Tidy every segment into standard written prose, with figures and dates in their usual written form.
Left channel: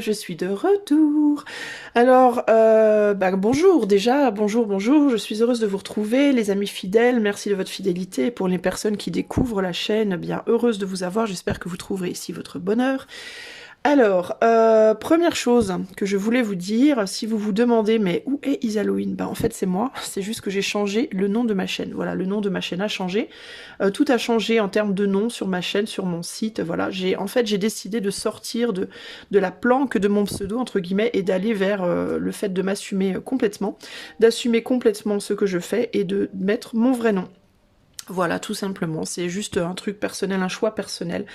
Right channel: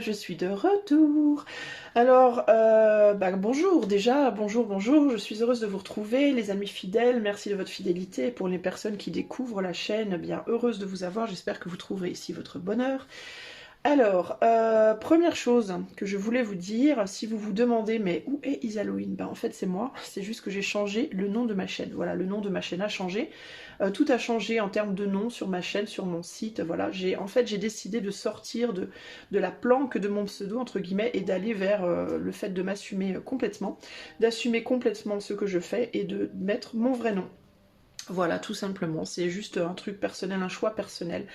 je suis de retour. Alors, bonjour déjà, bonjour, je suis heureuse de vous retrouver, les amis fidèles, merci de votre fidélité. Pour les personnes qui découvrent la chaîne, bien heureuse de vous avoir, j'espère que vous trouverez ici votre bonheur. Alors, première chose que je voulais vous dire, si vous vous demandez, mais où est Isaloïne? En fait, c'est moi, c'est juste que j'ai changé le nom de ma chaîne. Voilà, le nom de ma chaîne a changé. Tout a changé en termes de nom sur ma chaîne, sur mon site. Voilà, j'ai décidé de sortir de la planque de mon pseudo, entre guillemets, et d'aller vers le fait de m'assumer complètement, d'assumer complètement ce que je fais et de mettre mon vrai nom. Voilà, tout simplement. C'est juste un truc personnel, un choix personnel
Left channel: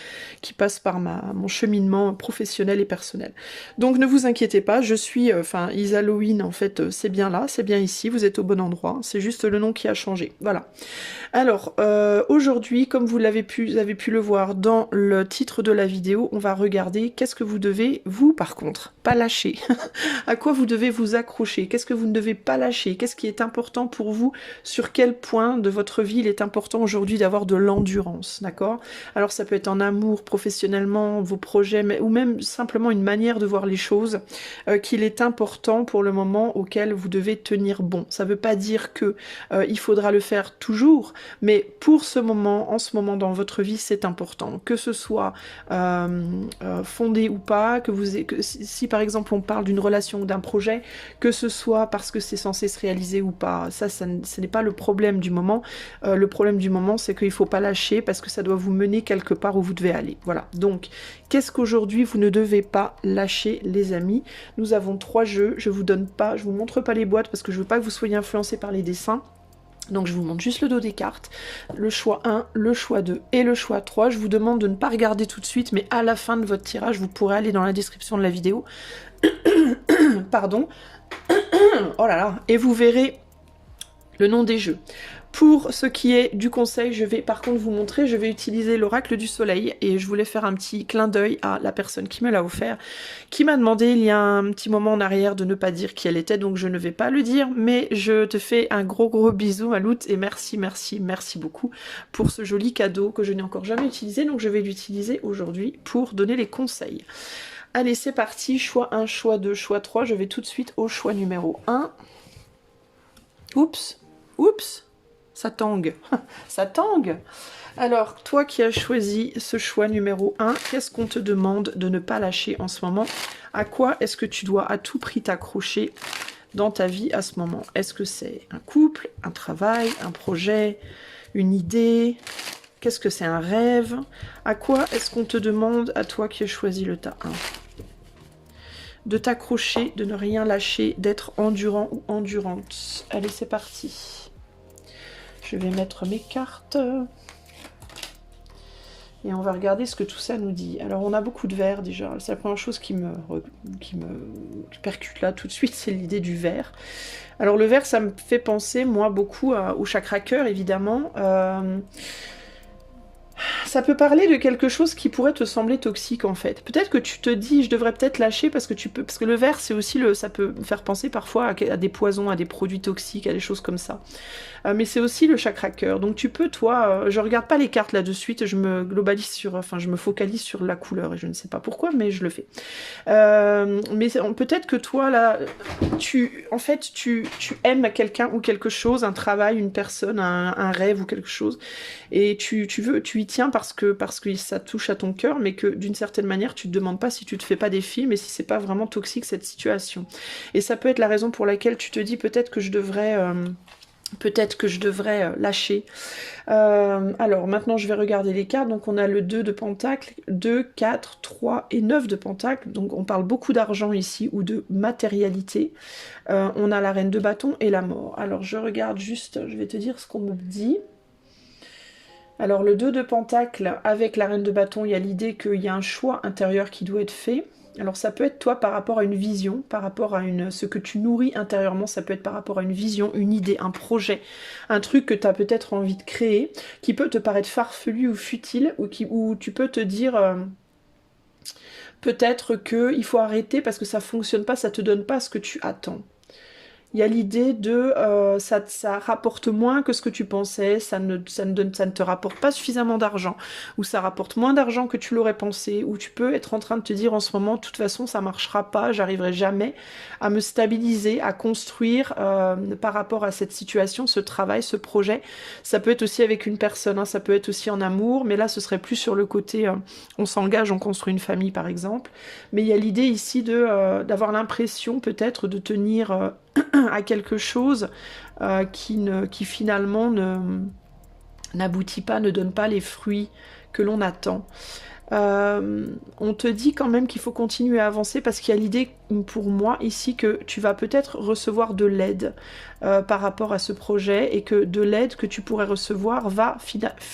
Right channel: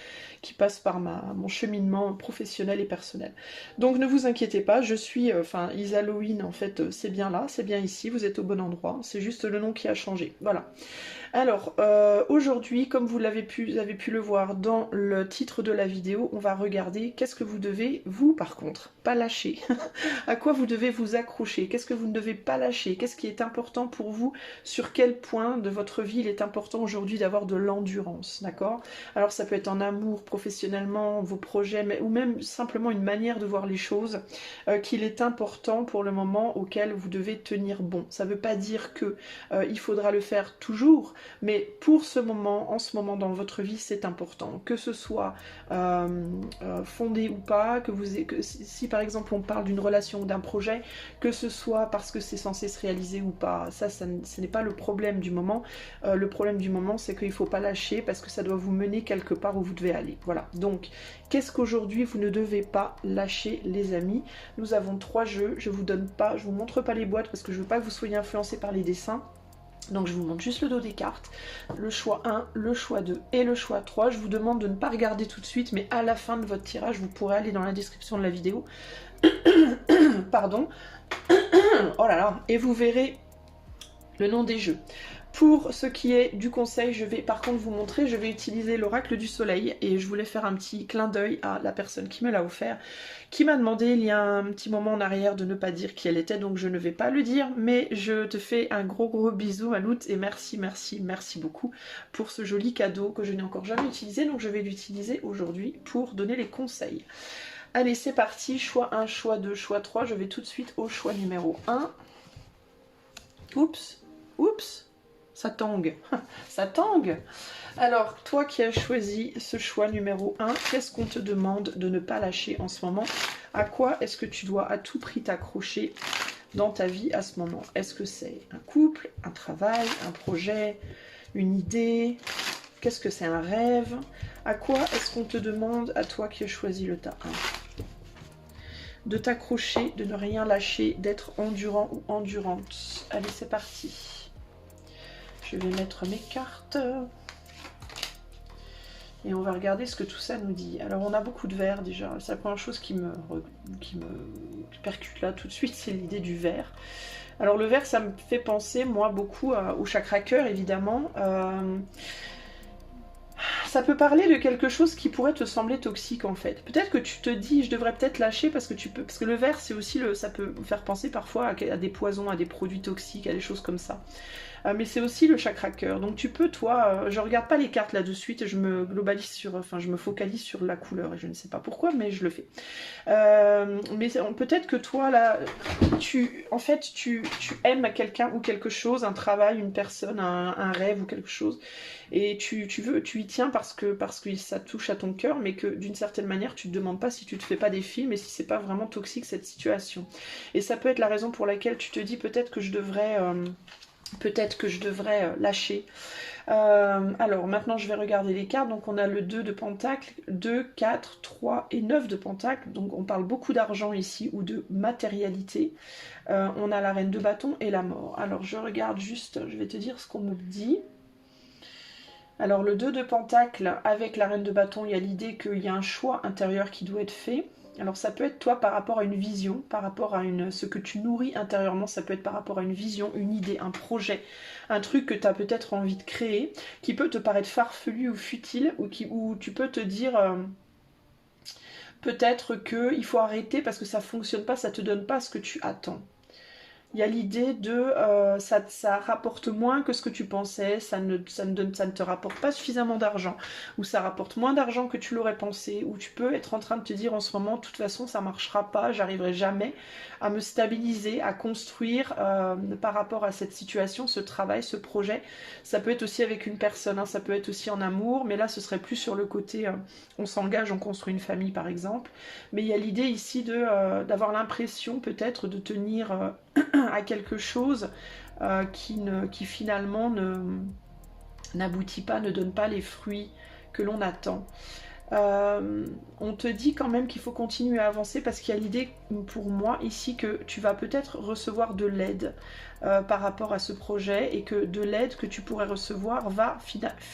qui passe par mon cheminement professionnel et personnel. Donc ne vous inquiétez pas, je suis, Isaloïne, en fait, c'est bien là, c'est bien ici, vous êtes au bon endroit. C'est juste le nom qui a changé. Voilà. Alors, aujourd'hui, comme vous avez pu le voir dans le titre de la vidéo, on va regarder qu'est-ce que vous devez, vous, par contre, pas lâcher. À quoi vous devez vous accrocher? Qu'est-ce que vous ne devez pas lâcher? Qu'est-ce qui est important pour vous? Sur quel point de votre vie il est important aujourd'hui d'avoir de l'endurance, d'accord? Alors ça peut être en amour, professionnellement, vos projets, ou même simplement une manière de voir les choses, qu'il est important pour le moment auquel vous devez tenir bon. Ça ne veut pas dire que il faudra le faire toujours, mais pour ce moment, en ce moment dans votre vie, c'est important. Que ce soit fondé ou pas, si par exemple on parle d'une relation ou d'un projet, que ce soit parce que c'est censé se réaliser ou pas, ce n'est pas le problème du moment. Le problème du moment, c'est qu'il ne faut pas lâcher parce que ça doit vous mener quelque part où vous devez aller. Voilà. Donc, qu'est-ce qu'aujourd'hui vous ne devez pas lâcher, les amis? Nous avons 3 jeux. Je vous montre pas les boîtes parce que je veux pas que vous soyez influencés par les dessins. Donc je vous montre juste le dos des cartes, le choix 1, le choix 2 et le choix 3. Je vous demande de ne pas regarder tout de suite, mais à la fin de votre tirage, vous pourrez aller dans la description de la vidéo. Pardon. Oh là là. Et vous verrez le nom des jeux. Pour ce qui est du conseil, je vais par contre vous montrer, je vais utiliser l'oracle du soleil et je voulais faire un petit clin d'œil à la personne qui me l'a offert, qui m'a demandé il y a un petit moment en arrière de ne pas dire qui elle était, donc je ne vais pas le dire, mais je te fais un gros bisou Maloute et merci beaucoup pour ce joli cadeau que je n'ai encore jamais utilisé, donc je vais l'utiliser aujourd'hui pour donner les conseils. Allez, c'est parti, choix 1, choix 2, choix 3, je vais tout de suite au choix numéro 1. Oups, ça tangue, ça tangue. Alors, toi qui as choisi ce choix numéro 1, qu'est-ce qu'on te demande de ne pas lâcher en ce moment? À quoi est-ce que tu dois à tout prix t'accrocher dans ta vie à ce moment? Est-ce que c'est un couple, un travail, un projet, une idée? Qu'est-ce que c'est un rêve? À quoi est-ce qu'on te demande, à toi qui as choisi le tas 1? De t'accrocher, de ne rien lâcher, d'être endurant ou endurante. Allez, c'est parti. Je vais mettre mes cartes. Et on va regarder ce que tout ça nous dit. Alors, on a beaucoup de verre déjà. C'est la première chose qui me percute là tout de suite, c'est l'idée du verre. Alors, le verre, ça me fait penser, moi, beaucoup au chakra cœur, évidemment. Ça peut parler de quelque chose qui pourrait te sembler toxique en fait. Peut-être que tu te dis je devrais peut-être lâcher parce que le verre c'est aussi ça peut faire penser parfois à des poisons, à des produits toxiques, à des choses comme ça. Mais c'est aussi le chakra cœur. Donc tu peux toi, je regarde pas les cartes là de suite, je me focalise sur la couleur et je ne sais pas pourquoi, mais je le fais. Mais peut-être que toi là, tu aimes quelqu'un ou quelque chose, un travail, une personne, un rêve ou quelque chose, et tu y tiens parce que ça touche à ton cœur, mais que d'une certaine manière tu te demandes pas si tu te fais pas des films et si c'est pas vraiment toxique cette situation. Et ça peut être la raison pour laquelle tu te dis peut-être que je devrais lâcher. Alors maintenant je vais regarder les cartes. Donc on a le 2 de pentacle, 2, 4, 3 et 9 de pentacle. Donc on parle beaucoup d'argent ici ou de matérialité. On a la reine de bâton et la mort. Alors je regarde juste, je vais te dire ce qu'on me dit. Alors le 2 de pentacle avec la reine de bâton, il y a l'idée qu'il y a un choix intérieur qui doit être fait. Alors ça peut être toi par rapport à une vision, par rapport à ce que tu nourris intérieurement, ça peut être par rapport à une vision, une idée, un projet, un truc que tu as peut-être envie de créer, qui peut te paraître farfelu ou futile, ou tu peux te dire peut-être qu'il faut arrêter parce que ça fonctionne pas, ça te donne pas ce que tu attends. Il y a l'idée de ça rapporte moins que ce que tu pensais, ça ne te rapporte pas suffisamment d'argent, ou ça rapporte moins d'argent que tu l'aurais pensé, ou tu peux être en train de te dire en ce moment, de toute façon ça marchera pas, j'arriverai jamais à me stabiliser, à construire par rapport à cette situation, ce travail, ce projet. Ça peut être aussi avec une personne, hein, ça peut être aussi en amour, mais là ce serait plus sur le côté on s'engage, on construit une famille par exemple. Mais il y a l'idée ici d'avoir l'impression peut-être de tenir à quelque chose qui finalement n'aboutit pas, ne donne pas les fruits que l'on attend. On te dit quand même qu'il faut continuer à avancer parce qu'il y a l'idée pour moi ici que tu vas peut-être recevoir de l'aide par rapport à ce projet et que de l'aide que tu pourrais recevoir va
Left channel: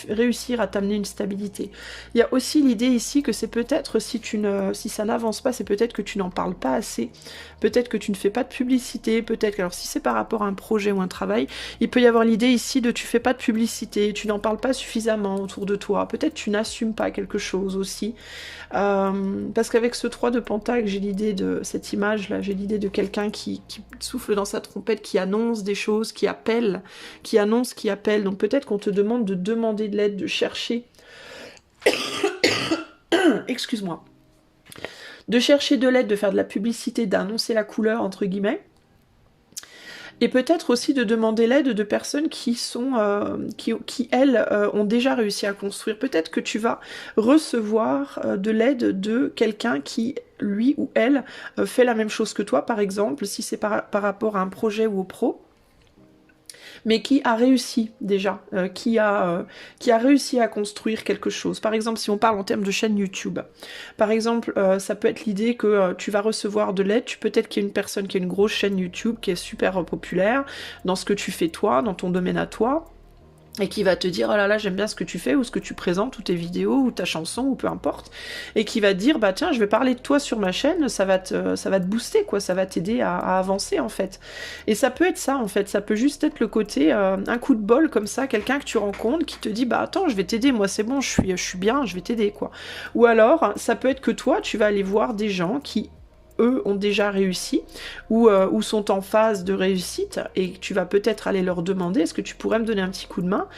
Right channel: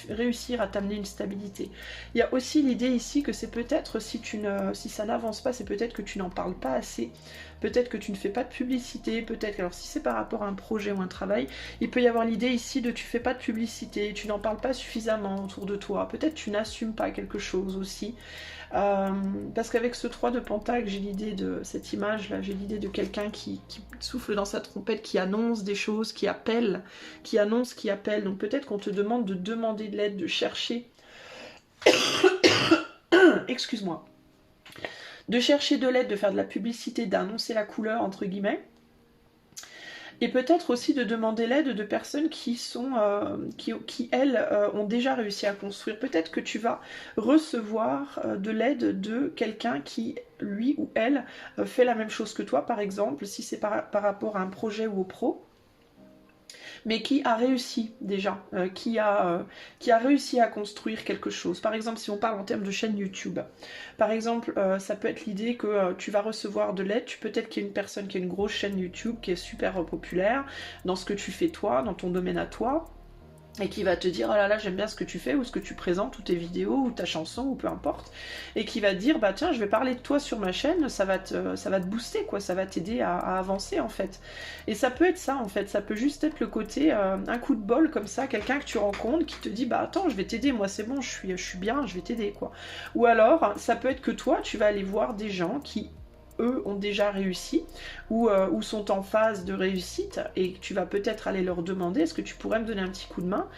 réussir à t'amener une stabilité. Il y a aussi l'idée ici que c'est peut-être si ça n'avance pas, c'est peut-être que tu n'en parles pas assez, peut-être que tu ne fais pas de publicité, peut-être alors si c'est par rapport à un projet ou un travail, il peut y avoir l'idée ici de tu fais pas de publicité, tu n'en parles pas suffisamment autour de toi, peut-être tu n'assumes pas quelque chose aussi. Parce qu'avec ce 3 de Pentacle, j'ai l'idée de cette image là, j'ai l'idée de quelqu'un qui souffle dans sa trompette, qui annonce des choses, qui appelle, qui annonce, qui appelle. Donc peut-être qu'on te demande de demander de l'aide, de chercher. Excuse-moi. De chercher de l'aide, de faire de la publicité, d'annoncer la couleur entre guillemets. Et peut-être aussi de demander l'aide de personnes qui elles, ont déjà réussi à construire. Peut-être que tu vas recevoir de l'aide de quelqu'un qui, lui ou elle, fait la même chose que toi, par exemple, si c'est par rapport à un projet ou au pro, mais qui a réussi déjà, qui a réussi à construire quelque chose. Par exemple, si on parle en termes de chaîne YouTube, par exemple, ça peut être l'idée que tu vas recevoir de l'aide, peut-être qu'il y a une personne qui a une grosse chaîne YouTube, qui est super populaire dans ce que tu fais toi, dans ton domaine à toi, et qui va te dire oh là là j'aime bien ce que tu fais ou ce que tu présentes ou tes vidéos ou ta chanson ou peu importe, et qui va te dire bah tiens je vais parler de toi sur ma chaîne, ça va te booster quoi, ça va t'aider à avancer en fait. Et ça peut être ça en fait, ça peut juste être le côté un coup de bol comme ça, quelqu'un que tu rencontres qui te dit bah attends je vais t'aider, moi c'est bon, je suis bien, je vais t'aider quoi. Ou alors ça peut être que toi tu vas aller voir des gens qui eux ont déjà réussi ou sont en phase de réussite et tu vas peut-être aller leur demander est-ce que tu pourrais me donner un petit coup de main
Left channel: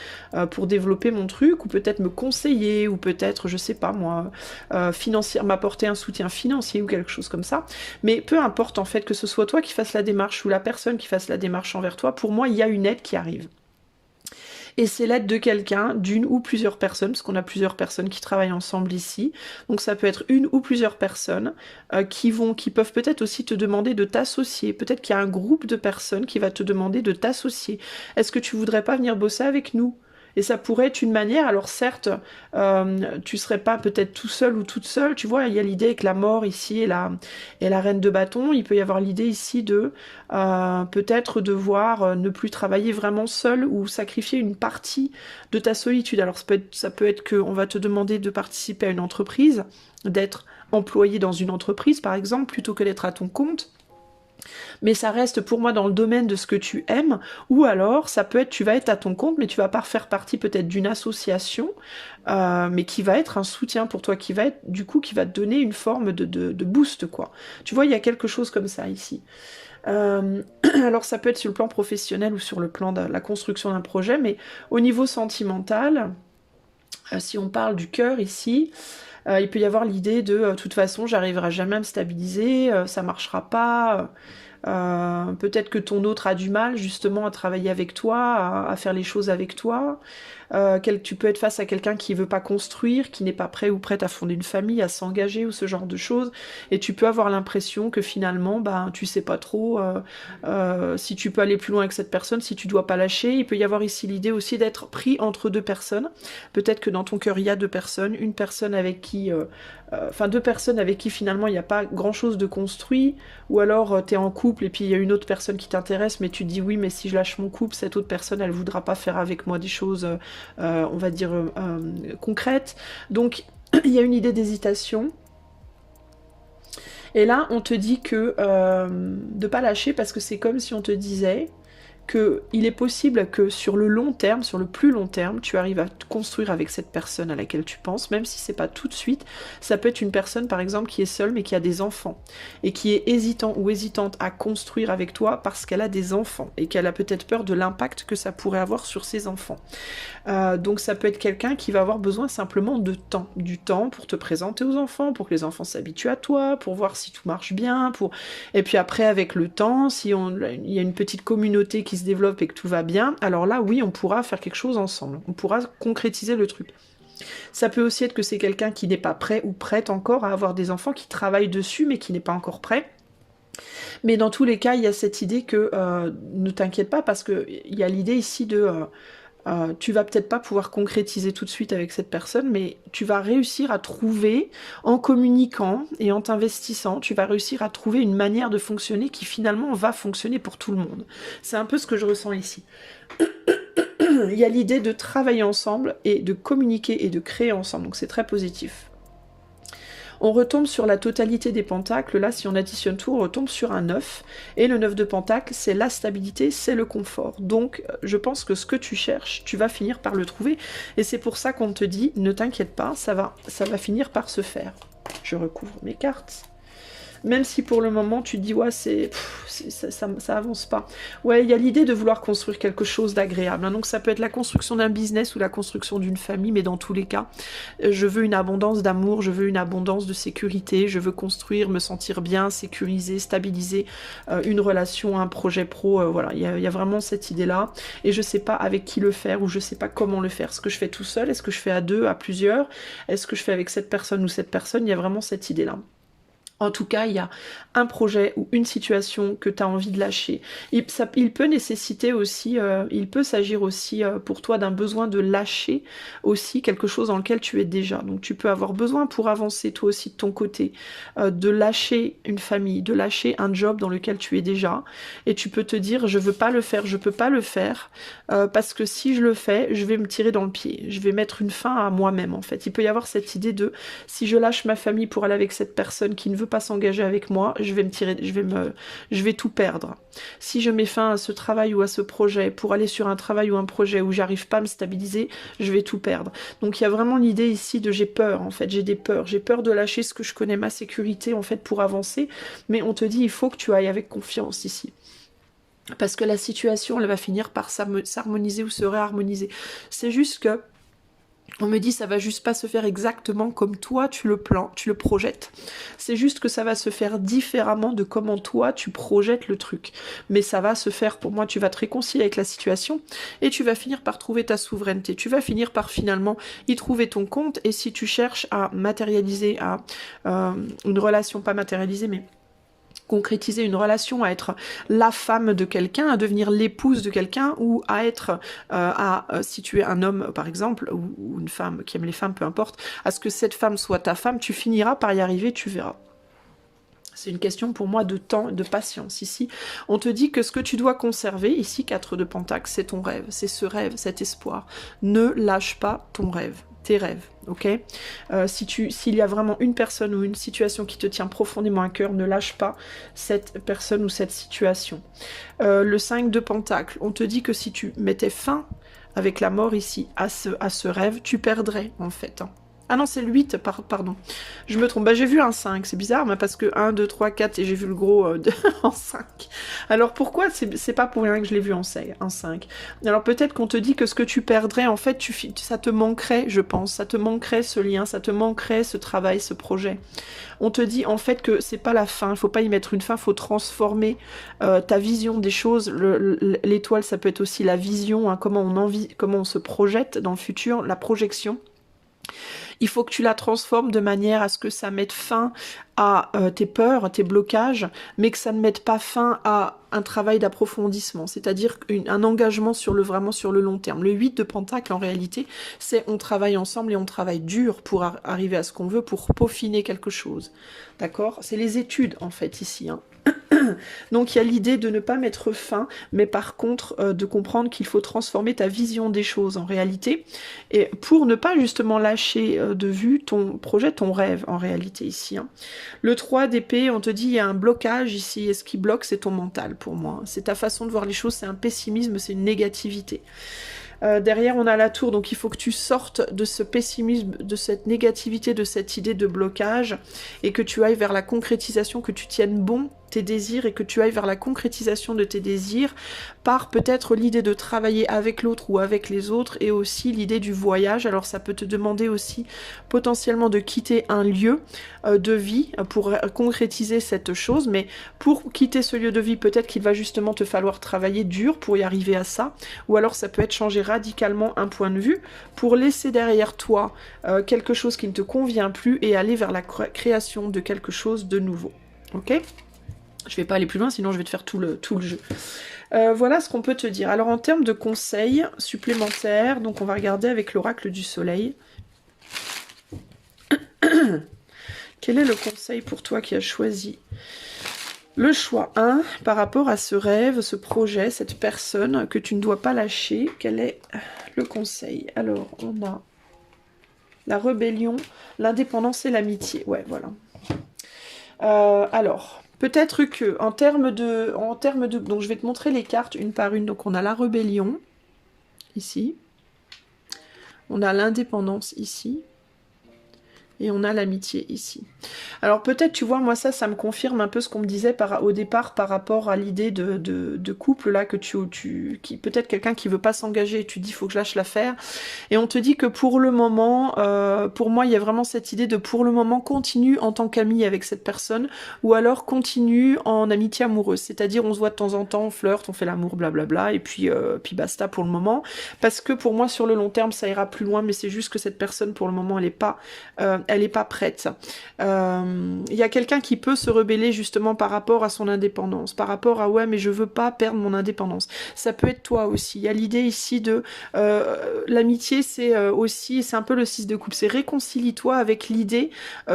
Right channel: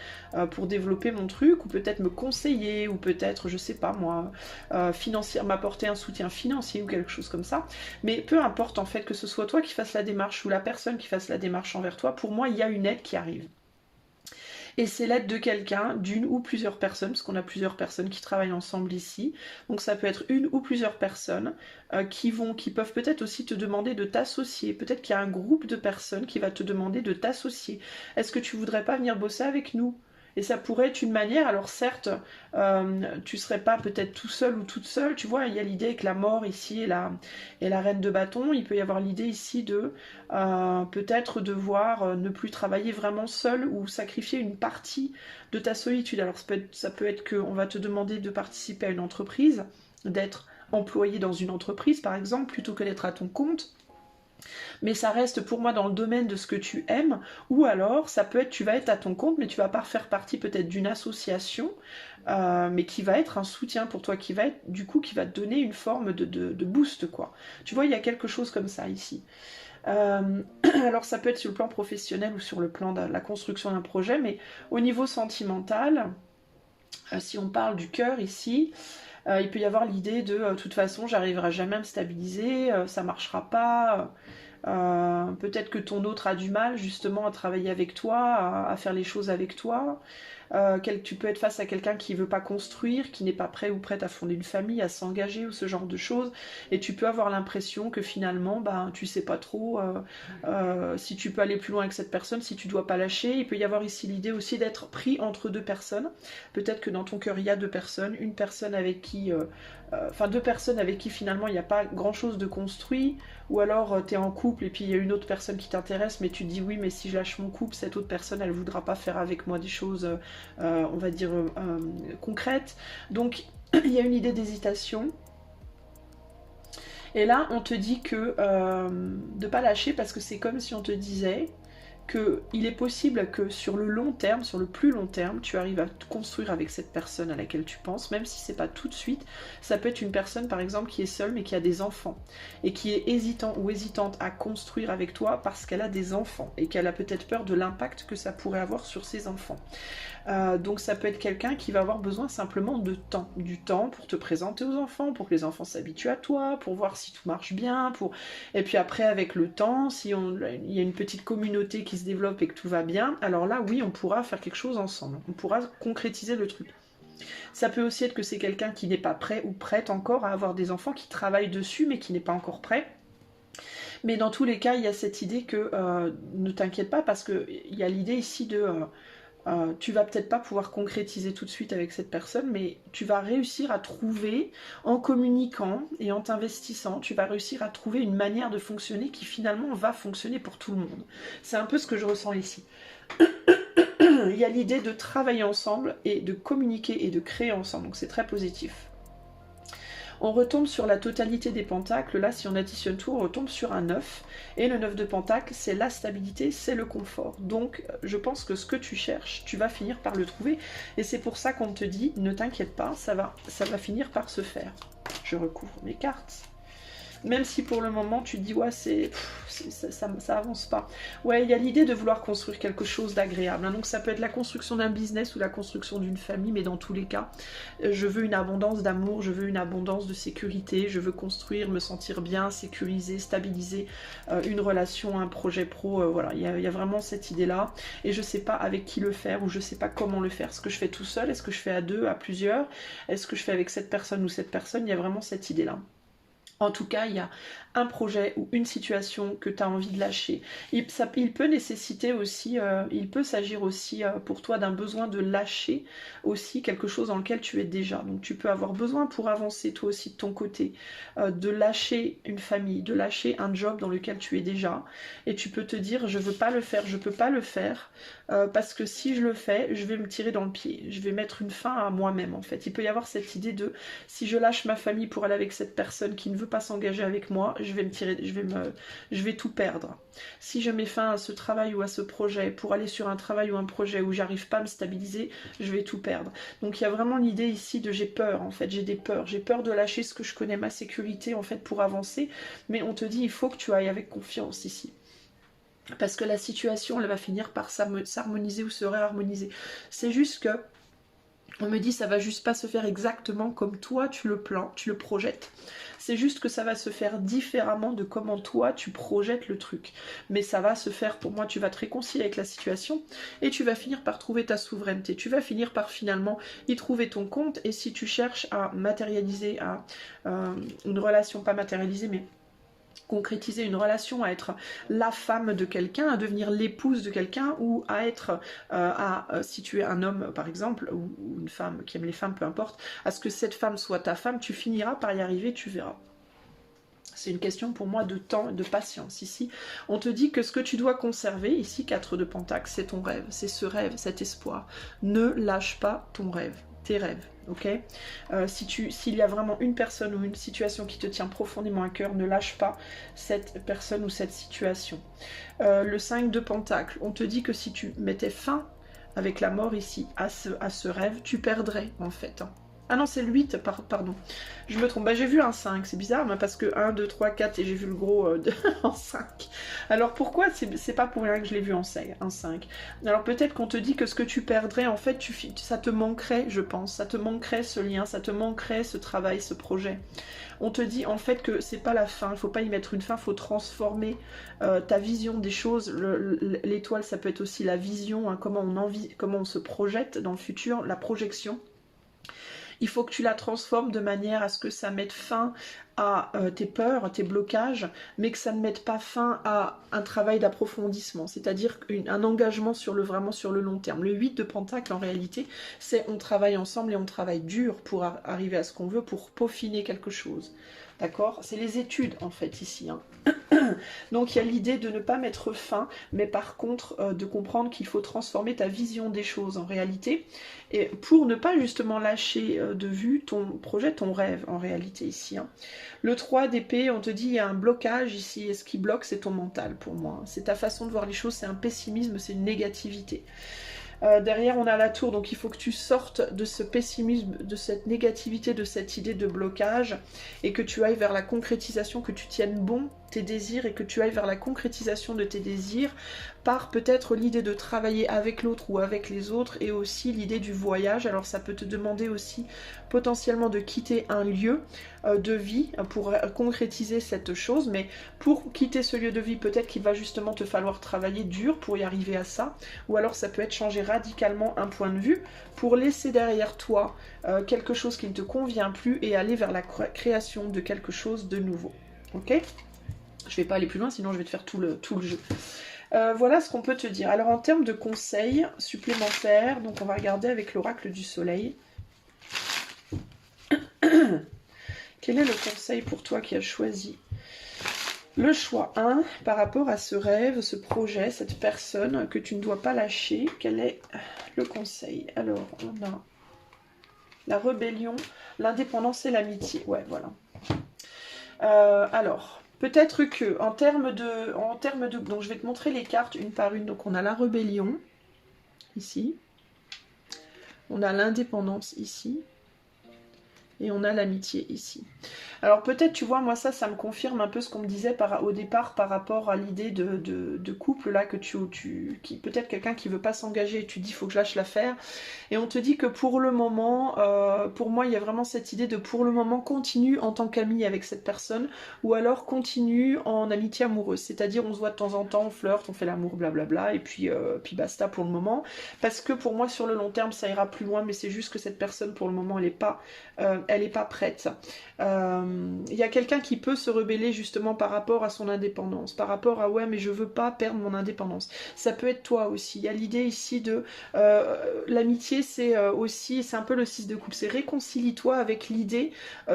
pour développer mon truc, ou peut-être me conseiller, ou peut-être je sais pas moi m'apporter un soutien financier ou quelque chose comme ça. Mais peu importe en fait, que ce soit toi qui fasses la démarche ou la personne qui fasse la démarche envers toi, pour moi il y a une aide qui arrive. Et c'est l'aide de quelqu'un, d'une ou plusieurs personnes, parce qu'on a plusieurs personnes qui travaillent ensemble ici. Donc ça peut être une ou plusieurs personnes qui peuvent peut-être aussi te demander de t'associer. Peut-être qu'il y a un groupe de personnes qui va te demander de t'associer. Est-ce que tu voudrais pas venir bosser avec nous ? Et ça pourrait être une manière, alors certes, tu serais pas peut-être tout seul ou toute seule, tu vois, il y a l'idée avec la mort ici et la reine de bâton, il peut y avoir l'idée ici de peut-être devoir ne plus travailler vraiment seul ou sacrifier une partie de ta solitude. Alors ça peut être qu'on va te demander de participer à une entreprise, d'être employé dans une entreprise par exemple, plutôt que d'être à ton compte. Mais ça reste pour moi dans le domaine de ce que tu aimes, ou alors ça peut être tu vas être à ton compte mais tu vas pas faire partie peut-être d'une association, mais qui va être un soutien pour toi, qui va être du coup qui va te donner une forme de boost quoi. Tu vois, il y a quelque chose comme ça ici. Alors ça peut être sur le plan professionnel ou sur le plan de la construction d'un projet, mais au niveau sentimental, si on parle du cœur ici, il peut y avoir l'idée de toute façon j'arriverai jamais à me stabiliser, ça marchera pas, peut-être que ton autre a du mal justement à travailler avec toi, à faire les choses avec toi. Tu peux être face à quelqu'un qui veut pas construire, qui n'est pas prêt ou prête à fonder une famille, à s'engager ou ce genre de choses, et tu peux avoir l'impression que finalement tu sais pas trop si tu peux aller plus loin avec cette personne, si tu dois pas lâcher. Il peut y avoir ici l'idée aussi d'être pris entre deux personnes, peut-être que dans ton cœur il y a deux personnes, une personne avec qui deux personnes avec qui finalement il n'y a pas grand chose de construit, ou alors tu es en couple et puis il y a une autre personne qui t'intéresse mais tu te dis oui mais si je lâche mon couple, cette autre personne elle voudra pas faire avec moi des choses on va dire concrètes. Donc il y a une idée d'hésitation. Et là on te dit que de pas lâcher, parce que c'est comme si on te disait qu'il est possible que sur le long terme, sur le plus long terme, tu arrives à te construire avec cette personne à laquelle tu penses, même si c'est pas tout de suite. Ça peut être une personne par exemple qui est seule mais qui a des enfants et qui est hésitant ou hésitante à construire avec toi parce qu'elle a des enfants et qu'elle a peut-être peur de l'impact que ça pourrait avoir sur ses enfants. Donc ça peut être quelqu'un qui va avoir besoin simplement de temps, du temps pour te présenter aux enfants, pour que les enfants s'habituent à toi, pour voir si tout marche bien, et puis après avec le temps, si il y a une petite communauté qui se développe et que tout va bien, alors là oui on pourra faire quelque chose ensemble, on pourra concrétiser le truc. Ça peut aussi être que c'est quelqu'un qui n'est pas prêt ou prête encore à avoir des enfants, qui travaille dessus mais qui n'est pas encore prêt. Mais dans tous les cas, il y a cette idée que ne t'inquiète pas parce qu'il y a l'idée ici de tu vas peut-être pas pouvoir concrétiser tout de suite avec cette personne, mais tu vas réussir à trouver, en communiquant et en t'investissant, tu vas réussir à trouver une manière de fonctionner qui finalement va fonctionner pour tout le monde. C'est un peu ce que je ressens ici. Il y a l'idée de travailler ensemble et de communiquer et de créer ensemble, donc c'est très positif. On retombe sur la totalité des pentacles, là si on additionne tout, on retombe sur un 9, et le 9 de pentacles, c'est la stabilité, c'est le confort. Donc je pense que ce que tu cherches, tu vas finir par le trouver, et c'est pour ça qu'on te dit, ne t'inquiète pas, ça va finir par se faire. Je recouvre mes cartes. Même si pour le moment tu te dis ouais ça avance pas. Ouais, il y a l'idée de vouloir construire quelque chose d'agréable. Hein. Donc ça peut être la construction d'un business ou la construction d'une famille, mais dans tous les cas, je veux une abondance d'amour, je veux une abondance de sécurité, je veux construire, me sentir bien, sécuriser, stabiliser une relation, un projet pro. Voilà, il y a vraiment cette idée-là. Et je sais pas avec qui le faire ou je sais pas comment le faire. Est-ce que je fais tout seul? Est-ce que je fais à deux, à plusieurs? Est-ce que je fais avec cette personne ou cette personne? Il y a vraiment cette idée-là. En tout cas, il y a un projet ou une situation que tu as envie de lâcher. Il peut nécessiter aussi, il peut s'agir aussi pour toi d'un besoin de lâcher aussi quelque chose dans lequel tu es déjà. Donc tu peux avoir besoin pour avancer toi aussi de ton côté, de lâcher une famille, de lâcher un job dans lequel tu es déjà. Et tu peux te dire, je veux pas le faire, je peux pas le faire, parce que si je le fais, je vais me tirer dans le pied. Je vais mettre une fin à moi-même en fait. Il peut y avoir cette idée de, si je lâche ma famille pour aller avec cette personne qui ne veut pas s'engager avec moi, je vais tout perdre. Si je mets fin à ce travail ou à ce projet pour aller sur un travail ou un projet où j'arrive pas à me stabiliser, je vais tout perdre. Donc il y a vraiment l'idée ici de j'ai peur en fait, j'ai peur de lâcher ce que je connais, ma sécurité en fait pour avancer, mais on te dit il faut que tu ailles avec confiance ici. Parce que la situation elle va finir par s'harmoniser ou se réharmoniser. C'est juste que on me dit ça va juste pas se faire exactement comme toi tu le projettes. C'est juste que ça va se faire différemment de comment toi tu projettes le truc. Mais ça va se faire, pour moi, tu vas te réconcilier avec la situation et tu vas finir par trouver ta souveraineté. Tu vas finir par finalement y trouver ton compte. Et si tu cherches à matérialiser, une relation pas matérialisée, mais concrétiser une relation, à être la femme de quelqu'un, à devenir l'épouse de quelqu'un, ou à être, si tu es un homme par exemple, ou une femme qui aime les femmes, peu importe, à ce que cette femme soit ta femme, tu finiras par y arriver, tu verras. C'est une question pour moi de temps, de patience. Ici, on te dit que ce que tu dois conserver, ici 4 de Pentacle, c'est ton rêve, c'est ce rêve, cet espoir. Ne lâche pas ton rêve, tes rêves, ok? S'il y a vraiment une personne ou une situation qui te tient profondément à cœur, ne lâche pas cette personne ou cette situation. Le 5 de Pentacle, on te dit que si tu mettais fin avec la mort ici à ce rêve, tu perdrais en fait. Ah non, c'est le 8, pardon. Je me trompe. Bah, j'ai vu un 5, c'est bizarre, mais parce que 1, 2, 3, 4, et j'ai vu le gros en 5. Alors pourquoi c'est pas pour rien que je l'ai vu en 5. Alors peut-être qu'on te dit que ce que tu perdrais, en fait, ça te manquerait, je pense. Ça te manquerait ce lien, ça te manquerait ce travail, ce projet. On te dit en fait que c'est pas la fin, il faut pas y mettre une fin, il faut transformer ta vision des choses. L'étoile, ça peut être aussi la vision, hein, comment on se projette dans le futur, la projection. Il faut que tu la transformes de manière à ce que ça mette fin à tes peurs, tes blocages, mais que ça ne mette pas fin à un travail d'approfondissement, c'est-à-dire un engagement vraiment sur le long terme. Le 8 de Pentacle, en réalité, c'est on travaille ensemble et on travaille dur pour arriver à ce qu'on veut, pour peaufiner quelque chose. D'accord? C'est les études, en fait, ici. Hein. Donc il y a l'idée de ne pas mettre fin, mais par contre de comprendre qu'il faut transformer ta vision des choses en réalité, et pour ne pas justement lâcher de vue ton projet, ton rêve en réalité ici. Hein. Le 3 d'épée, on te dit il y a un blocage ici, et ce qui bloque c'est ton mental pour moi. C'est ta façon de voir les choses, c'est un pessimisme, c'est une négativité. Derrière, on a la tour, donc il faut que tu sortes de ce pessimisme, de cette négativité, de cette idée de blocage, et que tu ailles vers la concrétisation, que tu tiennes bon tes désirs, et que tu ailles vers la concrétisation de tes désirs, par peut-être l'idée de travailler avec l'autre ou avec les autres, et aussi l'idée du voyage. Alors ça peut te demander aussi potentiellement de quitter un lieu de vie pour concrétiser cette chose, mais pour quitter ce lieu de vie, peut-être qu'il va justement te falloir travailler dur pour y arriver à ça, ou alors ça peut être changer radicalement un point de vue pour laisser derrière toi quelque chose qui ne te convient plus et aller vers la création de quelque chose de nouveau. Ok ? Je vais pas aller plus loin, sinon je vais te faire tout le jeu. Voilà ce qu'on peut te dire. Alors en termes de conseils supplémentaires, donc on va regarder avec l'oracle du soleil. Quel est le conseil pour toi qui as choisi le choix 1 par rapport à ce rêve, ce projet, cette personne que tu ne dois pas lâcher? Quel est le conseil? Alors, on a la rébellion, l'indépendance et l'amitié. Ouais, voilà. Alors, peut-être que en termes de... Donc, je vais te montrer les cartes une par une. Donc, on a la rébellion, ici. On a l'indépendance, ici. Et on a l'amitié ici. Alors peut-être, tu vois, moi ça me confirme un peu ce qu'on me disait au départ par rapport à l'idée de couple là, que qui peut-être quelqu'un qui veut pas s'engager et tu dis il faut que je lâche l'affaire. Et on te dit que pour le moment, pour moi il y a vraiment cette idée de pour le moment continue en tant qu'ami avec cette personne, ou alors continue en amitié amoureuse. C'est-à-dire on se voit de temps en temps, on flirte, on fait l'amour, blablabla, et puis basta pour le moment. Parce que pour moi sur le long terme ça ira plus loin, mais c'est juste que cette personne pour le moment elle est pas prête. Il y a quelqu'un qui peut se rebeller justement par rapport à son indépendance, par rapport à ouais mais je veux pas perdre mon indépendance. Ça peut être toi aussi. Il y a l'idée ici de l'amitié, c'est aussi, c'est un peu le 6 de coupe, c'est réconcilie-toi avec l'idée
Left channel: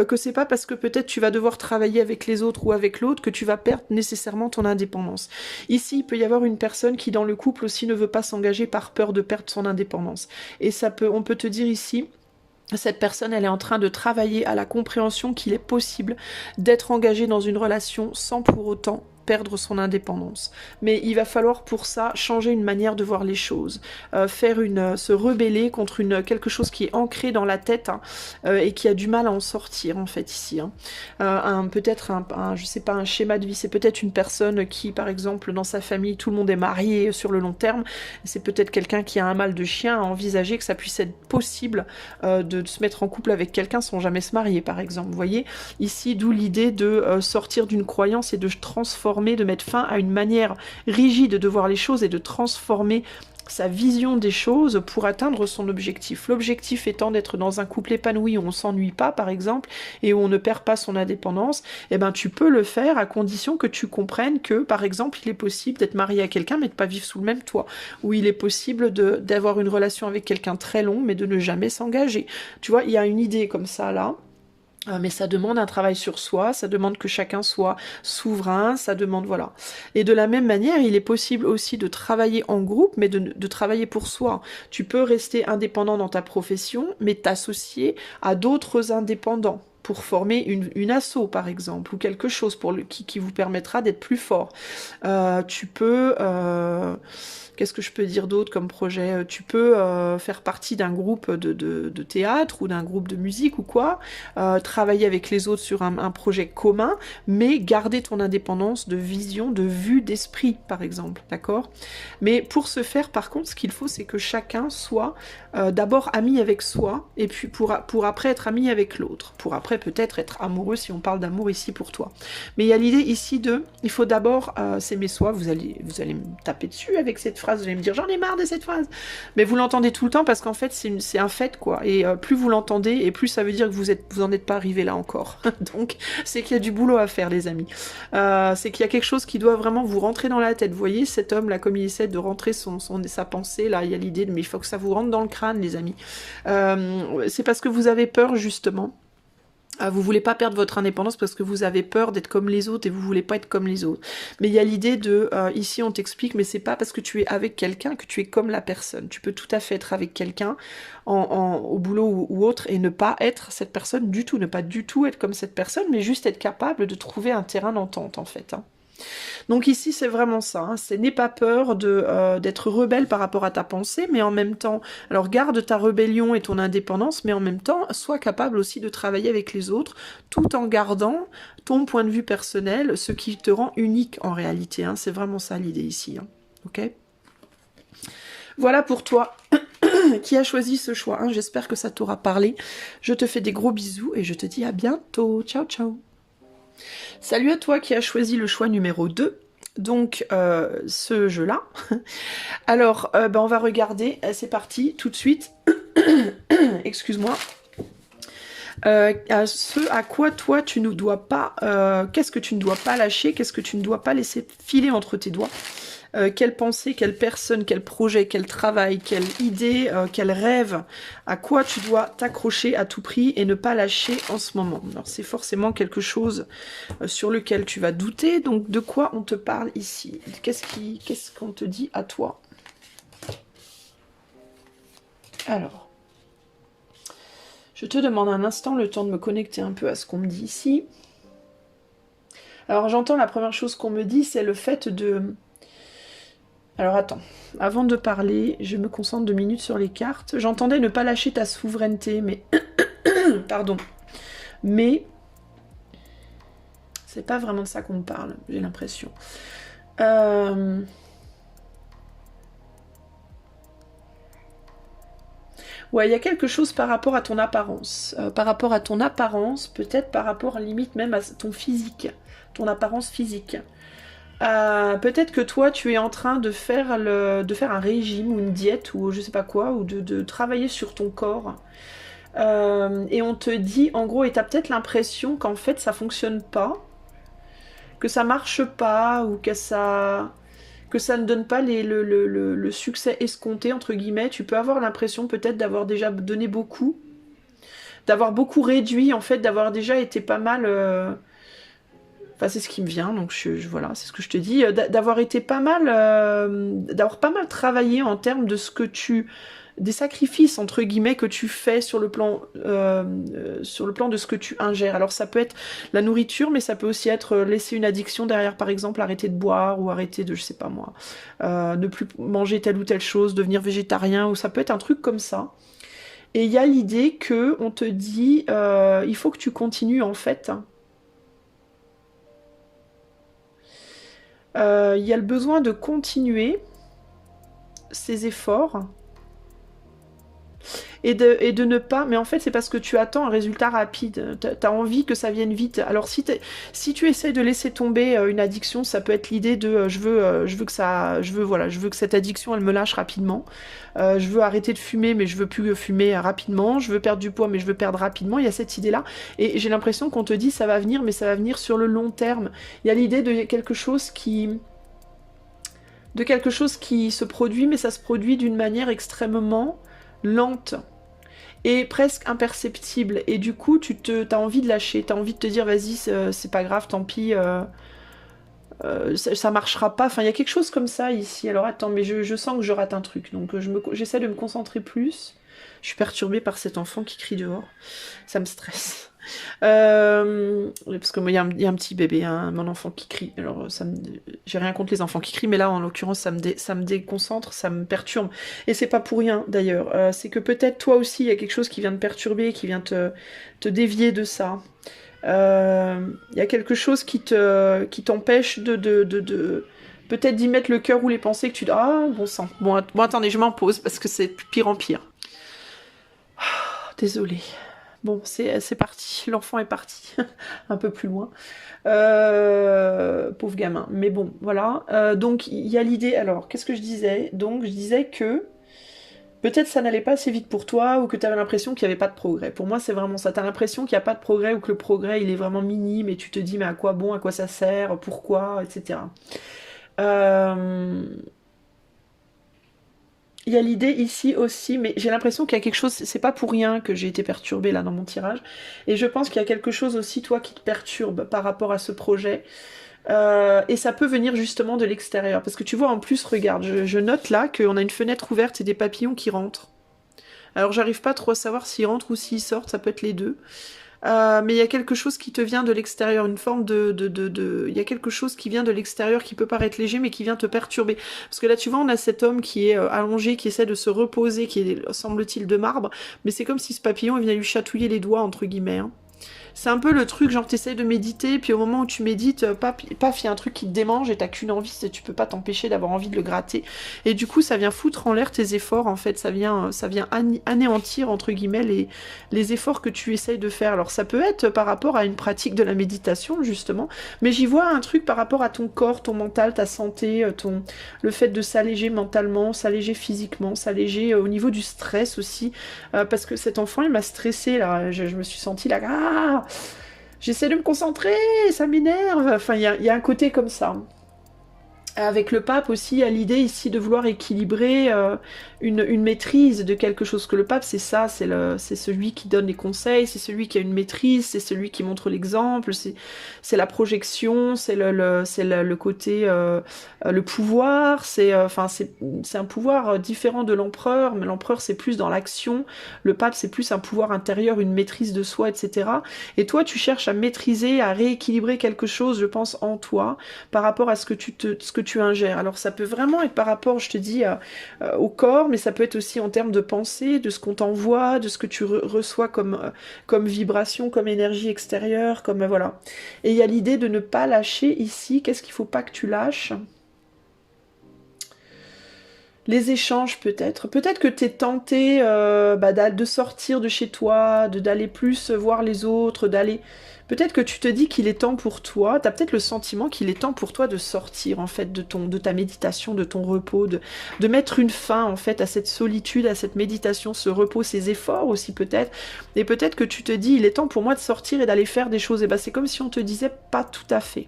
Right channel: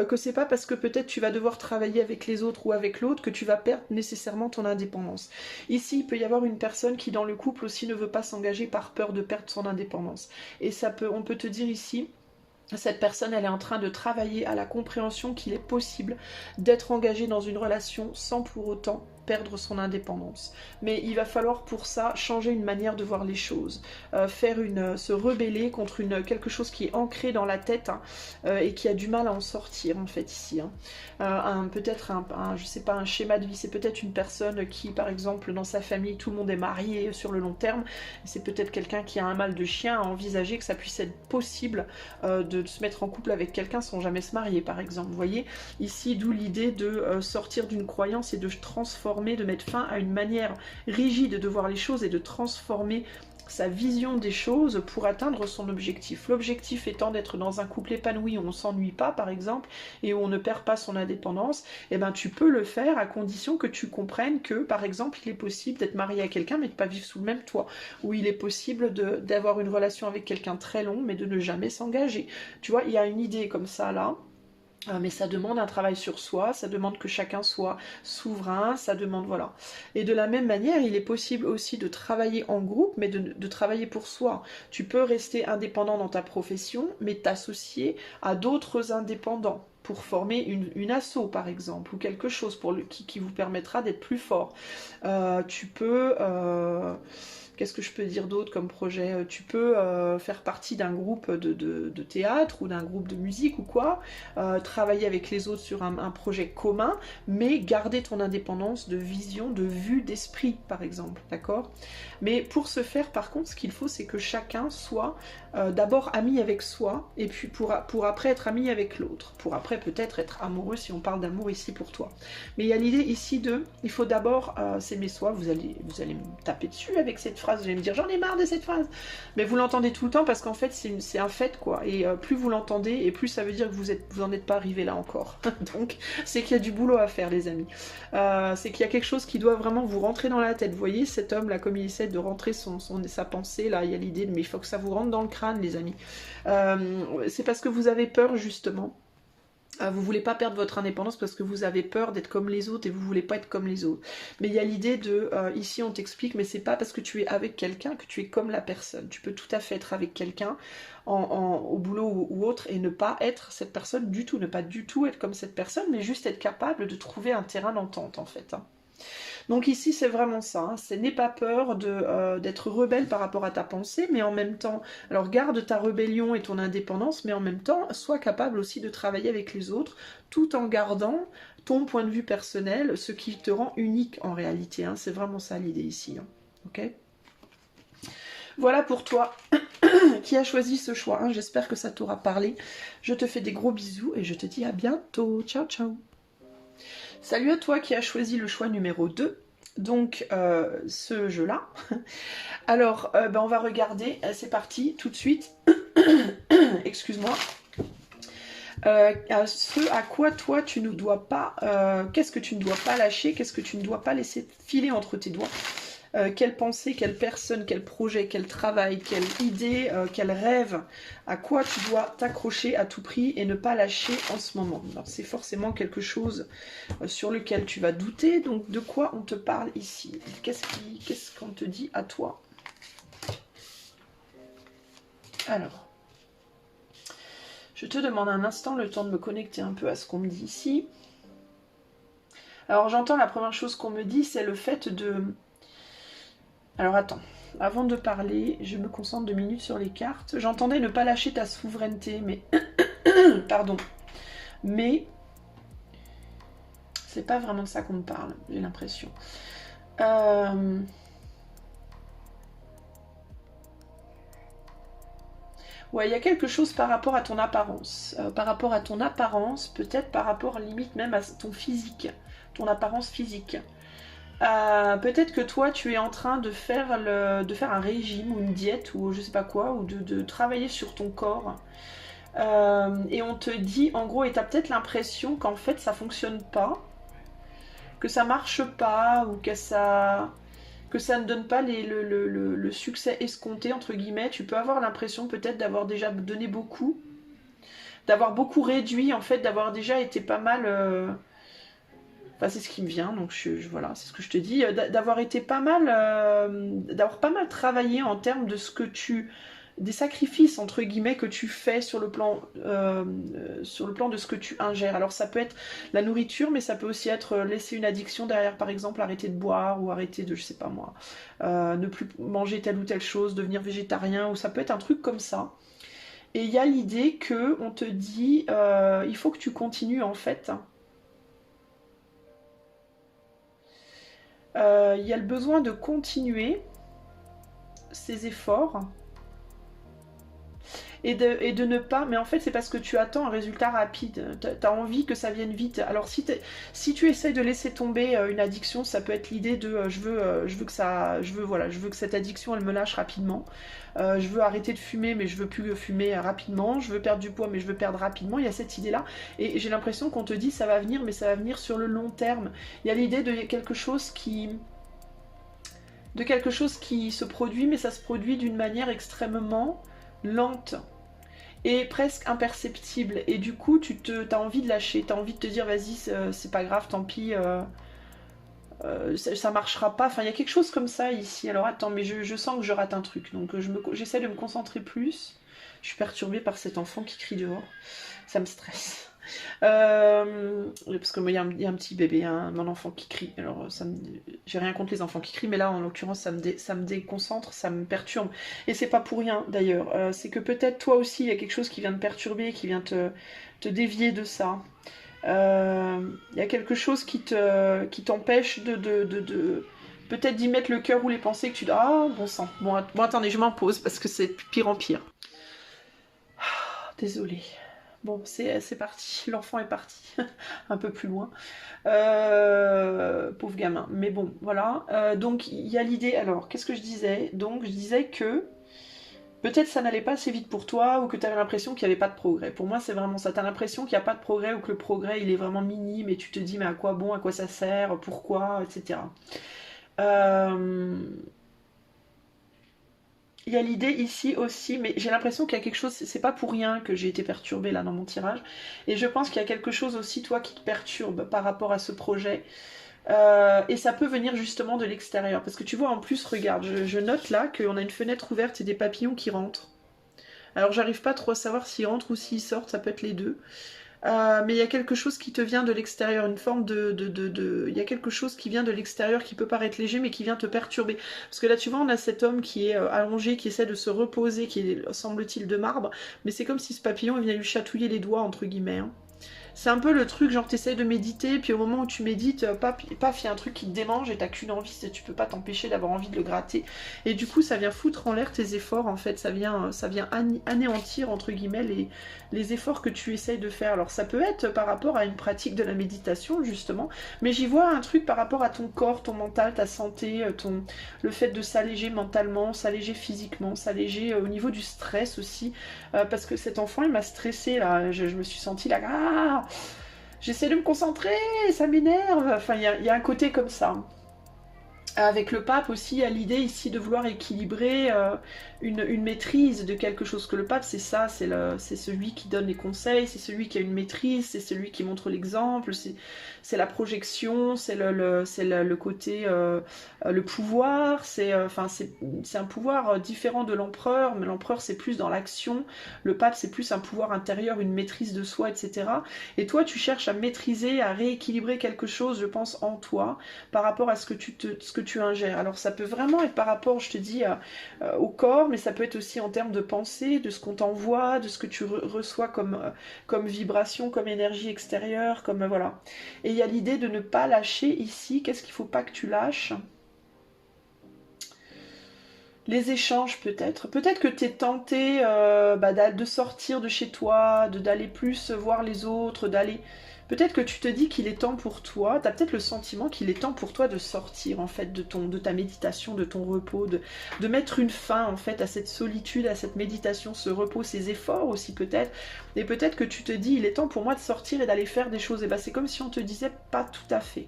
que c'est pas parce que peut-être tu vas devoir travailler avec les autres ou avec l'autre que tu vas perdre nécessairement ton indépendance. Ici, il peut y avoir une personne qui dans le couple aussi ne veut pas s'engager par peur de perdre son indépendance. Et on peut te dire ici, cette personne, elle est en train de travailler à la compréhension qu'il est possible d'être engagé dans une relation sans pour autant perdre son indépendance. Mais il va falloir pour ça changer une manière de voir les choses, se rebeller contre quelque chose qui est ancré dans la tête et qui a du mal à en sortir en fait ici. Hein. Peut-être je sais pas, un schéma de vie, c'est peut-être une personne qui par exemple dans sa famille tout le monde est marié sur le long terme, c'est peut-être quelqu'un qui a un mal de chien à envisager que ça puisse être possible de se mettre en couple avec quelqu'un sans jamais se marier par exemple. Vous voyez ici d'où l'idée de sortir d'une croyance et de transformer, de mettre fin à une manière rigide de voir les choses et de transformer sa vision des choses pour atteindre son objectif. L'objectif étant d'être dans un couple épanoui où on s'ennuie pas par exemple et où on ne perd pas son indépendance, eh ben tu peux le faire à condition que tu comprennes que par exemple il est possible d'être marié à quelqu'un mais de pas vivre sous le même toit, ou il est possible d'avoir une relation avec quelqu'un très long mais de ne jamais s'engager. Tu vois, il y a une idée comme ça là. Mais ça demande un travail sur soi, ça demande que chacun soit souverain, ça demande, voilà. Et de la même manière, il est possible aussi de travailler en groupe, mais de travailler pour soi. Tu peux rester indépendant dans ta profession, mais t'associer à d'autres indépendants pour former une asso, par exemple, ou quelque chose qui vous permettra d'être plus fort. Tu peux... Qu'est-ce que je peux dire d'autre comme projet? Tu peux faire partie d'un groupe de théâtre ou d'un groupe de musique ou quoi, travailler avec les autres sur un projet commun, mais garder ton indépendance de vision, de vue, d'esprit, par exemple, d'accord? Mais pour ce faire, par contre, ce qu'il faut, c'est que chacun soit d'abord ami avec soi, et puis pour après être ami avec l'autre, pour après peut-être être amoureux, si on parle d'amour ici pour toi. Mais il y a l'idée ici il faut d'abord s'aimer soi. Vous allez me taper dessus avec cette phrase, vous allez me dire j'en ai marre de cette phrase, mais vous l'entendez tout le temps parce qu'en fait c'est un fait quoi, et plus vous l'entendez et plus ça veut dire que vous en êtes pas arrivé là encore. Donc c'est qu'il y a du boulot à faire les amis, c'est qu'il y a quelque chose qui doit vraiment vous rentrer dans la tête. Vous voyez cet homme là comme il essaie de rentrer sa pensée là, il y a l'idée de mais il faut que ça vous rentre dans le crâne les amis, c'est parce que vous avez peur justement Vous voulez pas perdre votre indépendance parce que vous avez peur d'être comme les autres et vous voulez pas être comme les autres. Mais il y a l'idée de, ici on t'explique, mais c'est pas parce que tu es avec quelqu'un que tu es comme la personne. Tu peux tout à fait être avec quelqu'un au boulot ou autre et ne pas être cette personne du tout, ne pas du tout être comme cette personne, mais juste être capable de trouver un terrain d'entente en fait. Hein. Donc ici, c'est vraiment ça. Hein. N'aie pas peur d'être rebelle par rapport à ta pensée, mais en même temps, alors garde ta rébellion et ton indépendance, mais en même temps, sois capable aussi de travailler avec les autres, tout en gardant ton point de vue personnel, ce qui te rend unique en réalité. Hein. C'est vraiment ça l'idée ici. Hein. Ok ? Voilà pour toi qui a choisi ce choix. Hein. J'espère que ça t'aura parlé. Je te fais des gros bisous et je te dis à bientôt. Ciao, ciao. Salut à toi qui as choisi le choix numéro 2. Donc, ce jeu-là. Alors, on va regarder. C'est parti, tout de suite. Excuse-moi. Ce à quoi toi tu ne dois pas... qu'est-ce que tu ne dois pas lâcher? Qu'est-ce que tu ne dois pas laisser filer entre tes doigts? Quelle pensée, quelle personne, quel projet, quel travail, quelle idée, quel rêve, à quoi tu dois t'accrocher à tout prix et ne pas lâcher en ce moment. Alors c'est forcément quelque chose sur lequel tu vas douter, donc de quoi on te parle ici? Qu'est-ce qu'on te dit à toi? Alors, je te demande un instant le temps de me connecter un peu à ce qu'on me dit ici. Alors j'entends la première chose qu'on me dit, c'est le fait de... Alors attends, avant de parler, je me concentre 2 minutes sur les cartes. J'entendais ne pas lâcher ta souveraineté, mais... Pardon. Mais... c'est pas vraiment ça qu'on me parle, j'ai l'impression. Ouais, il y a quelque chose par rapport à ton apparence. Par rapport à ton apparence, peut-être par rapport limite même à ton physique. Ton apparence physique. Peut-être que toi tu es en train de faire un régime ou une diète ou je sais pas quoi, ou de travailler sur ton corps. Et on te dit en gros, et t'as peut-être l'impression qu'en fait ça fonctionne pas, que ça marche pas, ou que ça ne donne pas le succès escompté entre guillemets. Tu peux avoir l'impression peut-être d'avoir déjà donné beaucoup, d'avoir beaucoup réduit en fait, d'avoir déjà été pas mal... Enfin, c'est ce qui me vient, donc voilà, c'est ce que je te dis, d'avoir été pas mal, d'avoir pas mal travaillé en termes de ce que des sacrifices entre guillemets que tu fais sur le plan de ce que tu ingères. Alors ça peut être la nourriture, mais ça peut aussi être laisser une addiction derrière, par exemple, arrêter de boire ou arrêter de, je sais pas moi, ne plus manger telle ou telle chose, devenir végétarien, ou ça peut être un truc comme ça. Et il y a l'idée que on te dit, il faut que tu continues en fait. Il y a le besoin de continuer ces efforts et de ne pas... Mais en fait, c'est parce que tu attends un résultat rapide. Tu as envie que ça vienne vite. Alors, si tu essayes de laisser tomber une addiction, ça peut être l'idée de je veux que cette addiction, elle me lâche rapidement. Je veux arrêter de fumer, mais je veux plus fumer rapidement. Je veux perdre du poids, mais je veux perdre rapidement. Il y a cette idée-là. Et j'ai l'impression qu'on te dit ça va venir, mais ça va venir sur le long terme. Il y a l'idée de quelque chose qui se produit, mais ça se produit d'une manière extrêmement lente et presque imperceptible. Et du coup, t'as envie de lâcher, t'as envie de te dire, vas-y, c'est pas grave, tant pis, ça marchera pas. Enfin, il y a quelque chose comme ça ici. Alors attends, mais je sens que je rate un truc, donc j'essaie de me concentrer plus. Je suis perturbée par cet enfant qui crie dehors. Ça me stresse. Parce que moi, il y a un petit bébé, hein, mon enfant qui crie. Alors, j'ai rien contre les enfants qui crient, mais là, en l'occurrence, ça me déconcentre, ça me perturbe. Et c'est pas pour rien, d'ailleurs. C'est que peut-être toi aussi, il y a quelque chose qui vient te perturber, qui vient te dévier de ça. Il y a quelque chose qui t'empêche de peut-être d'y mettre le cœur ou les pensées que tu dis, ah, bon sang. Bon, attendez, je m'en pose, parce que c'est pire en pire. Désolée. Bon, c'est parti, l'enfant est parti, un peu plus loin. Pauvre gamin. Mais bon, voilà. Donc, il y a l'idée... Alors, qu'est-ce que je disais? Donc, je disais que peut-être ça n'allait pas assez vite pour toi, ou que tu avais l'impression qu'il n'y avait pas de progrès. Pour moi, c'est vraiment ça. Tu as l'impression qu'il n'y a pas de progrès, ou que le progrès, il est vraiment minime, et tu te dis, mais à quoi bon, à quoi ça sert, pourquoi, etc. Il y a l'idée ici aussi, mais j'ai l'impression qu'il y a quelque chose, c'est pas pour rien que j'ai été perturbée là dans mon tirage, et je pense qu'il y a quelque chose aussi, toi, qui te perturbe par rapport à ce projet, et ça peut venir justement de l'extérieur, parce que tu vois, en plus, regarde, je note là qu'on a une fenêtre ouverte et des papillons qui rentrent. Alors j'arrive pas trop à savoir s'ils rentrent ou s'ils sortent, ça peut être les deux. Mais il y a quelque chose qui te vient de l'extérieur, une forme Il y a quelque chose qui vient de l'extérieur qui peut paraître léger, mais qui vient te perturber. Parce que là, tu vois, on a cet homme qui est allongé, qui essaie de se reposer, qui est, semble-t-il, de marbre, mais c'est comme si ce papillon il vient lui chatouiller les doigts, entre guillemets, hein. C'est un peu le truc, genre t'essayes de méditer, puis au moment où tu médites, paf, il y a un truc qui te démange et t'as qu'une envie, tu peux pas t'empêcher d'avoir envie de le gratter. Et du coup, ça vient foutre en l'air tes efforts, en fait, ça vient anéantir, entre guillemets, les efforts que tu essayes de faire. Alors ça peut être par rapport à une pratique de la méditation, justement, mais j'y vois un truc par rapport à ton corps, ton mental, ta santé, le fait de s'alléger mentalement, s'alléger physiquement, s'alléger au niveau du stress aussi, parce que cet enfant, il m'a stressé là, je me suis sentie là, ah, j'essaie de me concentrer, ça m'énerve. Enfin, il y a un côté comme ça. Avec le pape aussi, il y a l'idée ici de vouloir équilibrer une maîtrise de quelque chose. Que le pape, c'est ça, c'est celui qui donne les conseils, c'est celui qui a une maîtrise, c'est celui qui montre l'exemple, c'est la projection, c'est le côté, le pouvoir, c'est un pouvoir différent de l'empereur, mais l'empereur c'est plus dans l'action, le pape c'est plus un pouvoir intérieur, une maîtrise de soi, etc. Et toi, tu cherches à maîtriser, à rééquilibrer quelque chose, je pense, en toi, par rapport à ce que tu ingères. Alors ça peut vraiment être par rapport, je te dis, au corps, mais ça peut être aussi en termes de pensée, de ce qu'on t'envoie, de ce que tu reçois comme vibration, comme énergie extérieure, comme voilà. Et il y a l'idée de ne pas lâcher ici. Qu'est-ce qu'il ne faut pas que tu lâches? Les échanges peut-être. Peut-être que tu es tenté de sortir de chez toi, d'aller plus voir les autres, d'aller... Peut-être que tu te dis qu'il est temps pour toi, tu as peut-être le sentiment qu'il est temps pour toi de sortir en fait de ta méditation, de ton repos, de mettre une fin en fait à cette solitude, à cette méditation, ce repos, ces efforts aussi peut-être. Et peut-être que tu te dis il est temps pour moi de sortir et d'aller faire des choses. Et ben c'est comme si on te disait pas tout à fait.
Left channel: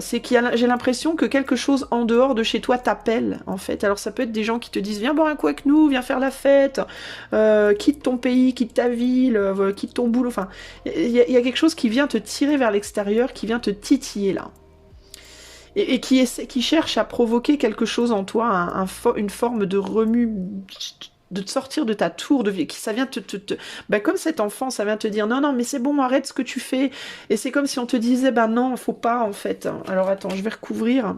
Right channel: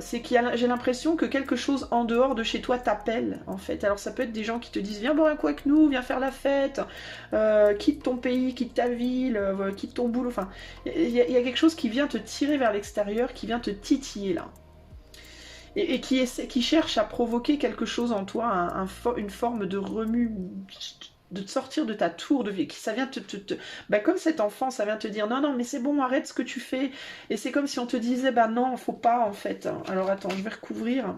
C'est j'ai l'impression que quelque chose en dehors de chez toi t'appelle en fait. Alors ça peut être des gens qui te disent viens boire un coup avec nous, viens faire la fête, quitte ton pays, quitte ta ville, quitte ton boulot. Enfin, il y a quelque chose qui vient te tirer vers l'extérieur, qui vient te titiller là. Et qui cherche à provoquer quelque chose en toi, une forme de remue, de te sortir de ta tour de vie, ça vient comme cet enfant, ça vient te dire non, non, mais c'est bon, arrête ce que tu fais. Et c'est comme si on te disait, non, faut pas en fait. Alors attends, je vais recouvrir.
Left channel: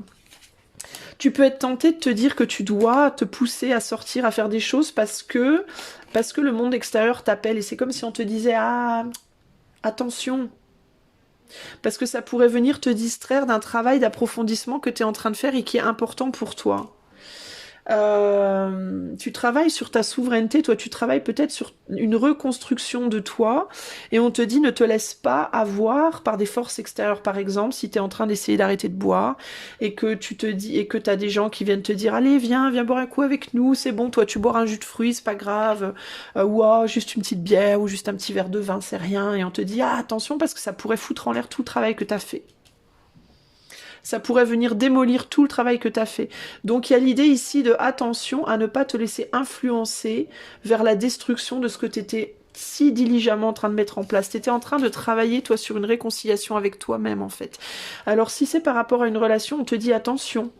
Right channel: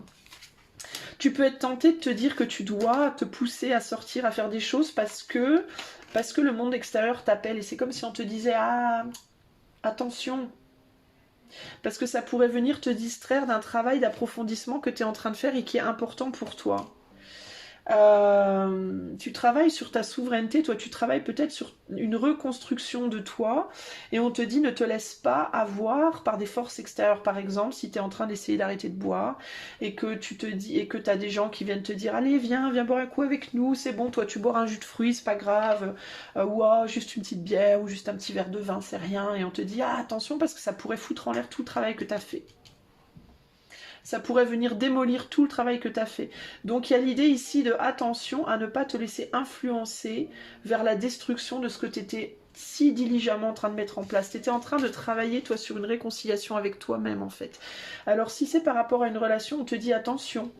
Tu peux être tenté de te dire que tu dois te pousser à sortir, à faire des choses parce que le monde extérieur t'appelle. Et c'est comme si on te disait, ah, attention. Parce que ça pourrait venir te distraire d'un travail d'approfondissement que tu es en train de faire et qui est important pour toi. Tu travailles sur ta souveraineté, toi tu travailles peut-être sur une reconstruction de toi et on te dit ne te laisse pas avoir par des forces extérieures. Par exemple, si tu es en train d'essayer d'arrêter de boire et que tu te dis et que tu as des gens qui viennent te dire allez viens boire un coup avec nous, c'est bon, toi tu bois un jus de fruits, c'est pas grave, ou juste une petite bière ou juste un petit verre de vin, c'est rien, et on te dit ah attention parce que ça pourrait foutre en l'air tout le travail que tu as fait. Ça pourrait venir démolir tout le travail que tu as fait. Donc il y a l'idée ici de attention à ne pas te laisser influencer vers la destruction de ce que tu étais si diligemment en train de mettre en place. Tu étais en train de travailler, toi, sur une réconciliation avec toi-même, en fait. Alors si c'est par rapport à une relation, on te dit attention.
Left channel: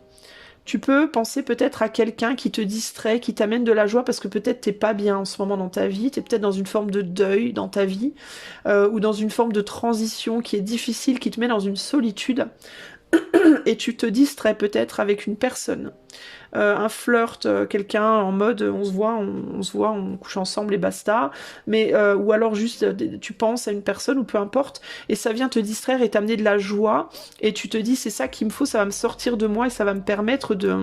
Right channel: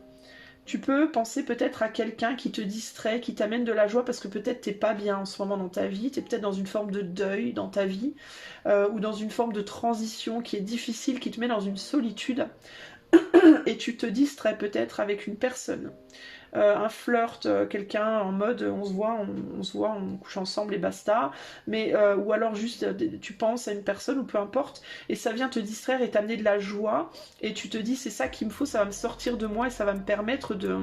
Tu peux penser peut-être à quelqu'un qui te distrait, qui t'amène de la joie, parce que peut-être t'es pas bien en ce moment dans ta vie, t'es peut-être dans une forme de deuil dans ta vie, ou dans une forme de transition qui est difficile, qui te met dans une solitude. Et tu te distrais peut-être avec une personne, un flirt, quelqu'un en mode on se voit, on couche ensemble et basta, mais ou alors juste tu penses à une personne ou peu importe, et ça vient te distraire et t'amener de la joie, et tu te dis c'est ça qu'il me faut, ça va me sortir de moi et ça va me permettre de...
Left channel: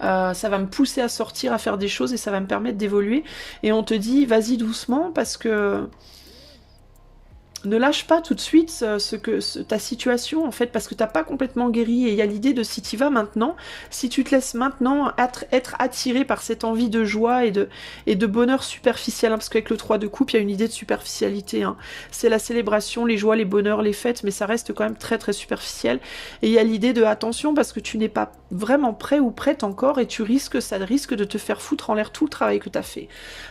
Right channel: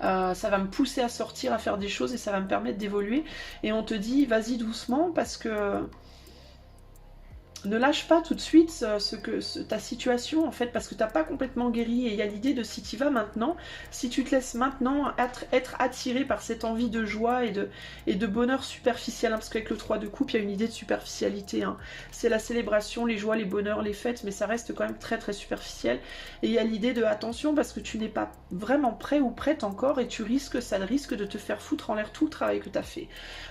ça va me pousser à sortir, à faire des choses et ça va me permettre d'évoluer, et on te dit vas-y doucement parce que ne lâche pas tout de suite ta situation, en fait, parce que t'as pas complètement guéri. Et il y a l'idée de si tu vas maintenant, si tu te laisses maintenant être attiré par cette envie de joie et de bonheur superficiel, hein, parce qu'avec le 3 de coupe, il y a une idée de superficialité. Hein. C'est la célébration, les joies, les bonheurs, les fêtes, mais ça reste quand même très très superficiel. Et il y a l'idée de attention, parce que tu n'es pas vraiment prêt ou prête encore, et ça risque de te faire foutre en l'air tout le travail que tu as fait.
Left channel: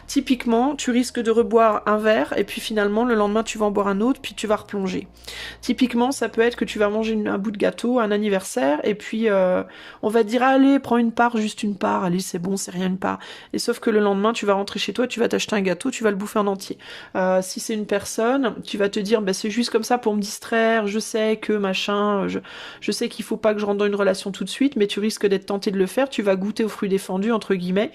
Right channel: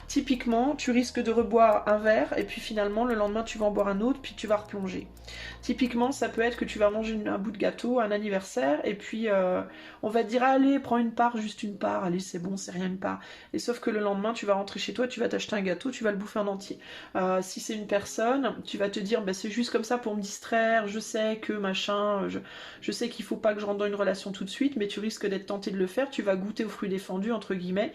Typiquement, tu risques de reboire un verre, et puis finalement, le lendemain, tu vas en boire un autre, puis tu vas replonger. Typiquement, ça peut être que tu vas manger un bout de gâteau, un anniversaire, et puis on va te dire, allez, prends une part, juste une part, allez, c'est bon, c'est rien une part. Et sauf que le lendemain, tu vas rentrer chez toi, tu vas t'acheter un gâteau, tu vas le bouffer en entier. Si c'est une personne, tu vas te dire, bah, c'est juste comme ça pour me distraire, je sais que machin, je sais qu'il faut pas que je rentre dans une relation tout de suite, mais tu risques d'être tenté de le faire, tu vas goûter aux fruits défendus, entre guillemets,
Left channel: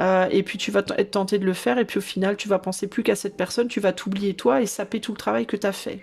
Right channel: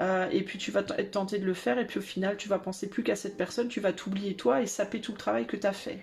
et puis tu vas être tenté de le faire, et puis au final, tu vas penser plus qu'à cette personne, tu vas t'oublier toi et saper tout le travail que tu as fait.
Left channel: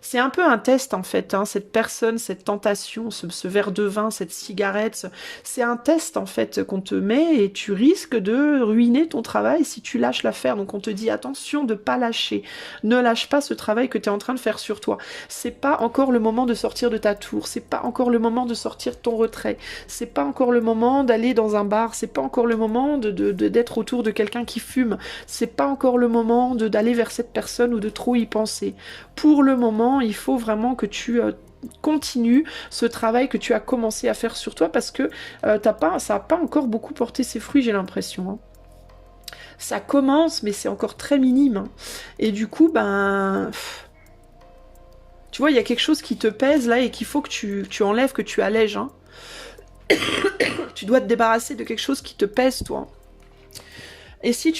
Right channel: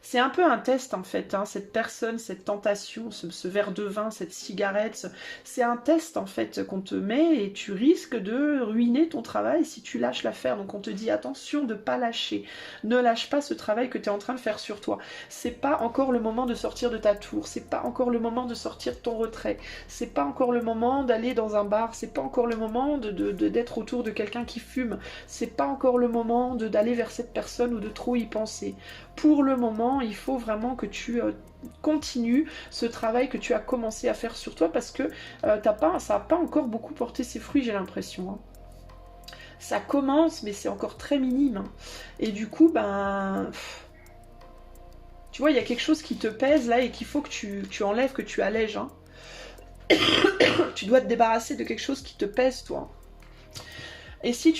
C'est un peu un test en fait, hein, cette personne, cette tentation, ce verre de vin, cette cigarette, c'est un test en fait qu'on te met et tu risques de ruiner ton travail si tu lâches l'affaire. Donc on te dit attention de pas lâcher, ne lâche pas ce travail que tu es en train de faire sur toi. C'est pas encore le moment de sortir de ta tour, c'est pas encore le moment de sortir de ton retrait, c'est pas encore le moment d'aller dans un bar, c'est pas encore le moment d'être autour de quelqu'un qui fume, c'est pas encore le moment d'aller vers cette personne ou de trop y penser. Pour le moment, il faut vraiment que tu continues ce travail que tu as commencé à faire sur toi parce que ça n'a pas encore beaucoup porté ses fruits, j'ai l'impression. Hein. Ça commence, mais c'est encore très minime. Hein. Et du coup, ben... Tu vois, il y a quelque chose qui te pèse là et qu'il faut que tu enlèves, que tu allèges. Hein. Tu dois te débarrasser de quelque chose qui te pèse, toi. Et si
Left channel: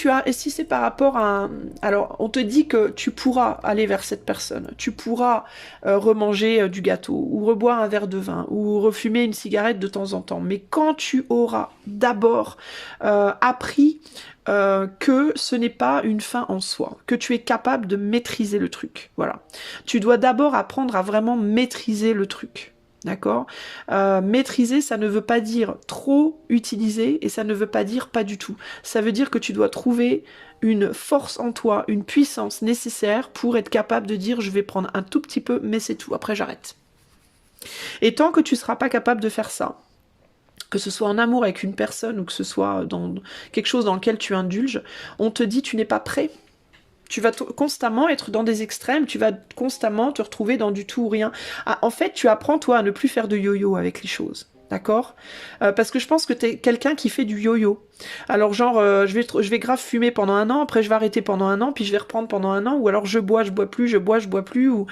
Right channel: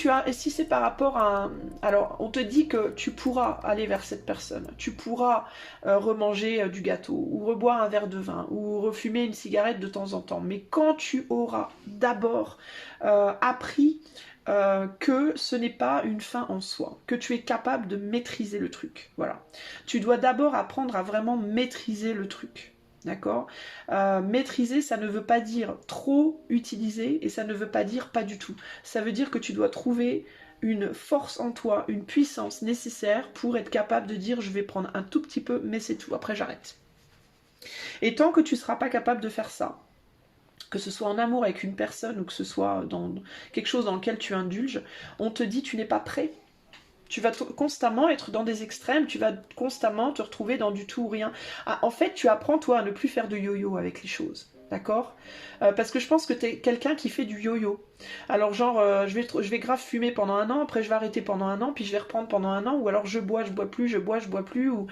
c'est par rapport à... Alors, on te dit que tu pourras aller vers cette personne, tu pourras remanger du gâteau, ou reboire un verre de vin, ou refumer une cigarette de temps en temps. Mais quand tu auras d'abord appris que ce n'est pas une fin en soi, que tu es capable de maîtriser le truc, voilà. Tu dois d'abord apprendre à vraiment maîtriser le truc. D'accord. Maîtriser, ça ne veut pas dire trop utiliser et ça ne veut pas dire pas du tout. Ça veut dire que tu dois trouver une force en toi, une puissance nécessaire pour être capable de dire je vais prendre un tout petit peu, mais c'est tout, après j'arrête. Et tant que tu ne seras pas capable de faire ça, que ce soit en amour avec une personne ou que ce soit dans quelque chose dans lequel tu indulges, on te dit tu n'es pas prêt. Tu vas constamment être dans des extrêmes, tu vas constamment te retrouver dans du tout ou rien. Ah, en fait, tu apprends, toi, à ne plus faire de yo-yo avec les choses. D'accord. Parce que je pense que tu es quelqu'un qui fait du yo-yo. Alors genre, je vais grave fumer pendant un an, après je vais arrêter pendant un an, puis je vais reprendre pendant un an, ou alors je bois plus, je bois plus, ou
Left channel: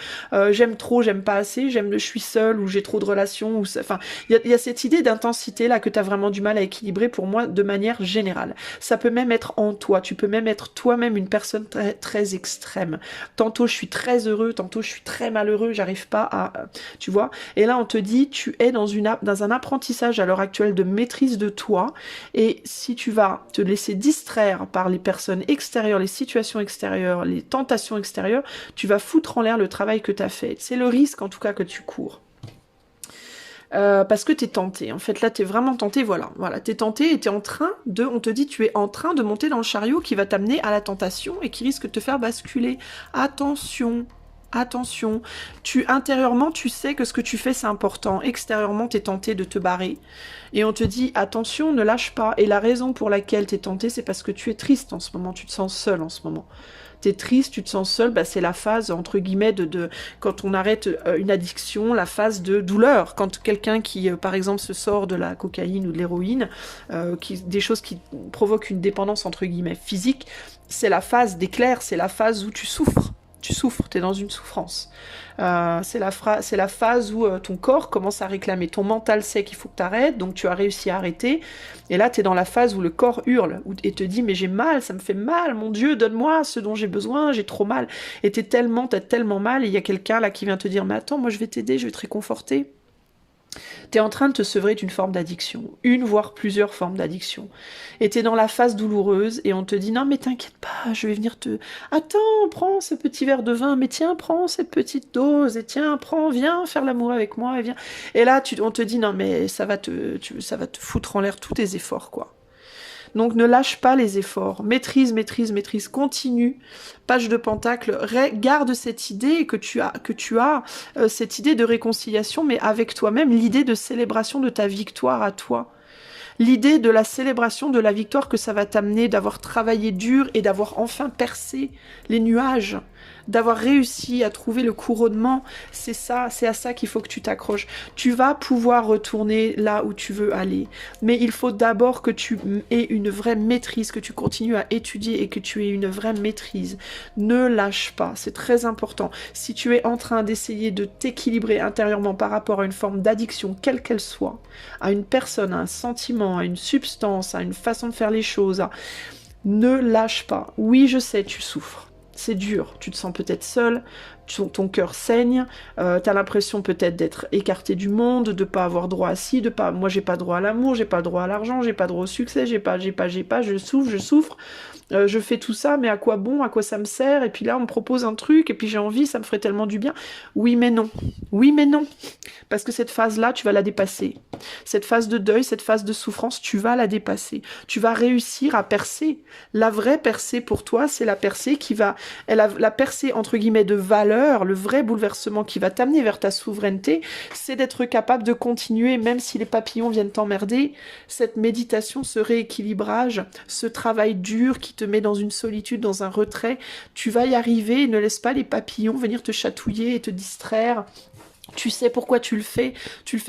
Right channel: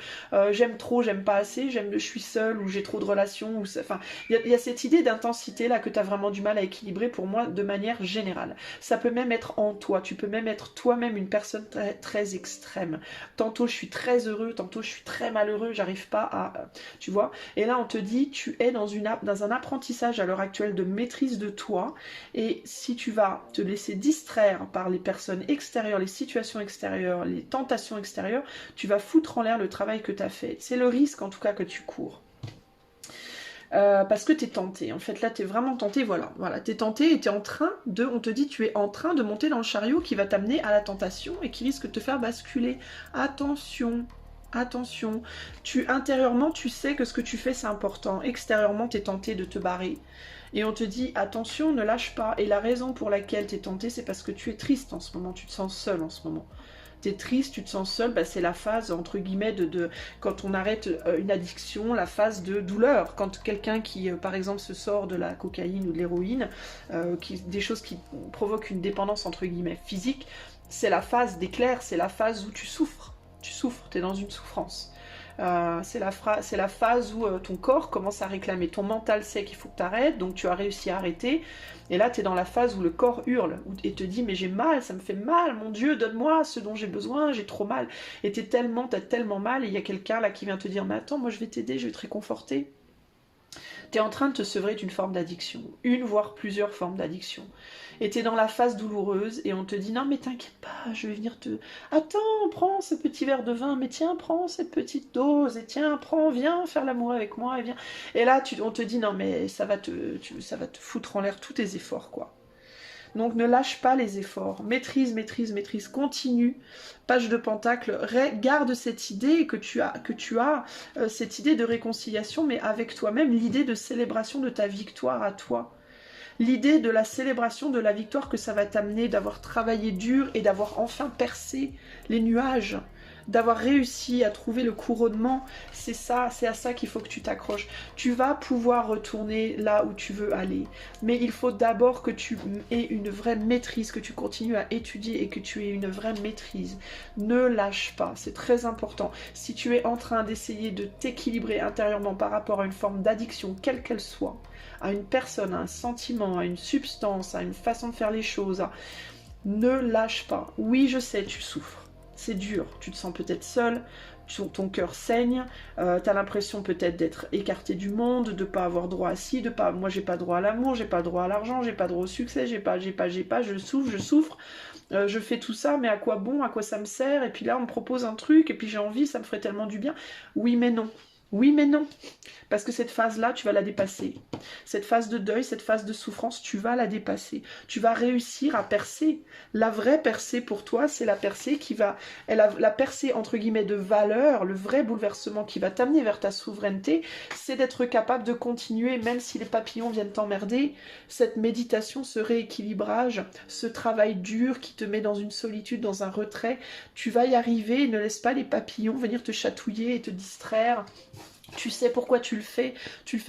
j'aime trop, j'aime pas assez, je suis seule, ou j'ai trop de relations, enfin, il y a cette idée d'intensité là que tu as vraiment du mal à équilibrer pour moi de manière générale. Ça peut même être en toi, tu peux même être toi-même une personne très, très extrême. Tantôt je suis très heureux, tantôt je suis très malheureux, j'arrive pas à... tu vois. Et là on te dit, tu es dans un apprentissage à l'heure actuelle de maîtrise de toi, et si tu vas te laisser distraire par les personnes extérieures, les situations extérieures, les tentations extérieures, tu vas foutre en l'air le travail que tu as fait. C'est le risque en tout cas que tu cours. Parce que tu es tenté. En fait, là, tu es vraiment tenté, voilà. Tu es tenté et on te dit, tu es en train de monter dans le chariot qui va t'amener à la tentation et qui risque de te faire basculer. Attention, attention. Intérieurement, tu sais que ce que tu fais, c'est important. Extérieurement, tu es tenté de te barrer. Et on te dit, attention, ne lâche pas. Et la raison pour laquelle tu es tenté, c'est parce que tu es triste en ce moment. Tu te sens seul en ce moment. T'es triste, tu te sens seul, bah c'est la phase, entre guillemets, quand on arrête une addiction, la phase de douleur. Quand quelqu'un qui, par exemple, se sort de la cocaïne ou de l'héroïne, des choses qui provoquent une dépendance, entre guillemets, physique, c'est la phase d'éclair, c'est la phase où tu souffres. Tu souffres, t'es dans une souffrance. C'est la phase où ton corps commence à réclamer. Ton mental sait qu'il faut que tu arrêtes, donc tu as réussi à arrêter. Et là, tu es dans la phase où le corps hurle et te dit « mais j'ai mal, ça me fait mal, mon Dieu, donne-moi ce dont j'ai besoin, j'ai trop mal. » Et t'as tellement mal, et il y a quelqu'un là qui vient te dire « mais attends, moi je vais t'aider, je vais te réconforter. » T'es en train de te sevrer d'une forme d'addiction, une voire plusieurs formes d'addiction. Et t'es dans la phase douloureuse et on te dit non mais t'inquiète pas, je vais venir te... Attends, prends ce petit verre de vin, mais tiens, prends cette petite dose, et tiens, viens faire l'amour avec moi, et viens. Et là, on te dit non mais ça va te foutre en l'air tous tes efforts, quoi. Donc ne lâche pas les efforts, maîtrise, maîtrise, maîtrise, continue. Page de Pentacle, garde cette idée que tu as cette idée de réconciliation, mais avec toi-même, l'idée de célébration de ta victoire à toi. L'idée de la célébration de la victoire que ça va t'amener, d'avoir travaillé dur et d'avoir enfin percé les nuages, d'avoir réussi à trouver le couronnement, c'est ça, c'est à ça qu'il faut que tu t'accroches. Tu vas pouvoir retourner là où tu veux aller, mais il faut d'abord que tu aies une vraie maîtrise, que tu continues à étudier et que tu aies une vraie maîtrise. Ne lâche pas, c'est très important. Si tu es en train d'essayer de t'équilibrer intérieurement par rapport à une forme d'addiction, quelle qu'elle soit, à une personne, à un sentiment, à une substance, à une façon de faire les choses, ne lâche pas. Oui, je sais, tu souffres. C'est dur, tu te sens peut-être seul, ton cœur saigne, tu as l'impression peut-être d'être écarté du monde, de pas avoir droit à ci, moi j'ai pas droit à l'amour, j'ai pas droit à l'argent, j'ai pas droit au succès, j'ai pas, je souffre, je fais tout ça, mais à quoi bon, à quoi ça me sert? Et puis là on me propose un truc, et puis j'ai envie, ça me ferait tellement du bien. Oui mais non, parce que cette phase-là, tu vas la dépasser. Cette phase de deuil, cette phase de souffrance, tu vas la dépasser. Tu vas réussir à percer. La vraie percée pour toi, c'est la percée la percée entre guillemets de valeur, le vrai bouleversement qui va t'amener vers ta souveraineté, c'est d'être capable de continuer, même si les papillons viennent t'emmerder, cette méditation, ce rééquilibrage, ce travail dur qui te met dans une solitude, dans un retrait, tu vas y arriver et ne laisse pas les papillons venir te chatouiller et te distraire. Tu sais pourquoi tu le fais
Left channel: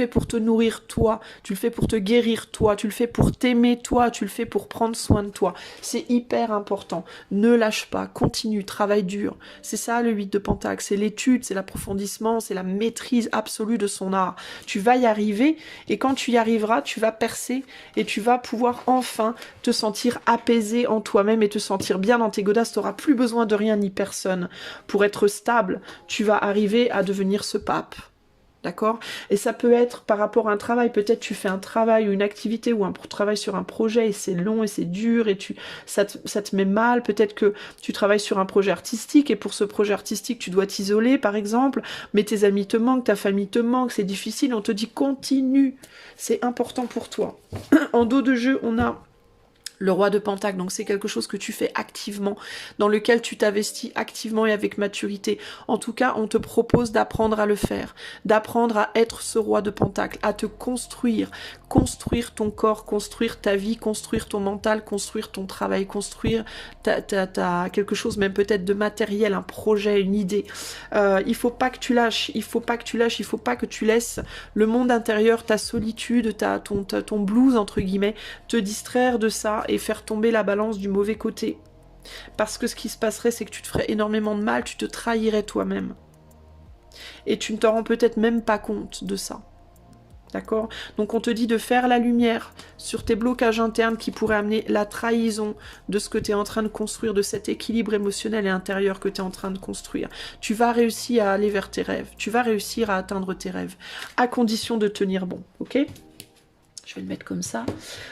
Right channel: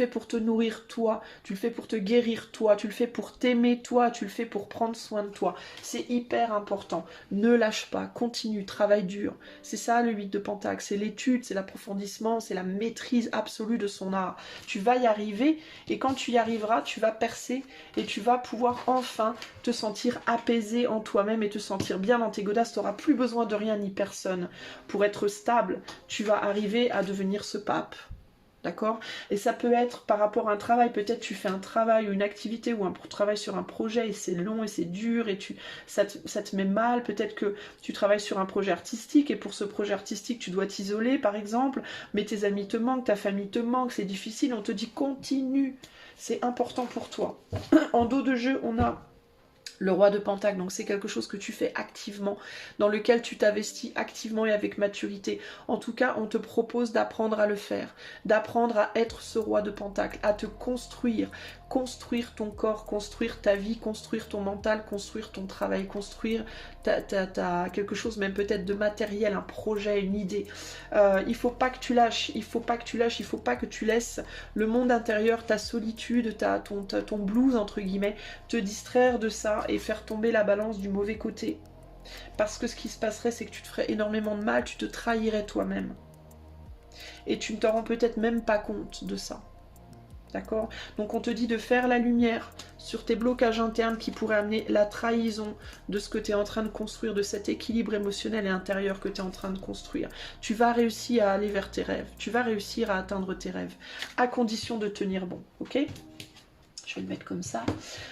pour te nourrir toi, tu le fais pour te guérir toi, tu le fais pour t'aimer toi, tu le fais pour prendre soin de toi. C'est hyper important. Ne lâche pas, continue, travaille dur. C'est ça le 8 de Pentacle, c'est l'étude, c'est l'approfondissement, c'est la maîtrise absolue de son art. Tu vas y arriver et quand tu y arriveras, tu vas percer et tu vas pouvoir enfin te sentir apaisé en toi-même et te sentir bien dans tes godasses. Tu n'auras plus besoin de rien ni personne. Pour être stable, tu vas arriver à devenir ce pape. D'accord? Et ça peut être par rapport à un travail, peut-être tu fais un travail ou une activité ou un travail sur un projet et c'est long et c'est dur et ça te met mal, peut-être que tu travailles sur un projet artistique et pour ce projet artistique tu dois t'isoler par exemple, mais tes amis te manquent, ta famille te manque, c'est difficile, on te dit continue, c'est important pour toi. En dos de jeu, on a le roi de Pentacle, donc c'est quelque chose que tu fais activement, dans lequel tu t'investis activement et avec maturité. En tout cas, on te propose d'apprendre à le faire, d'apprendre à être ce roi de Pentacle, à te construire ton corps, construire ta vie, construire ton mental, construire ton travail, construire quelque chose même peut-être de matériel, un projet, une idée. Il faut pas que tu lâches, il faut pas que tu laisses le monde intérieur, ta solitude, ton blues entre guillemets, te distraire de ça et faire tomber la balance du mauvais côté. Parce que ce qui se passerait, c'est que tu te ferais énormément de mal, tu te trahirais toi-même. Et tu ne t'en rends peut-être même pas compte de ça. D'accord? Donc on te dit de faire la lumière sur tes blocages internes qui pourraient amener la trahison de ce que tu es en train de construire, de cet équilibre émotionnel et intérieur que tu es en train de construire. Tu vas réussir à aller vers tes rêves, tu vas réussir à atteindre tes rêves, à condition de tenir bon, ok? Je vais le mettre comme ça.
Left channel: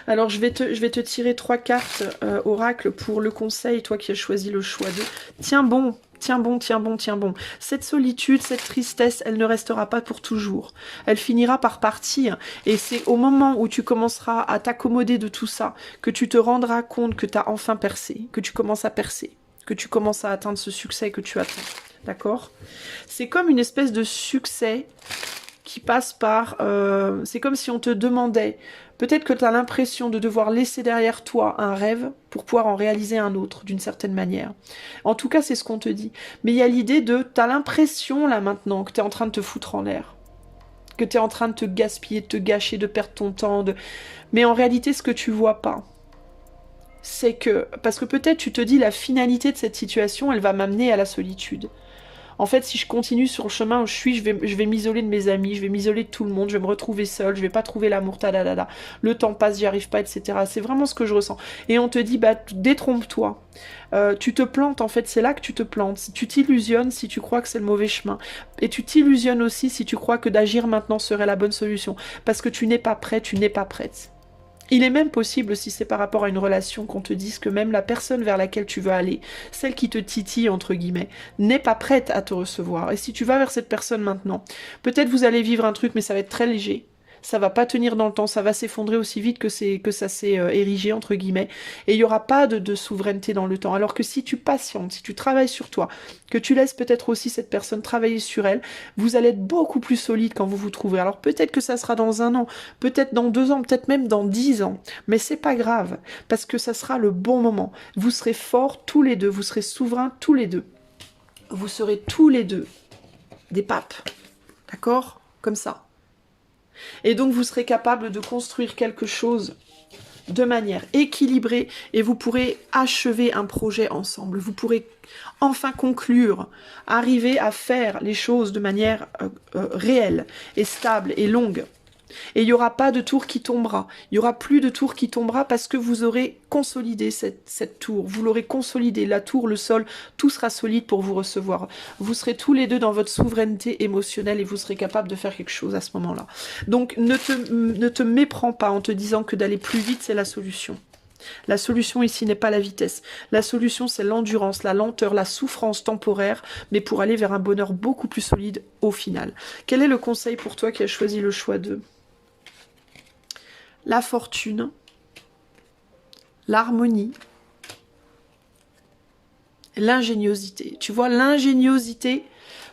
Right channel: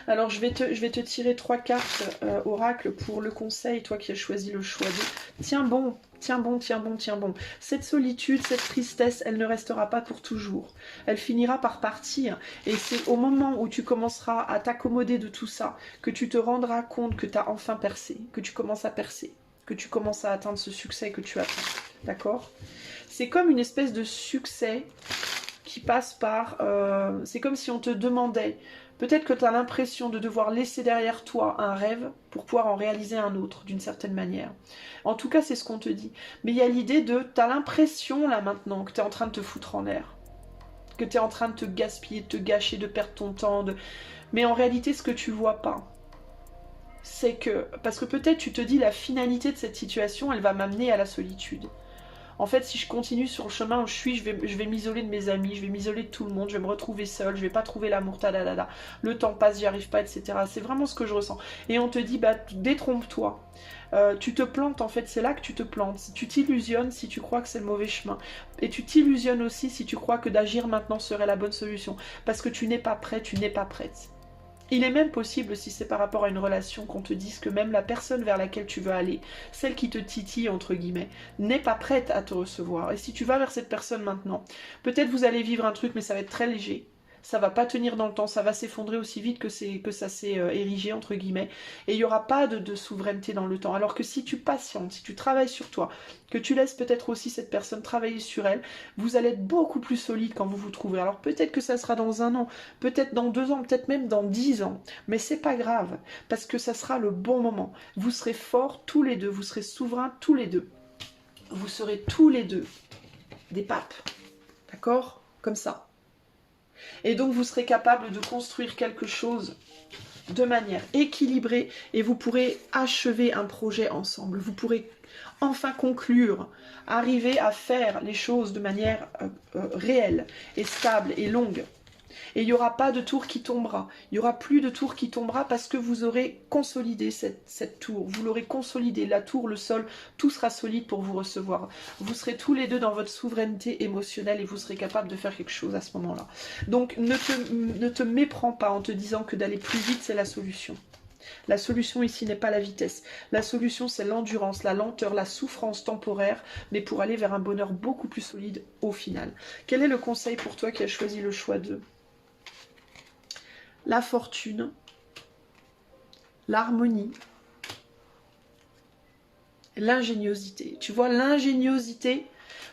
Alors, je vais te tirer 3 cartes oracle pour le conseil, toi qui as choisi le choix 2. Tiens bon, tiens bon, tiens bon, tiens bon. Cette solitude, cette tristesse, elle ne restera pas pour toujours. Elle finira par partir. Et c'est au moment où tu commenceras à t'accommoder de tout ça que tu te rendras compte que tu as enfin percé, que tu commences à percer, que tu commences à atteindre ce succès que tu attends. D'accord? C'est comme une espèce de succès qui passe par... c'est comme si on te demandait... Peut-être que tu as l'impression de devoir laisser derrière toi un rêve pour pouvoir en réaliser un autre, d'une certaine manière. En tout cas, c'est ce qu'on te dit. Mais il y a l'idée de... Tu as l'impression, là, maintenant, que tu es en train de te foutre en l'air. Que tu es en train de te gaspiller, de te gâcher, de perdre ton temps. Mais en réalité, ce que tu vois pas, c'est que... Parce que peut-être tu te dis, la finalité de cette situation, elle va m'amener à la solitude. En fait, si je continue sur le chemin où je suis, je vais m'isoler de mes amis, je vais m'isoler de tout le monde, je vais me retrouver seule, je vais pas trouver l'amour, tadadada. Le temps passe, j'y arrive pas, etc. C'est vraiment ce que je ressens. Et on te dit, bah, détrompe-toi. Tu te plantes, en fait, c'est là que tu te plantes. Tu t'illusionnes si tu crois que c'est le mauvais chemin. Et tu t'illusionnes aussi si tu crois que d'agir maintenant serait la bonne solution. Parce que tu n'es pas prêt, tu n'es pas prête. Il est même possible, si c'est par rapport à une relation, qu'on te dise que même la personne vers laquelle tu veux aller, celle qui te titille, entre guillemets, n'est pas prête à te recevoir. Et si tu vas vers cette personne maintenant, peut-être vous allez vivre un truc, mais ça va être très léger. ça va pas tenir dans le temps, ça va s'effondrer aussi vite que ça s'est érigé, entre guillemets, et il n'y aura pas de souveraineté dans le temps. Alors que si tu patientes, si tu travailles sur toi, que tu laisses peut-être aussi cette personne travailler sur elle, vous allez être beaucoup plus solide quand vous vous trouverez. Alors peut-être que ça sera dans 1 an, peut-être dans 2 ans, peut-être même dans 10 ans, mais c'est pas grave, parce que ça sera le bon moment. Vous serez forts tous les deux, vous serez souverains tous les deux. Vous serez tous les deux des papes, d'accord? Comme ça. Et donc vous serez capable de construire quelque chose de manière équilibrée et vous pourrez achever un projet ensemble. Vous pourrez enfin conclure, arriver à faire les choses de manière réelle et stable et longue. Et il n'y aura pas de tour qui tombera. Il n'y aura plus de tour qui tombera parce que vous aurez consolidé cette tour. Vous l'aurez consolidé. La tour, le sol, tout sera solide pour vous recevoir. Vous serez tous les deux dans votre souveraineté émotionnelle et vous serez capable de faire quelque chose à ce moment-là. Donc ne te méprends pas en te disant que d'aller plus vite, c'est la solution. La solution ici n'est pas la vitesse. La solution, c'est l'endurance, la lenteur, la souffrance temporaire, mais pour aller vers un bonheur beaucoup plus solide au final. Quel est le conseil pour toi qui as choisi le choix de la fortune, l'harmonie, l'ingéniosité? Tu vois, l'ingéniosité,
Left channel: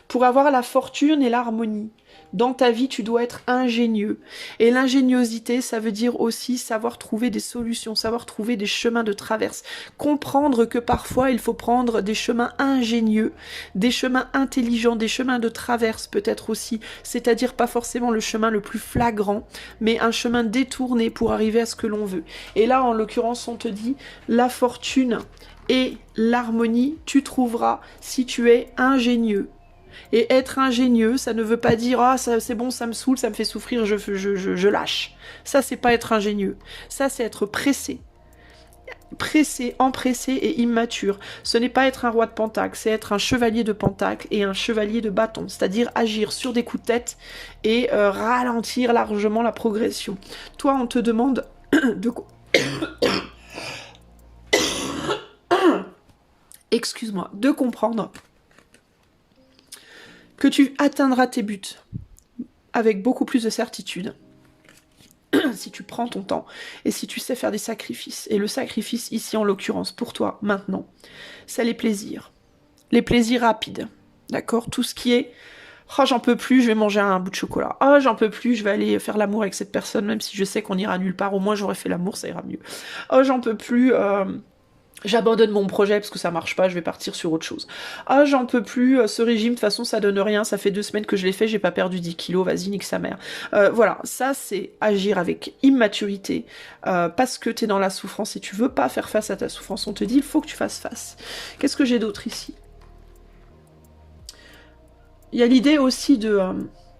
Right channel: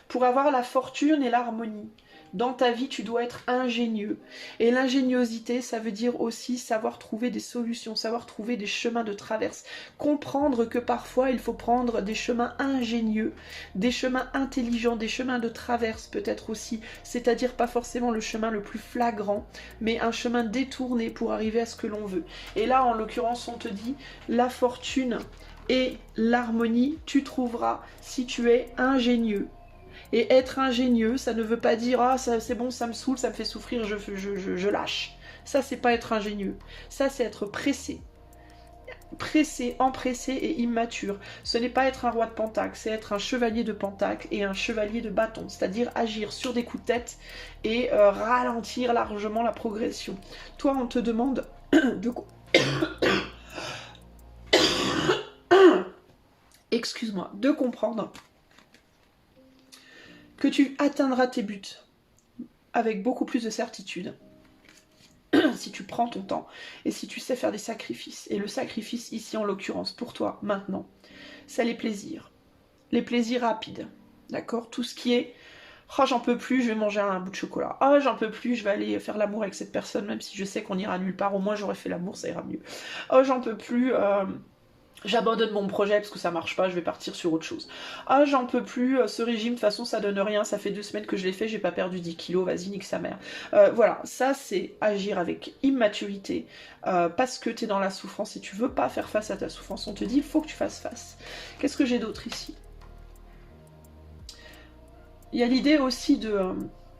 pour avoir la fortune et l'harmonie, dans ta vie, tu dois être ingénieux. Et l'ingéniosité, ça veut dire aussi savoir trouver des solutions, savoir trouver des chemins de traverse. Comprendre que parfois, il faut prendre des chemins ingénieux, des chemins intelligents, des chemins de traverse peut-être aussi. C'est-à-dire pas forcément le chemin le plus flagrant, mais un chemin détourné pour arriver à ce que l'on veut. Et là, en l'occurrence, on te dit, la fortune et l'harmonie, tu trouveras si tu es ingénieux. Et être ingénieux, ça ne veut pas dire « Ah, c'est bon, ça me saoule, ça me fait souffrir, je lâche ». Ça, c'est pas être ingénieux. Ça, c'est être pressé. Pressé, empressé et immature. Ce n'est pas être un roi de pentacle, c'est être un chevalier de pentacle et un chevalier de bâton. C'est-à-dire agir sur des coups de tête et ralentir largement la progression. Toi, on te demande de... Excuse-moi, de comprendre que tu atteindras tes buts avec beaucoup plus de certitude si tu prends ton temps et si tu sais faire des sacrifices. Et le sacrifice ici, en l'occurrence, pour toi, maintenant, c'est les plaisirs rapides, d'accord? Tout ce qui est « Oh, j'en peux plus, je vais manger un bout de chocolat. Oh, j'en peux plus, je vais aller faire l'amour avec cette personne, même si je sais qu'on ira nulle part, au moins j'aurais fait l'amour, ça ira mieux. Oh, j'en peux plus... j'abandonne mon projet parce que ça marche pas, je vais partir sur autre chose. Ah, j'en peux plus, ce régime, de toute façon, ça donne rien, ça fait 2 semaines que je l'ai fait, j'ai pas perdu 10 kilos, vas-y, nique sa mère. » Voilà, ça, c'est agir avec immaturité, parce que t'es dans la souffrance et tu veux pas faire face à ta souffrance. On te dit, il faut que tu fasses face. Qu'est-ce que j'ai d'autre ici? Il y a l'idée aussi de...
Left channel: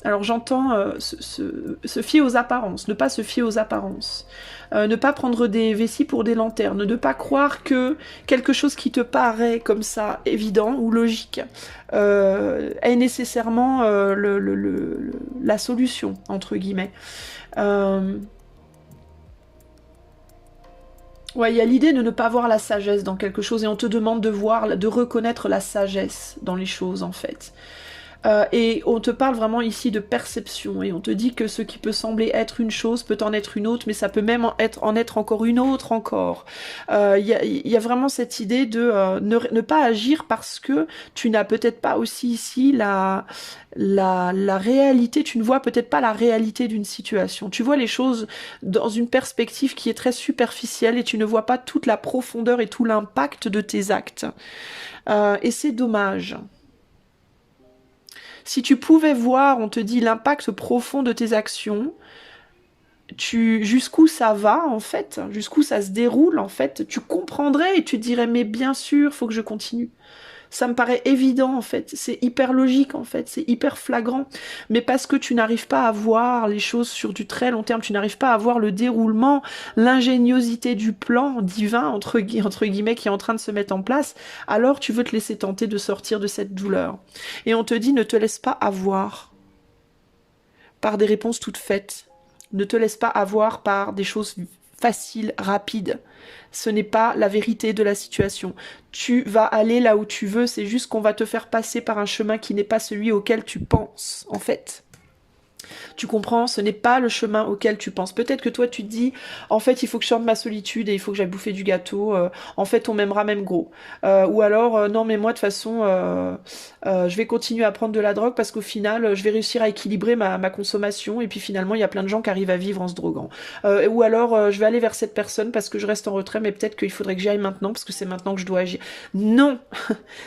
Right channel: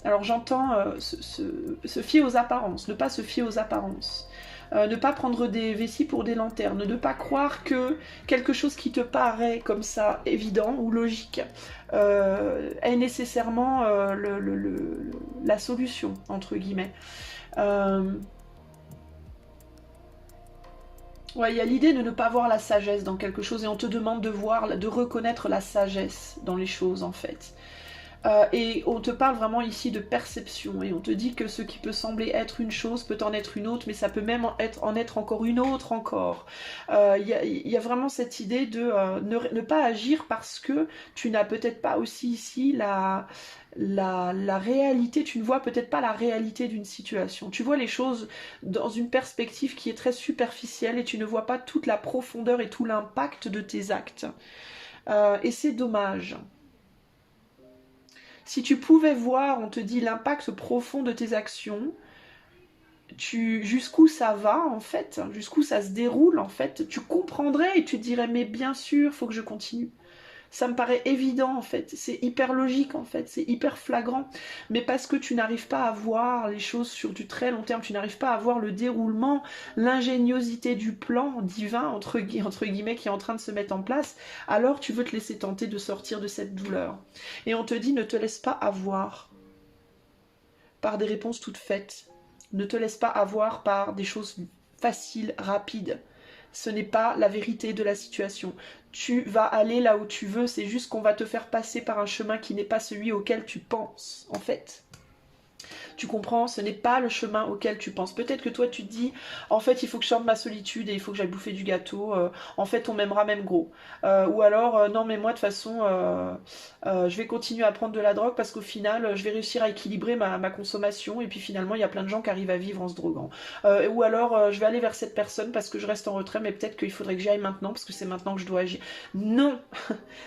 alors j'entends se fier aux apparences, ne pas se fier aux apparences. Ne pas prendre des vessies pour des lanternes, ne pas croire que quelque chose qui te paraît comme ça évident ou logique est nécessairement la solution, entre guillemets. Ouais, il y a l'idée de ne pas voir la sagesse dans quelque chose et on te demande de reconnaître la sagesse dans les choses en fait. Et on te parle vraiment ici de perception et on te dit que ce qui peut sembler être une chose peut en être une autre, mais ça peut même en être encore une autre encore. Il y a vraiment cette idée de ne pas agir parce que tu n'as peut-être pas aussi ici la réalité, tu ne vois peut-être pas la réalité d'une situation. Tu vois les choses dans une perspective qui est très superficielle et tu ne vois pas toute la profondeur et tout l'impact de tes actes. Et c'est dommage. Si tu pouvais voir, on te dit, l'impact profond de tes actions, jusqu'où ça va, en fait, jusqu'où ça se déroule, en fait, tu comprendrais et tu te dirais, mais bien sûr, faut que je continue. Ça me paraît évident, en fait. C'est hyper logique, en fait. C'est hyper flagrant. Mais parce que tu n'arrives pas à voir les choses sur du très long terme, tu n'arrives pas à voir le déroulement, l'ingéniosité du plan divin, entre guillemets, qui est en train de se mettre en place, alors tu veux te laisser tenter de sortir de cette douleur. Et on te dit, ne te laisse pas avoir par des réponses toutes faites. Ne te laisse pas avoir par des choses faciles, rapides. Ce n'est pas la vérité de la situation. Tu vas aller là où tu veux, c'est juste qu'on va te faire passer par un chemin qui n'est pas celui auquel tu penses, en fait. Tu comprends, ce n'est pas le chemin auquel tu penses. Peut-être que toi tu te dis, en fait il faut que je sorte ma solitude et il faut que j'aille bouffer du gâteau, en fait on m'aimera même gros. Ou alors, non mais moi de toute façon, je vais continuer à prendre de la drogue parce qu'au final je vais réussir à équilibrer ma consommation et puis finalement il y a plein de gens qui arrivent à vivre en se droguant. Ou alors je vais aller vers cette personne parce que je reste en retrait mais peut-être qu'il faudrait que j'y aille maintenant parce que c'est maintenant que je dois agir. Non,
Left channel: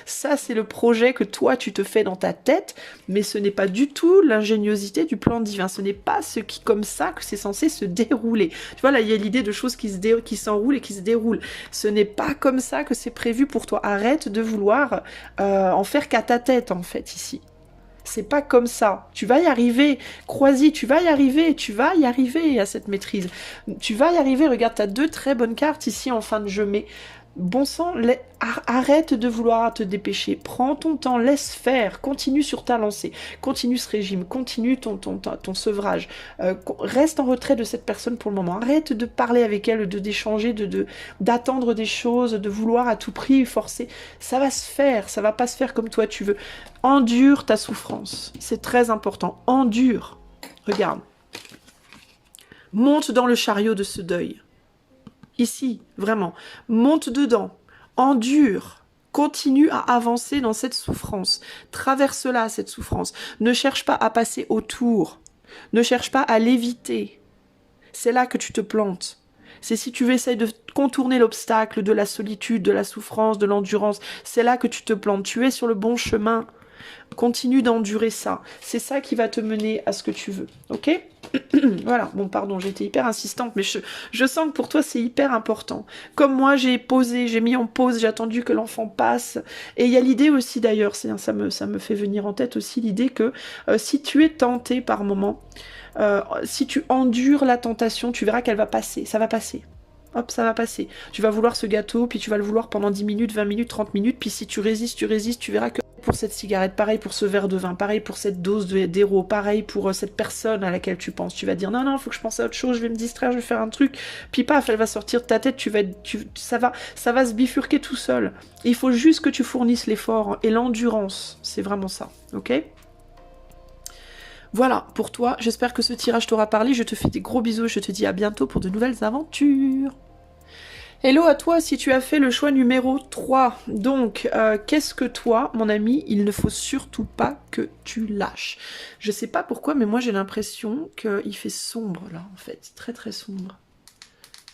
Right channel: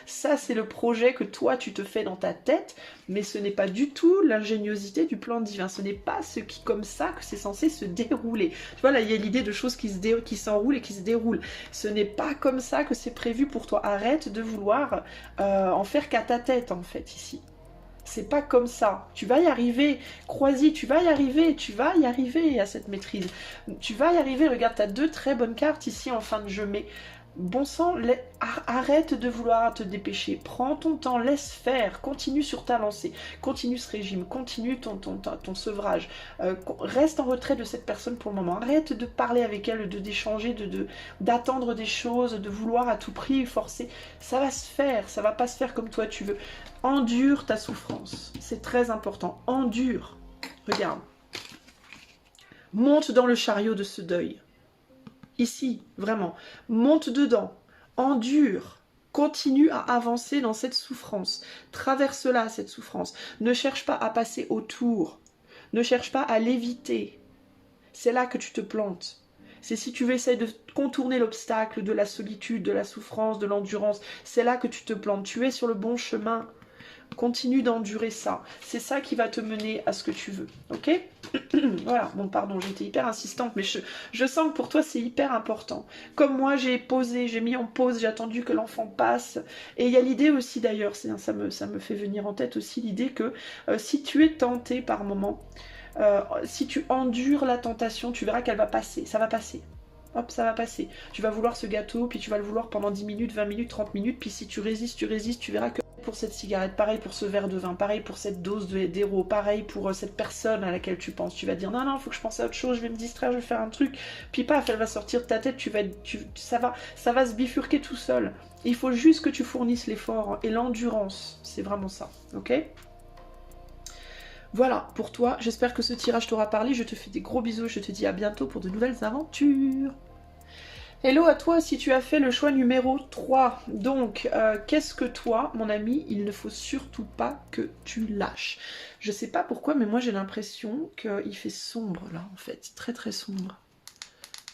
ça c'est le projet que toi tu te fais dans ta tête, mais ce n'est pas du tout l'ingéniosité du plan divin. Ce n'est pas comme ça que c'est censé se dérouler. Tu vois, là, il y a l'idée de choses qui s'enroulent et qui se déroulent. Ce n'est pas comme ça que c'est prévu pour toi. Arrête de vouloir en faire qu'à ta tête, en fait, ici. C'est pas comme ça. Tu vas y arriver. Crois-y, tu vas y arriver. Tu vas y arriver à cette maîtrise. Tu vas y arriver. Regarde, tu as 2 très bonnes cartes ici en fin de jeu, mais bon sang, arrête de vouloir te dépêcher, prends ton temps, laisse faire, continue sur ta lancée, continue ce régime, continue ton sevrage, reste en retrait de cette personne pour le moment, arrête de parler avec elle, d'échanger, d'attendre des choses, de vouloir à tout prix forcer, ça va se faire, ça va pas se faire comme toi tu veux, endure ta souffrance, c'est très important, endure, regarde, monte dans le chariot de ce deuil. Ici, vraiment, monte dedans, endure, continue à avancer dans cette souffrance, traverse-la, cette souffrance, ne cherche pas à passer autour, ne cherche pas à l'éviter, c'est là que tu te plantes. C'est si tu essaies de contourner l'obstacle de la solitude, de la souffrance, de l'endurance, c'est là que tu te plantes, tu es sur le bon chemin. Continue d'endurer ça. C'est ça qui va te mener à ce que tu veux. Ok? Voilà. Bon, pardon, j'ai été hyper insistante, mais je sens que pour toi, c'est hyper important. Comme moi, j'ai posé, j'ai mis en pause, j'ai attendu que l'enfant passe. Et il y a l'idée aussi, d'ailleurs, ça me fait venir en tête aussi l'idée que si tu es tenté par moment, si tu endures la tentation, tu verras qu'elle va passer. Ça va passer. Hop, ça va passer. Tu vas vouloir ce gâteau, puis tu vas le vouloir pendant 10 minutes, 20 minutes, 30 minutes, puis si tu résistes, tu verras que pour cette cigarette, pareil pour ce verre de vin, pareil pour cette dose d'héros, pareil pour cette personne à laquelle tu penses. Tu vas dire non, non, il faut que je pense à autre chose, je vais me distraire, je vais faire un truc, puis paf, elle va sortir de ta tête, ça va se bifurquer tout seul. Il faut juste que tu fournisses l'effort et l'endurance, c'est vraiment ça, ok ? Voilà, pour toi, j'espère que ce tirage t'aura parlé, je te fais des gros bisous et je te dis à bientôt pour de nouvelles aventures. Hello à toi si tu as fait le choix numéro 3. Donc, qu'est-ce que toi, mon ami, il ne faut surtout pas que tu lâches. Je sais pas pourquoi, mais moi j'ai l'impression qu'il fait sombre là, en fait. Très très sombre.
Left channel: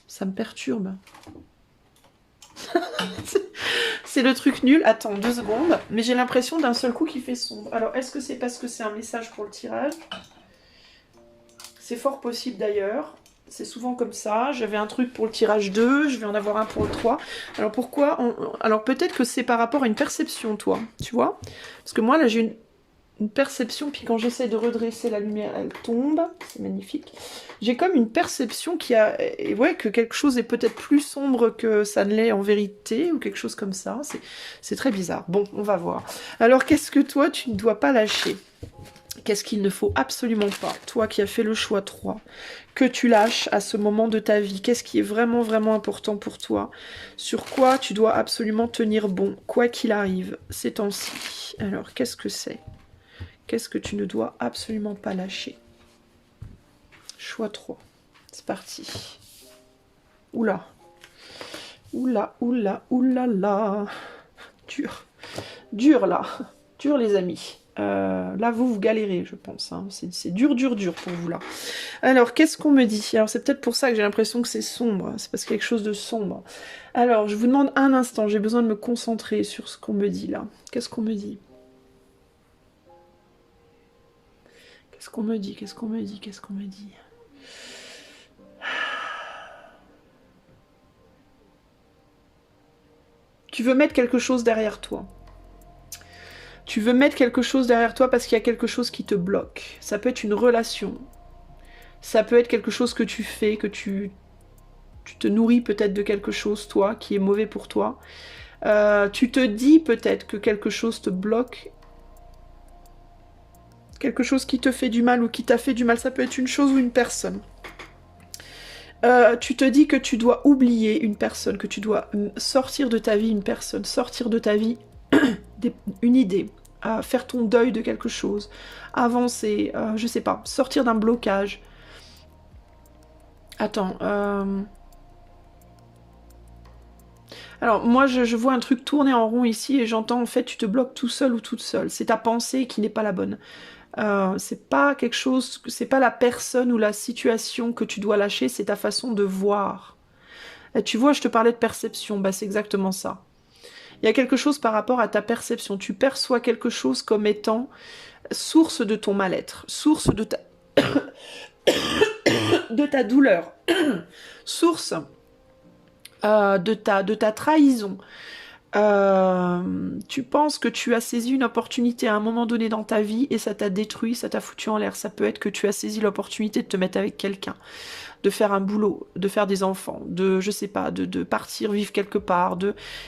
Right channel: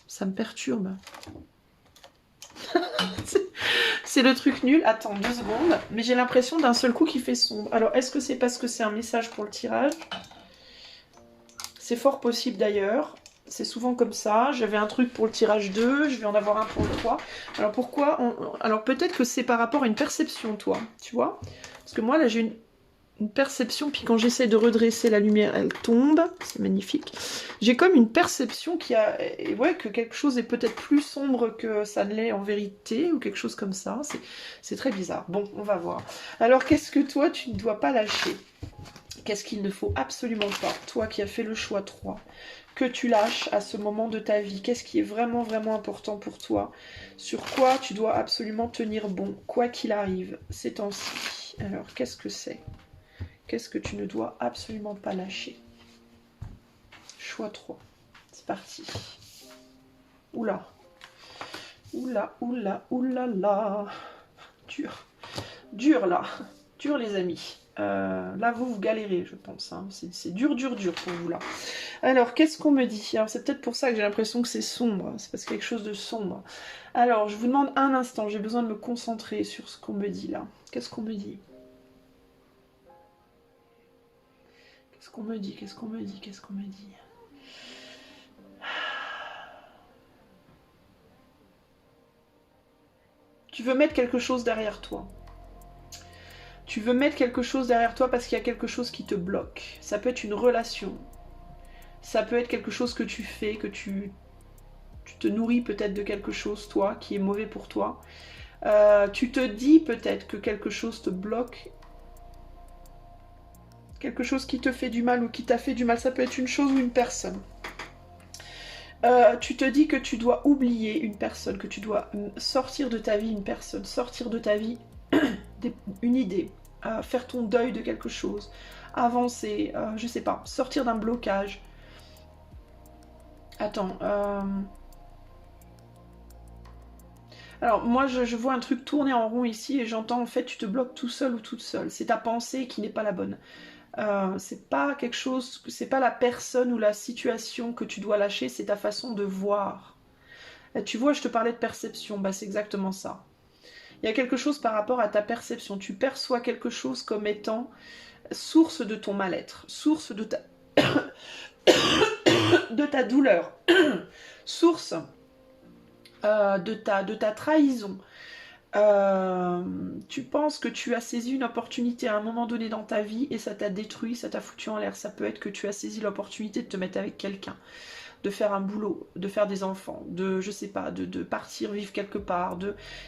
Ça me perturbe. C'est le truc nul. Attends, 2 secondes. Mais j'ai l'impression d'un seul coup qu'il fait sombre. Alors, est-ce que c'est parce que c'est un message pour le tirage? C'est fort possible d'ailleurs. C'est souvent comme ça. J'avais un truc pour le tirage 2, je vais en avoir un pour le 3. Alors pourquoi Alors peut-être que c'est par rapport à une perception, toi, tu vois? Parce que moi, là, j'ai une perception, puis quand j'essaie de redresser la lumière, elle tombe. C'est magnifique. J'ai comme une perception ouais, que quelque chose est peut-être plus sombre que ça ne l'est en vérité, ou quelque chose comme ça. C'est très bizarre. Bon, on va voir. Alors, qu'est-ce que toi, tu ne dois pas lâcher? Qu'est-ce qu'il ne faut absolument pas, toi qui as fait le choix 3, que tu lâches à ce moment de ta vie? Qu'est-ce qui est vraiment, vraiment important pour toi? Sur quoi tu dois absolument tenir bon, quoi qu'il arrive, ces temps-ci? Alors, qu'est-ce que c'est? Qu'est-ce que tu ne dois absolument pas lâcher? Choix 3. C'est parti. Oula. Oula, oula, oula, là. Dur. Dur, là. Dur, les amis. Là, vous galérez, je pense. Hein. C'est dur, dur, dur pour vous, là. Alors, qu'est-ce qu'on me dit? Alors, c'est peut-être pour ça que j'ai l'impression que c'est sombre. C'est parce qu'il y a quelque chose de sombre. Alors, je vous demande un instant. J'ai besoin de me concentrer sur ce qu'on me dit, là. Qu'est-ce qu'on me dit? Qu'est-ce qu'on me dit? Qu'est-ce qu'on me dit? Qu'est-ce qu'on me dit? Tu veux mettre quelque chose derrière toi. Tu veux mettre quelque chose derrière toi parce qu'il y a quelque chose qui te bloque. Ça peut être une relation. Ça peut être quelque chose que tu fais, que tu te nourris peut-être de quelque chose, toi, qui est mauvais pour toi. Tu te dis peut-être que quelque chose te bloque. Quelque chose qui te fait du mal ou qui t'a fait du mal. Ça peut être une chose ou une personne. Tu te dis que tu dois oublier une personne, que tu dois sortir de ta vie une personne, sortir de ta vie une idée, faire ton deuil de quelque chose, avancer, je sais pas, sortir d'un blocage. Attends, alors moi je vois un truc tourner en rond ici et j'entends en fait tu te bloques tout seul ou toute seule. C'est ta pensée qui n'est pas la bonne. C'est pas quelque chose, c'est pas la personne ou la situation que tu dois lâcher, c'est ta façon de voir. Et tu vois, je te parlais de perception, bah c'est exactement ça. Il y a quelque chose par rapport à ta perception. Tu perçois quelque chose comme étant source de ton mal-être, source de ta douleur, source de ta trahison. Tu penses que tu as saisi une opportunité à un moment donné dans ta vie et ça t'a détruit, ça t'a foutu en l'air. Ça peut être que tu as saisi l'opportunité de te mettre avec quelqu'un, de faire un boulot, de faire des enfants, de, je sais pas, de partir vivre quelque part.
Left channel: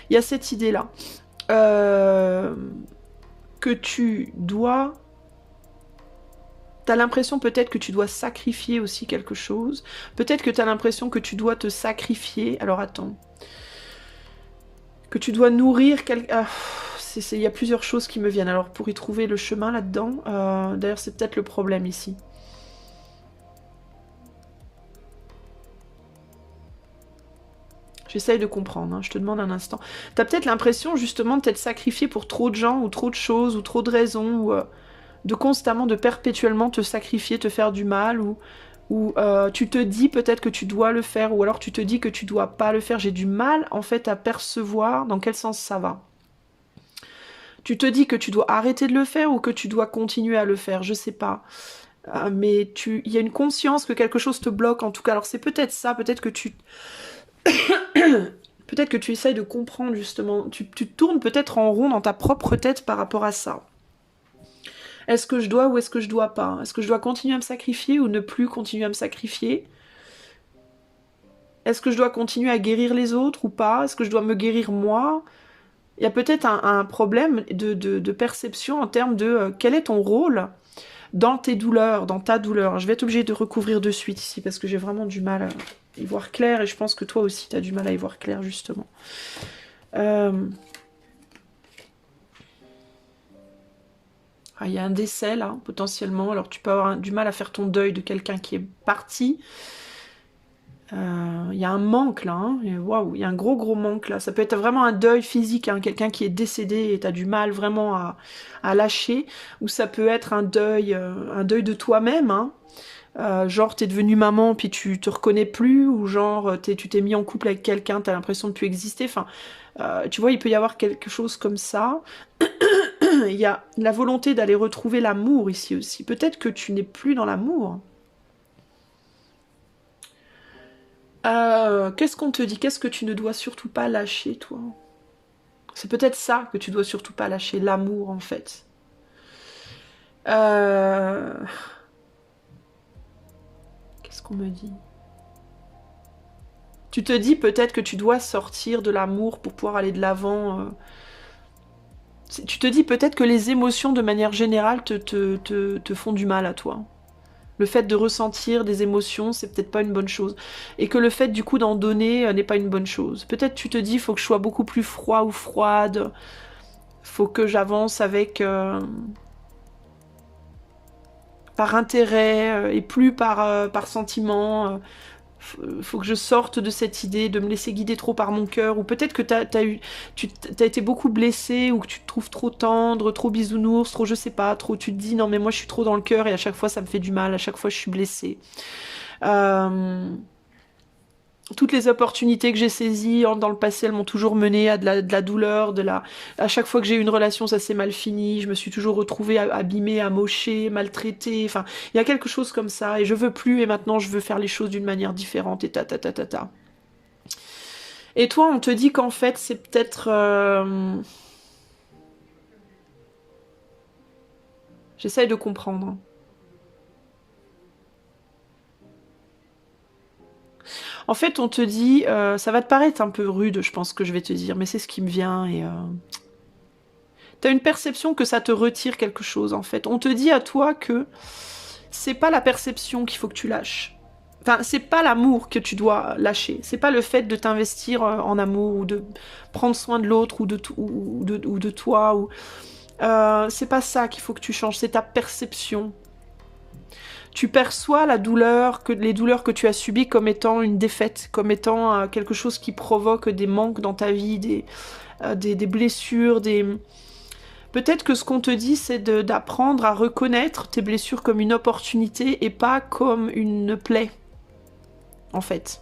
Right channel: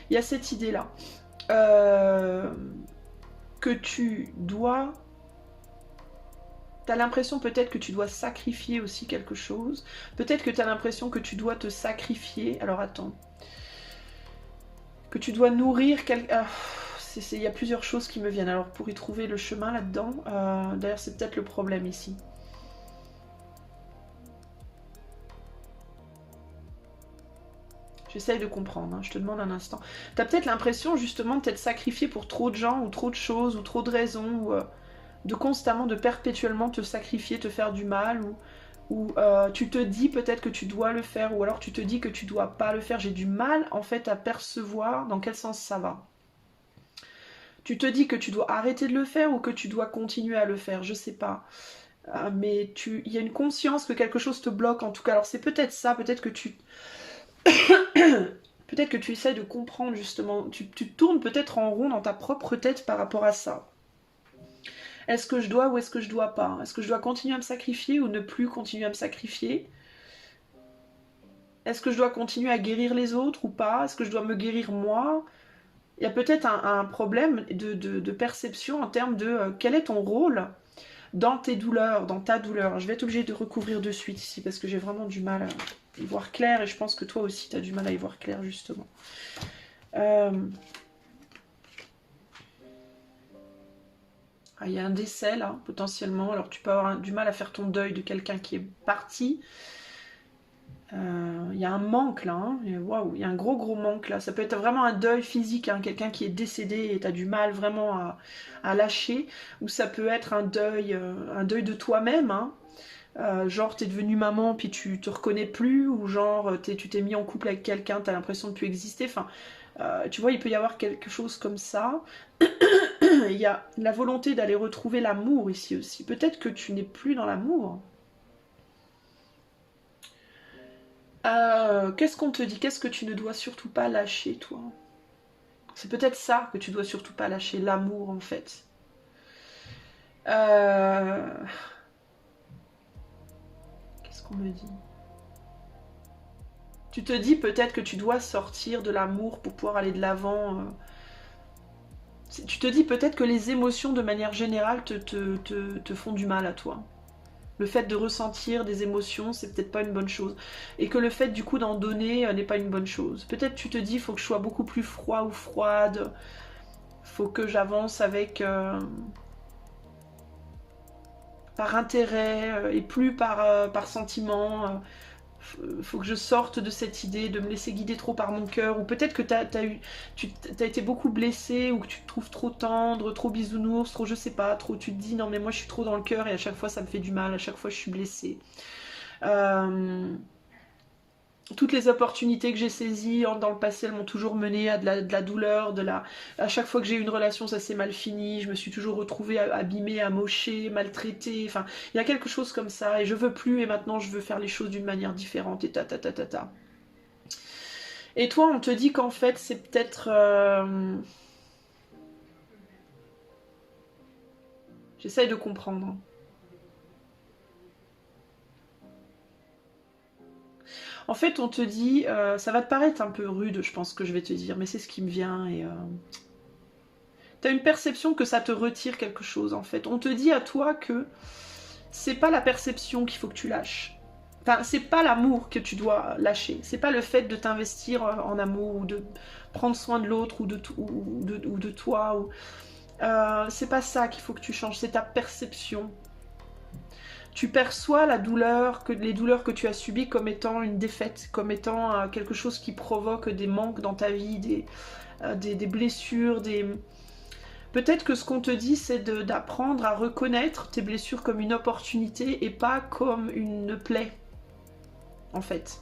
Il y a cette idée-là. Que tu dois... T'as l'impression peut-être que tu dois sacrifier aussi quelque chose. Peut-être que t'as l'impression que tu dois te sacrifier. Alors attends. Que tu dois nourrir quelqu'un... il y a plusieurs choses qui me viennent. Alors pour y trouver le chemin là-dedans, d'ailleurs c'est peut-être le problème ici. J'essaye de comprendre, hein, je te demande un instant. T'as peut-être l'impression justement de t'être sacrifié pour trop de gens, ou trop de choses, ou trop de raisons, ou de constamment, de perpétuellement te sacrifier, te faire du mal, ou tu te dis peut-être que tu dois le faire, ou alors tu te dis que tu dois pas le faire. J'ai du mal en fait à percevoir dans quel sens ça va. Tu te dis que tu dois arrêter de le faire ou que tu dois continuer à le faire, je sais pas. Mais il y a une conscience que quelque chose te bloque en tout cas. Alors c'est peut-être ça, peut-être que tu... peut-être que tu essayes de comprendre justement. Tu tournes peut-être en rond dans ta propre tête par rapport à ça. Est-ce que je dois ou est-ce que je dois pas? Est-ce que je dois continuer à me sacrifier ou ne plus continuer à me sacrifier? Est-ce que je dois continuer à guérir les autres ou pas? Est-ce que je dois me guérir moi? Il y a peut-être un problème de perception en termes de quel est ton rôle dans tes douleurs, dans ta douleur. Je vais être obligée de recouvrir de suite ici parce que j'ai vraiment du mal à y voir clair et je pense que toi aussi tu as du mal à y voir clair justement. Il y a un décès là, potentiellement. Alors tu peux avoir du mal à faire ton deuil de quelqu'un qui est parti. Il y a un manque là, hein. Waouh, il y a un gros manque là. Ça peut être vraiment un deuil physique, hein, quelqu'un qui est décédé et tu as du mal vraiment à lâcher. Ou ça peut être un deuil de toi-même, hein. Genre t'es devenue maman puis tu te reconnais plus, ou genre tu t'es mis en couple avec quelqu'un, t'as l'impression de plus exister. Enfin, tu vois, il peut y avoir quelque chose comme ça. Il y a la volonté d'aller retrouver l'amour ici aussi. Peut-être que tu n'es plus dans l'amour. Qu'est-ce qu'on te dit? Qu'est-ce que tu ne dois surtout pas lâcher, toi? C'est peut-être ça que tu dois surtout pas lâcher, l'amour, en fait. Qu'est-ce qu'on me dit? Tu te dis peut-être que tu dois sortir de l'amour pour pouvoir aller de l'avant. Tu te dis peut-être que les émotions, de manière générale, te font du mal à toi. Le fait de ressentir des émotions, c'est peut-être pas une bonne chose. Et que le fait, du coup, d'en donner n'est pas une bonne chose. Peut-être tu te dis, il faut que je sois beaucoup plus froid ou froide. Faut que j'avance avec... par intérêt et plus par sentiment. Faut que je sorte de cette idée de me laisser guider trop par mon cœur. Ou peut-être que t'as été beaucoup blessé, ou que tu te trouves trop tendre, trop bisounours, trop je sais pas, trop tu te dis non mais moi je suis trop dans le cœur et à chaque fois ça me fait du mal, à chaque fois je suis blessée. Toutes les opportunités que j'ai saisies dans le passé, elles m'ont toujours mené à de la douleur, à chaque fois que j'ai eu une relation, ça s'est mal fini, je me suis toujours retrouvée abîmée, amochée, maltraitée, enfin, il y a quelque chose comme ça, et je veux plus, et maintenant je veux faire les choses d'une manière différente, et ta. Et toi, on te dit qu'en fait, c'est peut-être... J'essaye de comprendre. En fait, on te dit, ça va te paraître un peu rude, je pense que je vais te dire, mais c'est ce qui me vient et t'as une perception que ça te retire quelque chose, en fait. On te dit à toi que c'est pas la perception qu'il faut que tu lâches. Enfin, c'est pas l'amour que tu dois lâcher. C'est pas le fait de t'investir en amour ou de prendre soin de l'autre ou de toi. C'est pas ça qu'il faut que tu changes, c'est ta perception. Tu perçois la douleur, les douleurs que tu as subies comme étant une défaite, comme étant quelque chose qui provoque des manques dans ta vie, des blessures, Peut-être que ce qu'on te dit, c'est d'apprendre à reconnaître tes blessures comme une opportunité et pas comme une plaie, en fait.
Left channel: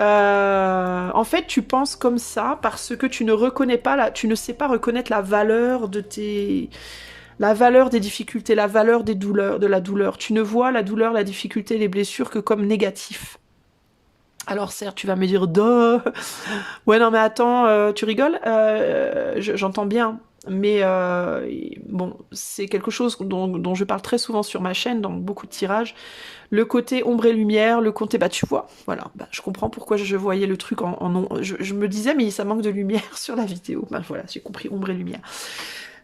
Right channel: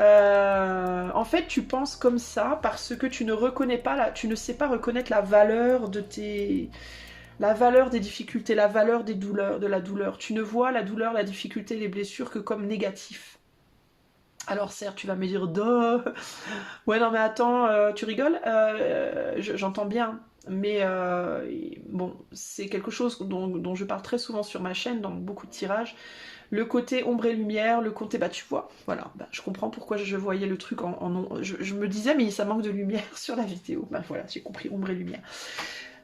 En fait, tu penses comme ça parce que tu ne reconnais pas, tu ne sais pas reconnaître la valeur la valeur des difficultés, la valeur des douleurs, de la douleur. Tu ne vois la douleur, la difficulté, les blessures que comme négatif. Alors certes, tu vas me dire, duh. Ouais, non mais attends, tu rigoles, j'entends bien. Mais bon, c'est quelque chose dont je parle très souvent sur ma chaîne, dans beaucoup de tirages. Le côté ombre et lumière, le côté, bah tu vois, voilà, bah, je comprends pourquoi je voyais le truc je me disais, mais ça manque de lumière sur la vidéo. Bah voilà, j'ai compris, ombre et lumière.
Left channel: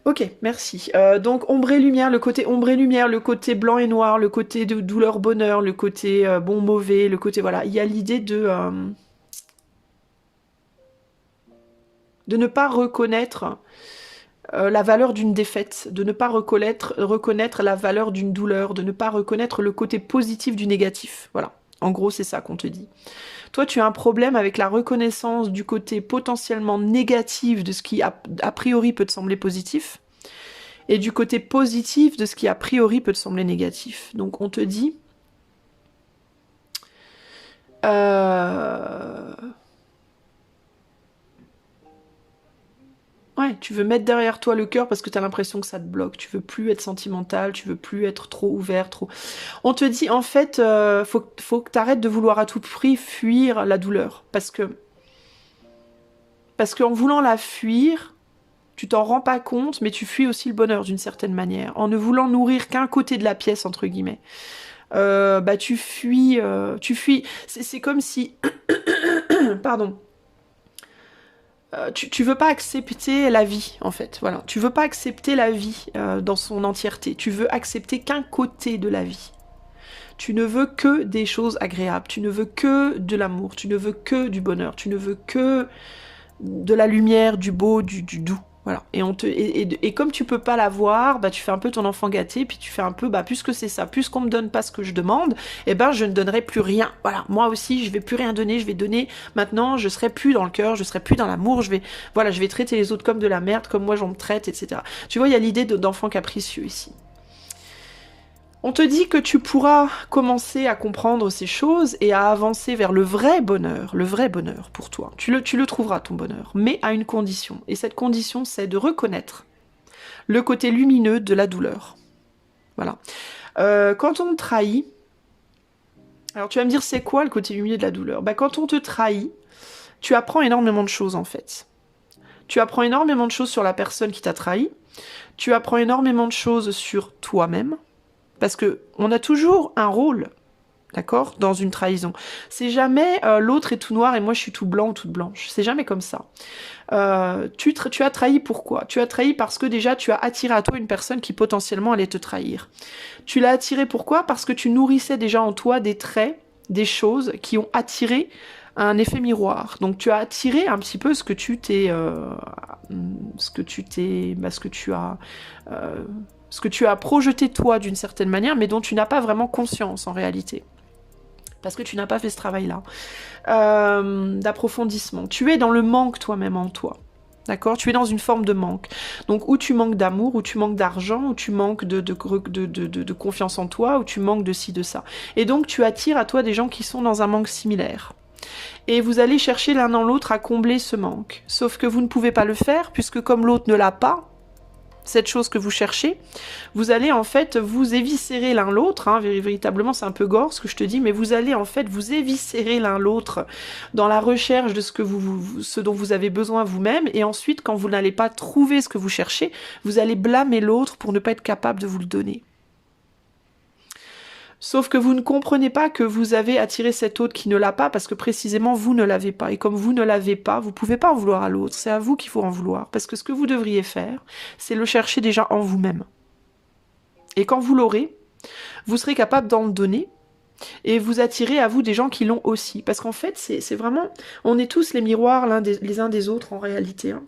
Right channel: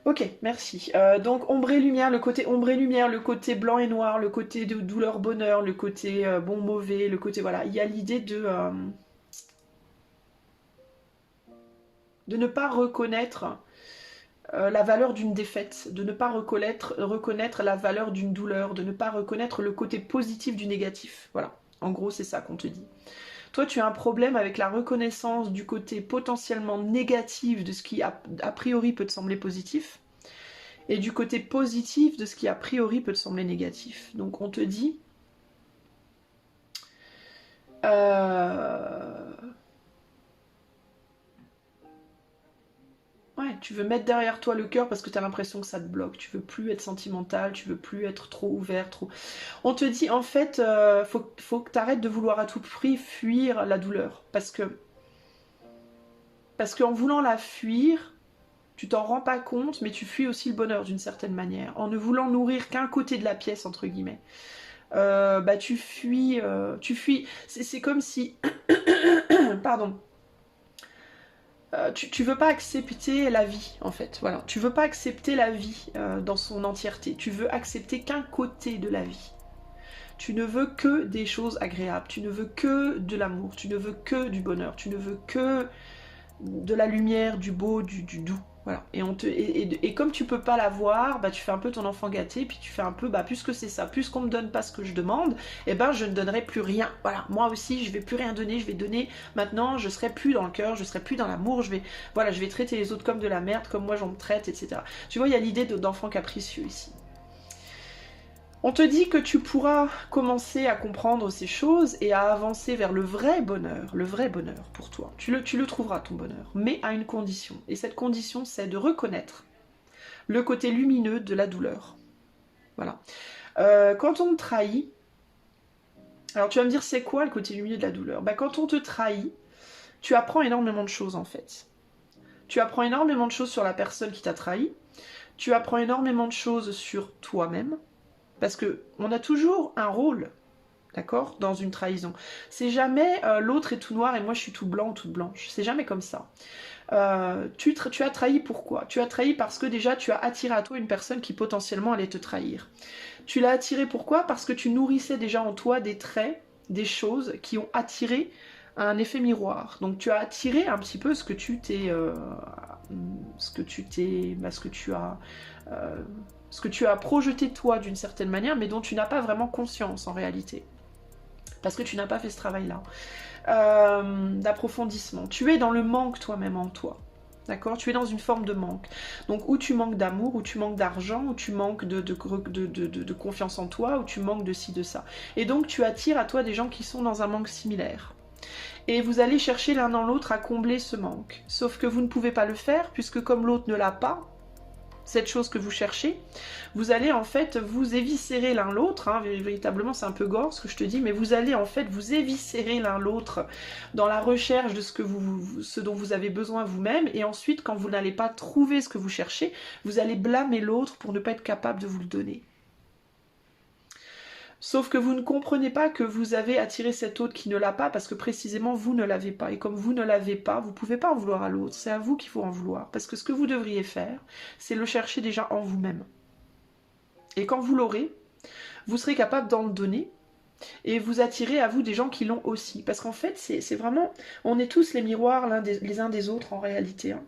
Ok, merci. Donc ombre et lumière, le côté ombre et lumière, le côté blanc et noir, le côté de douleur, bonheur, le côté bon, mauvais, le côté, voilà. Il y a l'idée de ne pas reconnaître la valeur d'une défaite, de ne pas reconnaître la valeur d'une douleur, de ne pas reconnaître le côté positif du négatif. Voilà, en gros c'est ça qu'on te dit. Toi tu as un problème avec la reconnaissance du côté potentiellement négatif de ce qui a priori peut te sembler positif, et du côté positif de ce qui a priori peut te sembler négatif. Donc on te dit... Ouais, tu veux mettre derrière toi le cœur parce que tu as l'impression que ça te bloque. Tu veux plus être sentimental, tu veux plus être trop ouvert, trop... On te dit, en fait, faut que tu arrêtes de vouloir à tout prix fuir la douleur. Parce qu'en voulant la fuir, tu t'en rends pas compte, mais tu fuis aussi le bonheur d'une certaine manière. En ne voulant nourrir qu'un côté de la pièce, entre guillemets. Bah tu fuis... C'est comme si... Pardon. Tu veux pas accepter la vie, en fait. Voilà. Tu veux pas accepter la vie dans son entièreté. Tu veux accepter qu'un côté de la vie. Tu ne veux que des choses agréables. Tu ne veux que de l'amour. Tu ne veux que du bonheur. Tu ne veux que de la lumière, du beau, du doux. Voilà. Et comme tu peux pas l'avoir, bah tu fais un peu ton enfant gâté, puis tu fais un peu, bah puisque c'est ça, puisqu'on me donne pas ce que je demande, eh ben je ne donnerai plus rien. Voilà, moi aussi je vais plus rien donner, je vais donner maintenant, je serai plus dans le cœur, je serai plus dans l'amour, je vais traiter les autres comme de la merde, comme moi j'en me traite, etc. Tu vois, il y a l'idée d'enfant capricieux ici. On te dit que tu pourras commencer à comprendre ces choses et à avancer vers le vrai bonheur pour toi. Tu le trouveras, ton bonheur, mais à une condition. Et cette condition, c'est de reconnaître le côté lumineux de la douleur. Voilà. Quand on te trahit, alors tu vas me dire, c'est quoi le côté lumineux de la douleur? Bah, quand on te trahit, tu apprends énormément de choses, en fait. Tu apprends énormément de choses sur la personne qui t'a trahi. Tu apprends énormément de choses sur toi-même. Parce que on a toujours un rôle, d'accord, dans une trahison. C'est jamais l'autre est tout noir et moi je suis tout blanc ou toute blanche. C'est jamais comme ça. Tu as trahi pourquoi? Tu as trahi parce que déjà tu as attiré à toi une personne qui potentiellement allait te trahir. Tu l'as attiré pourquoi? Parce que tu nourrissais déjà en toi des traits, des choses qui ont attiré un effet miroir. Donc tu as attiré un petit peu ce que tu as projeté toi d'une certaine manière, mais dont tu n'as pas vraiment conscience en réalité. Parce que tu n'as pas fait ce travail-là. D'approfondissement. Tu es dans le manque toi-même en toi. D'accord? Tu es dans une forme de manque. Donc, où tu manques d'amour, où tu manques d'argent, où tu manques de confiance en toi, où tu manques de ci, de ça. Et donc, tu attires à toi des gens qui sont dans un manque similaire. Et vous allez chercher l'un dans l'autre à combler ce manque. Sauf que vous ne pouvez pas le faire, puisque comme l'autre ne l'a pas, cette chose que vous cherchez, vous allez en fait vous éviscérer l'un l'autre, hein, véritablement c'est un peu gore ce que je te dis, mais vous allez en fait vous éviscérer l'un l'autre dans la recherche de ce dont vous avez besoin vous-même, et ensuite quand vous n'allez pas trouver ce que vous cherchez, vous allez blâmer l'autre pour ne pas être capable de vous le donner. Sauf que vous ne comprenez pas que vous avez attiré cet autre qui ne l'a pas parce que précisément vous ne l'avez pas. Et comme vous ne l'avez pas, vous ne pouvez pas en vouloir à l'autre. C'est à vous qu'il faut en vouloir. Parce que ce que vous devriez faire, c'est le chercher déjà en vous-même. Et quand vous l'aurez, vous serez capable d'en donner et vous attirez à vous des gens qui l'ont aussi. Parce qu'en fait, c'est vraiment... On est tous les miroirs les uns des autres en réalité. Hein.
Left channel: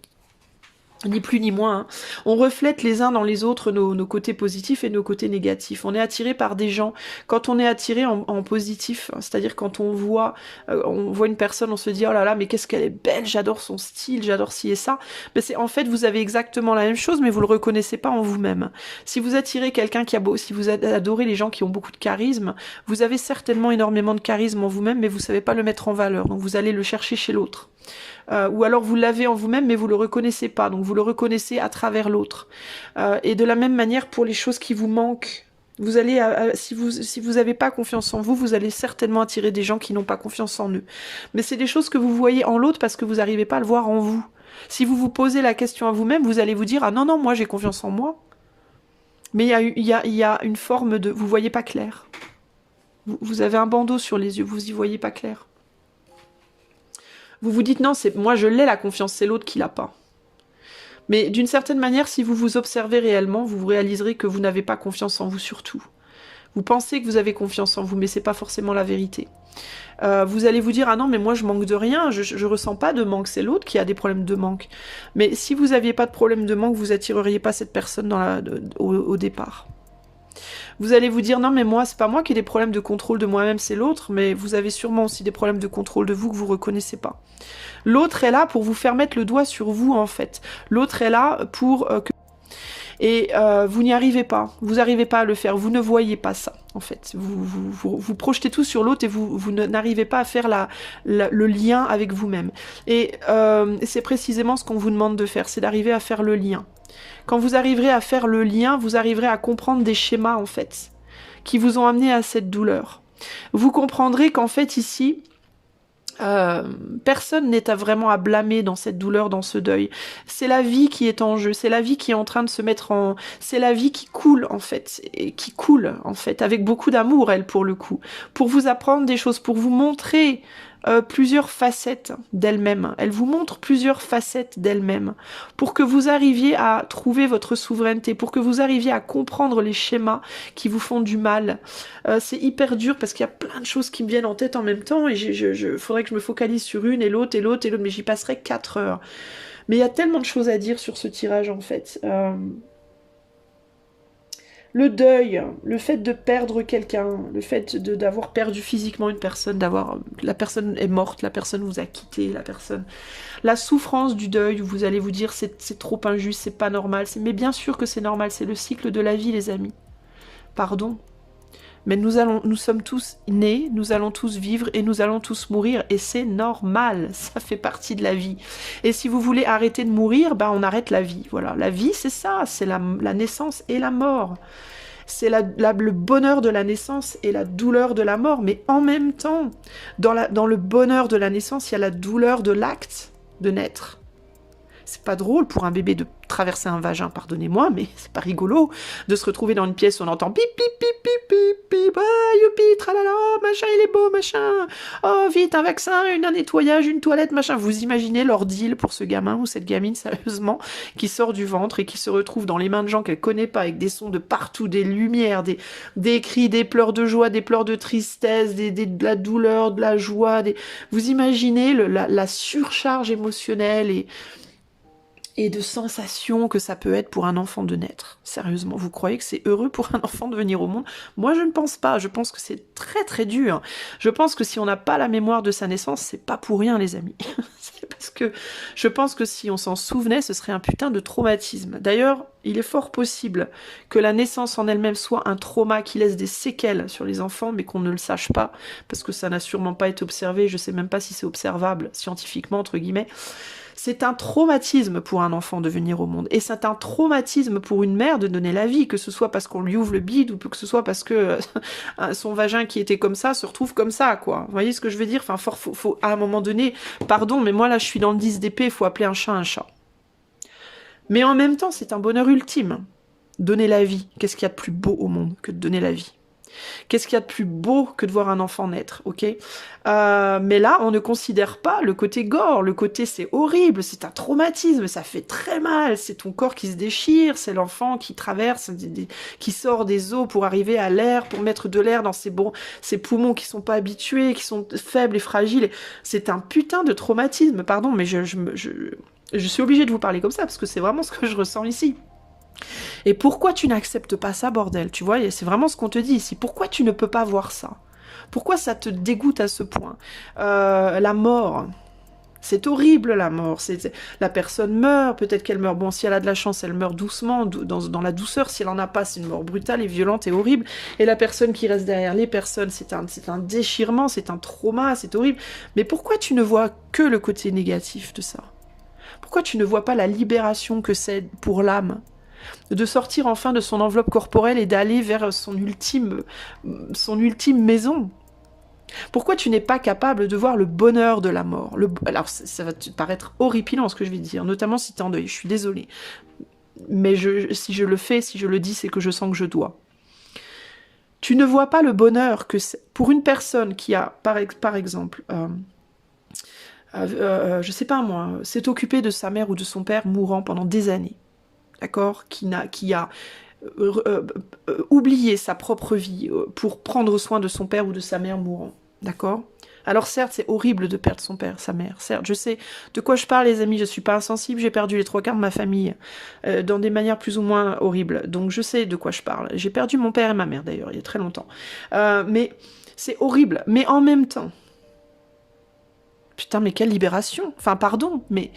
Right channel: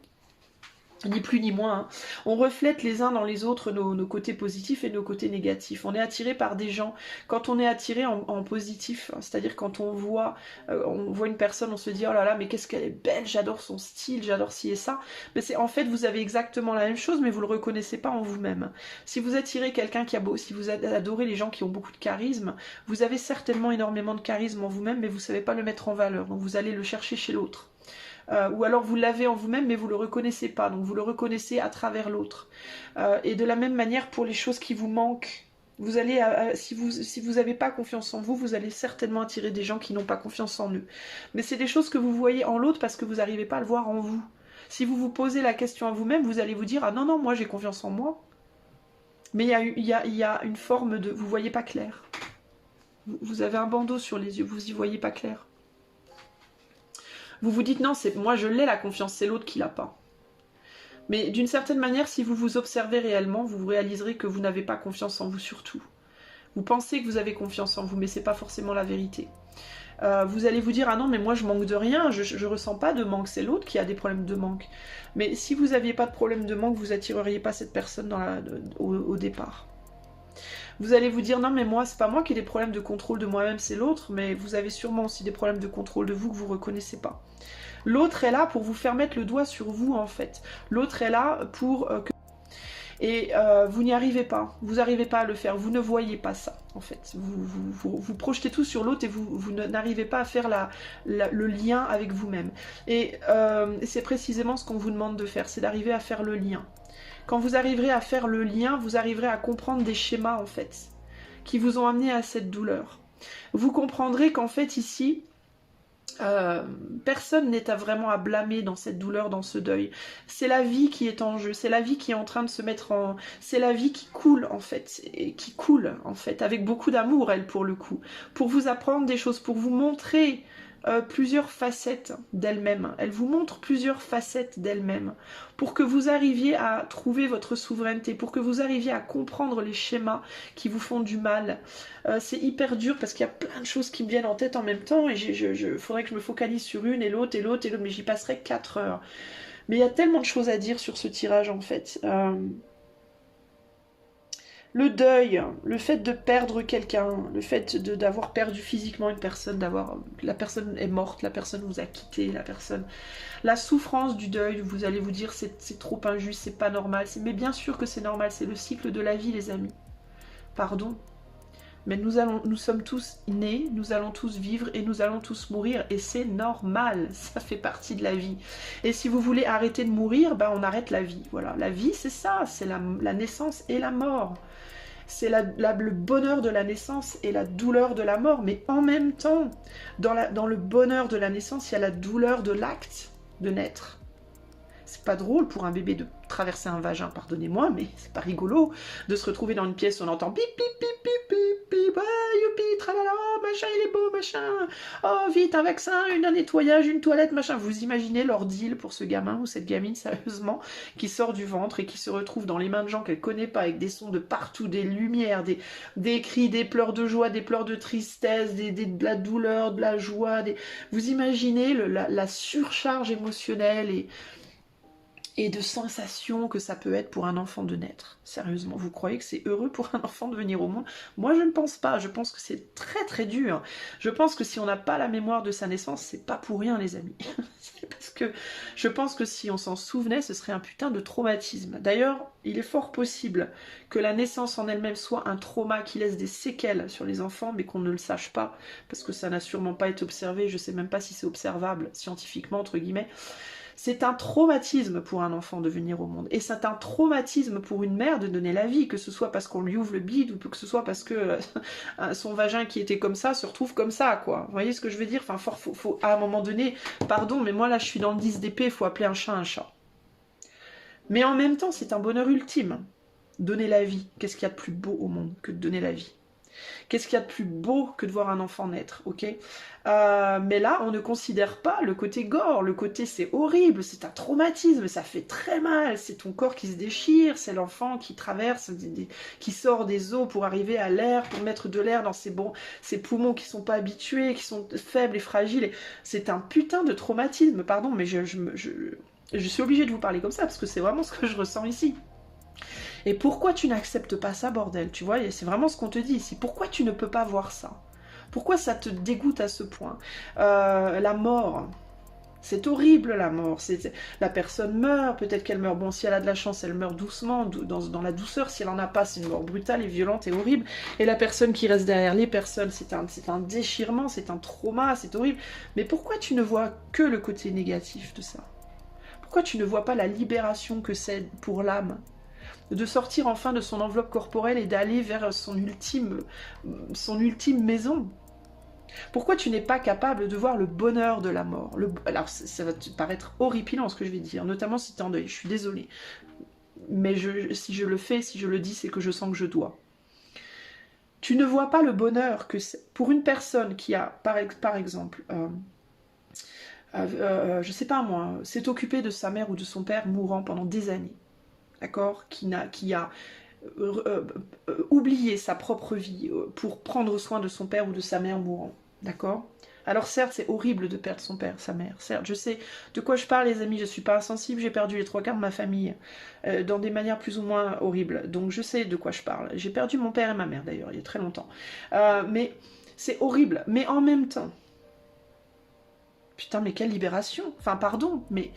Ni plus ni moins. Hein. On reflète les uns dans les autres nos côtés positifs et nos côtés négatifs. On est attiré par des gens. Quand on est attiré en positif, hein, c'est-à-dire quand on voit une personne, on se dit oh là là, mais qu'est-ce qu'elle est belle, j'adore son style, j'adore ci et ça. Mais c'est en fait vous avez exactement la même chose, mais vous le reconnaissez pas en vous-même. Si vous attirez quelqu'un si vous adorez les gens qui ont beaucoup de charisme, vous avez certainement énormément de charisme en vous-même, mais vous savez pas le mettre en valeur. Donc vous allez le chercher chez l'autre. Ou alors vous l'avez en vous-même mais vous le reconnaissez pas, donc vous le reconnaissez à travers l'autre. Et de la même manière pour les choses qui vous manquent, vous allez, si vous n'avez pas confiance en vous, vous allez certainement attirer des gens qui n'ont pas confiance en eux. Mais c'est des choses que vous voyez en l'autre parce que vous n'arrivez pas à le voir en vous. Si vous vous posez la question à vous-même, vous allez vous dire ah non non moi j'ai confiance en moi. Mais il y a une forme de, vous voyez pas clair. Vous avez un bandeau sur les yeux, vous y voyez pas clair. Vous vous dites non, moi je l'ai la confiance, c'est l'autre qui l'a pas. Mais d'une certaine manière, si vous vous observez réellement, vous réaliserez que vous n'avez pas confiance en vous surtout. Vous pensez que vous avez confiance en vous, mais c'est pas forcément la vérité. Vous allez vous dire ah non mais moi je manque de rien, je ressens pas de manque, c'est l'autre qui a des problèmes de manque. Mais si vous n'aviez pas de problème de manque, vous attireriez pas cette personne au départ. Vous allez vous dire non mais moi c'est pas moi qui ai des problèmes de contrôle de moi-même, c'est l'autre, mais vous avez sûrement aussi des problèmes de contrôle de vous que vous reconnaissez pas. L'autre est là pour vous faire mettre le doigt sur vous en fait. L'autre est là pour que... Et vous n'y arrivez pas, vous n'arrivez pas à le faire, vous ne voyez pas ça en fait. Vous projetez tout sur l'autre et vous n'arrivez pas à faire le lien avec vous-même. Et c'est précisément ce qu'on vous demande de faire, c'est d'arriver à faire le lien. Quand vous arriverez à faire le lien, vous arriverez à comprendre des schémas en fait, qui vous ont amené à cette douleur. Vous comprendrez qu'en fait ici, personne n'est vraiment à blâmer dans cette douleur, dans ce deuil. C'est la vie qui est en jeu, c'est la vie qui est en train de se mettre en... C'est la vie qui coule en fait, et qui coule en fait, avec beaucoup d'amour elle pour le coup, pour vous apprendre des choses, pour vous montrer plusieurs facettes d'elle-même. Elle vous montre plusieurs facettes d'elle-même pour que vous arriviez à trouver votre souveraineté, pour que vous arriviez à comprendre les schémas qui vous font du mal. C'est hyper dur parce qu'il y a plein de choses qui me viennent en tête en même temps et faudrait que je me focalise sur une et l'autre et l'autre et l'autre, mais j'y passerai 4 heures. Mais il y a tellement de choses à dire sur ce tirage en fait. Le deuil, le fait de perdre quelqu'un, le fait d'avoir perdu physiquement une personne, la personne est morte, la personne vous a quitté, la souffrance du deuil, où vous allez vous dire c'est trop injuste, c'est pas normal, mais bien sûr que c'est normal, c'est le cycle de la vie les amis. Pardon. Mais nous sommes tous nés, nous allons tous vivre et nous allons tous mourir et c'est normal, ça fait partie de la vie. Et si vous voulez arrêter de mourir, ben on arrête la vie. Voilà, la vie c'est ça, c'est la naissance et la mort. C'est le bonheur de la naissance et la douleur de la mort, mais en même temps, dans le bonheur de la naissance, il y a la douleur de l'acte de naître. C'est pas drôle pour un bébé de traverser un vagin, pardonnez-moi, mais c'est pas rigolo de se retrouver dans une pièce où on entend pip pip pip pip pip pip, ah youpi, tralala, machin il est beau, machin, oh vite un vaccin, un nettoyage, une toilette, machin. Vous imaginez l'ordeal pour ce gamin ou cette gamine, sérieusement, qui sort du ventre et qui se retrouve dans les mains de gens qu'elle connaît pas, avec des sons de partout, des lumières, des cris, des pleurs de joie, des pleurs de tristesse, de la douleur, de la joie, vous imaginez la surcharge émotionnelle et de sensations que ça peut être pour un enfant de naître. Sérieusement, vous croyez que c'est heureux pour un enfant de venir au monde? Moi, je ne pense pas. Je pense que c'est très très dur. Je pense que si on n'a pas la mémoire de sa naissance, c'est pas pour rien, les amis. C'est parce que je pense que si on s'en souvenait, ce serait un putain de traumatisme. D'ailleurs, il est fort possible que la naissance en elle-même soit un trauma qui laisse des séquelles sur les enfants, mais qu'on ne le sache pas, parce que ça n'a sûrement pas été observé. Je sais même pas si c'est observable scientifiquement, entre guillemets. C'est un traumatisme pour un enfant de venir au monde. Et c'est un traumatisme pour une mère de donner la vie, que ce soit parce qu'on lui ouvre le bide ou que ce soit parce que son vagin qui était comme ça se retrouve comme ça, quoi. Vous voyez ce que je veux dire? Enfin, faut, à un moment donné, pardon, mais moi là je suis dans le 10 d'épée, il faut appeler un chat un chat. Mais en même temps, c'est un bonheur ultime. Donner la vie. Qu'est-ce qu'il y a de plus beau au monde que de donner la vie? Qu'est-ce qu'il y a de plus beau que de voir un enfant naître, ok? Mais là, on ne considère pas le côté gore, le côté c'est horrible, c'est un traumatisme, ça fait très mal, c'est ton corps qui se déchire, c'est l'enfant qui traverse, qui sort des os pour arriver à l'air, pour mettre de l'air dans ses poumons qui sont pas habitués, qui sont faibles et fragiles. C'est un putain de traumatisme, pardon, mais Je suis obligée de vous parler comme ça, parce que c'est vraiment ce que je ressens ici. Et pourquoi tu n'acceptes pas ça, bordel? Tu vois, c'est vraiment ce qu'on te dit ici. Pourquoi tu ne peux pas voir ça? Pourquoi ça te dégoûte à ce point? La mort, c'est horrible la mort. La personne meurt, peut-être qu'elle meurt. Bon, si elle a de la chance, elle meurt doucement, dans la douceur. Si elle en a pas, c'est une mort brutale et violente et horrible. Et la personne qui reste derrière les personnes, c'est un déchirement, c'est un trauma, c'est horrible. Mais pourquoi tu ne vois que le côté négatif de ça? Pourquoi tu ne vois pas la libération que c'est pour l'âme? De sortir enfin de son enveloppe corporelle et d'aller vers son ultime maison. Pourquoi tu n'es pas capable de voir le bonheur de la mort? Alors, ça va te paraître horripilant ce que je vais dire, notamment si tu es en deuil, je suis désolée. Mais si je le fais, si je le dis, c'est que je sens que je dois. Tu ne vois pas le bonheur que c'est pour une personne qui a, par exemple, je sais pas moi, s'est occupée de sa mère ou de son père mourant pendant des années, d'accord, qui a oublié sa propre vie pour prendre soin de son père ou de sa mère mourant, d'accord? Alors certes, c'est horrible de perdre son père, sa mère, certes, je sais de quoi je parle les amis, je suis pas insensible, j'ai perdu les 3/4 de ma famille dans des manières plus ou moins horribles, donc je sais de quoi je parle. J'ai perdu mon père et ma mère d'ailleurs, il y a très longtemps. Mais c'est horrible, mais en même temps, putain mais quelle libération, enfin pardon, mais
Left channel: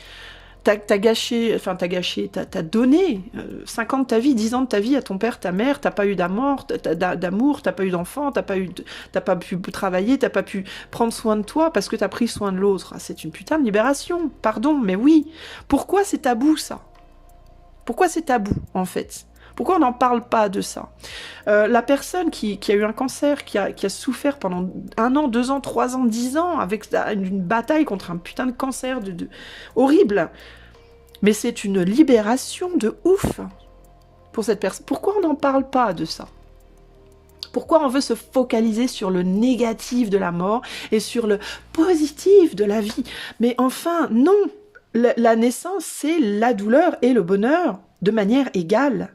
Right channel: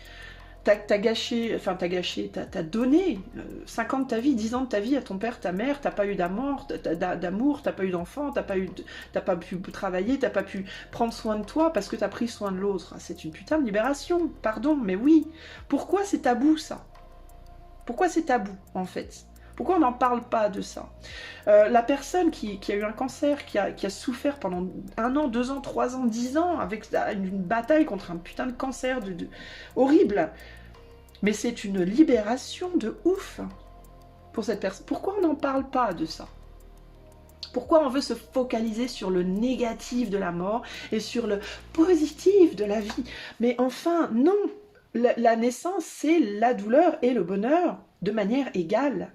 t'as donné 5 ans de ta vie, 10 ans de ta vie à ton père, ta mère, t'as pas eu d'amour, t'as pas eu d'enfant, t'as pas pu travailler, t'as pas pu prendre soin de toi parce que t'as pris soin de l'autre. C'est une putain de libération, pardon, mais oui. Pourquoi c'est tabou ça? Pourquoi c'est tabou en fait? Pourquoi on n'en parle pas de ça? La personne qui a eu un cancer, qui a souffert pendant 1 an, 2 ans, 3 ans, 10 ans, avec une bataille contre un putain de cancer horrible. Mais c'est une libération de ouf pour cette personne. Pourquoi on n'en parle pas de ça? Pourquoi on veut se focaliser sur le négatif de la mort et sur le positif de la vie? Mais enfin, non! La naissance, c'est la douleur et le bonheur de manière égale.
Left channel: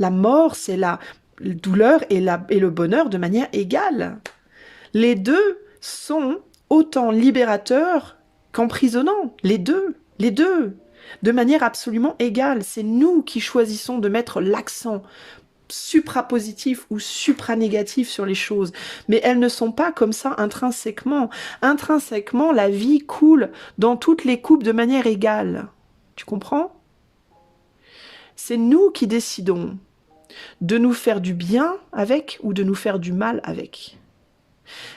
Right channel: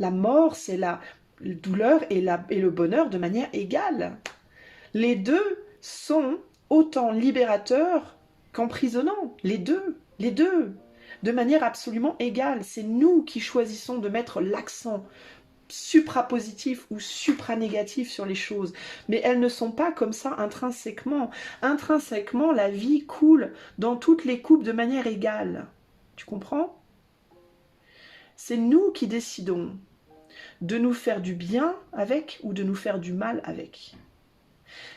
La mort, c'est la douleur et le bonheur de manière égale. Les deux sont autant libérateurs qu'emprisonnants. Les deux. De manière absolument égale. C'est nous qui choisissons de mettre l'accent suprapositif ou supranégatif sur les choses. Mais elles ne sont pas comme ça intrinsèquement. Intrinsèquement, la vie coule dans toutes les coupes de manière égale. Tu comprends? C'est nous qui décidons de nous faire du bien avec ou de nous faire du mal avec.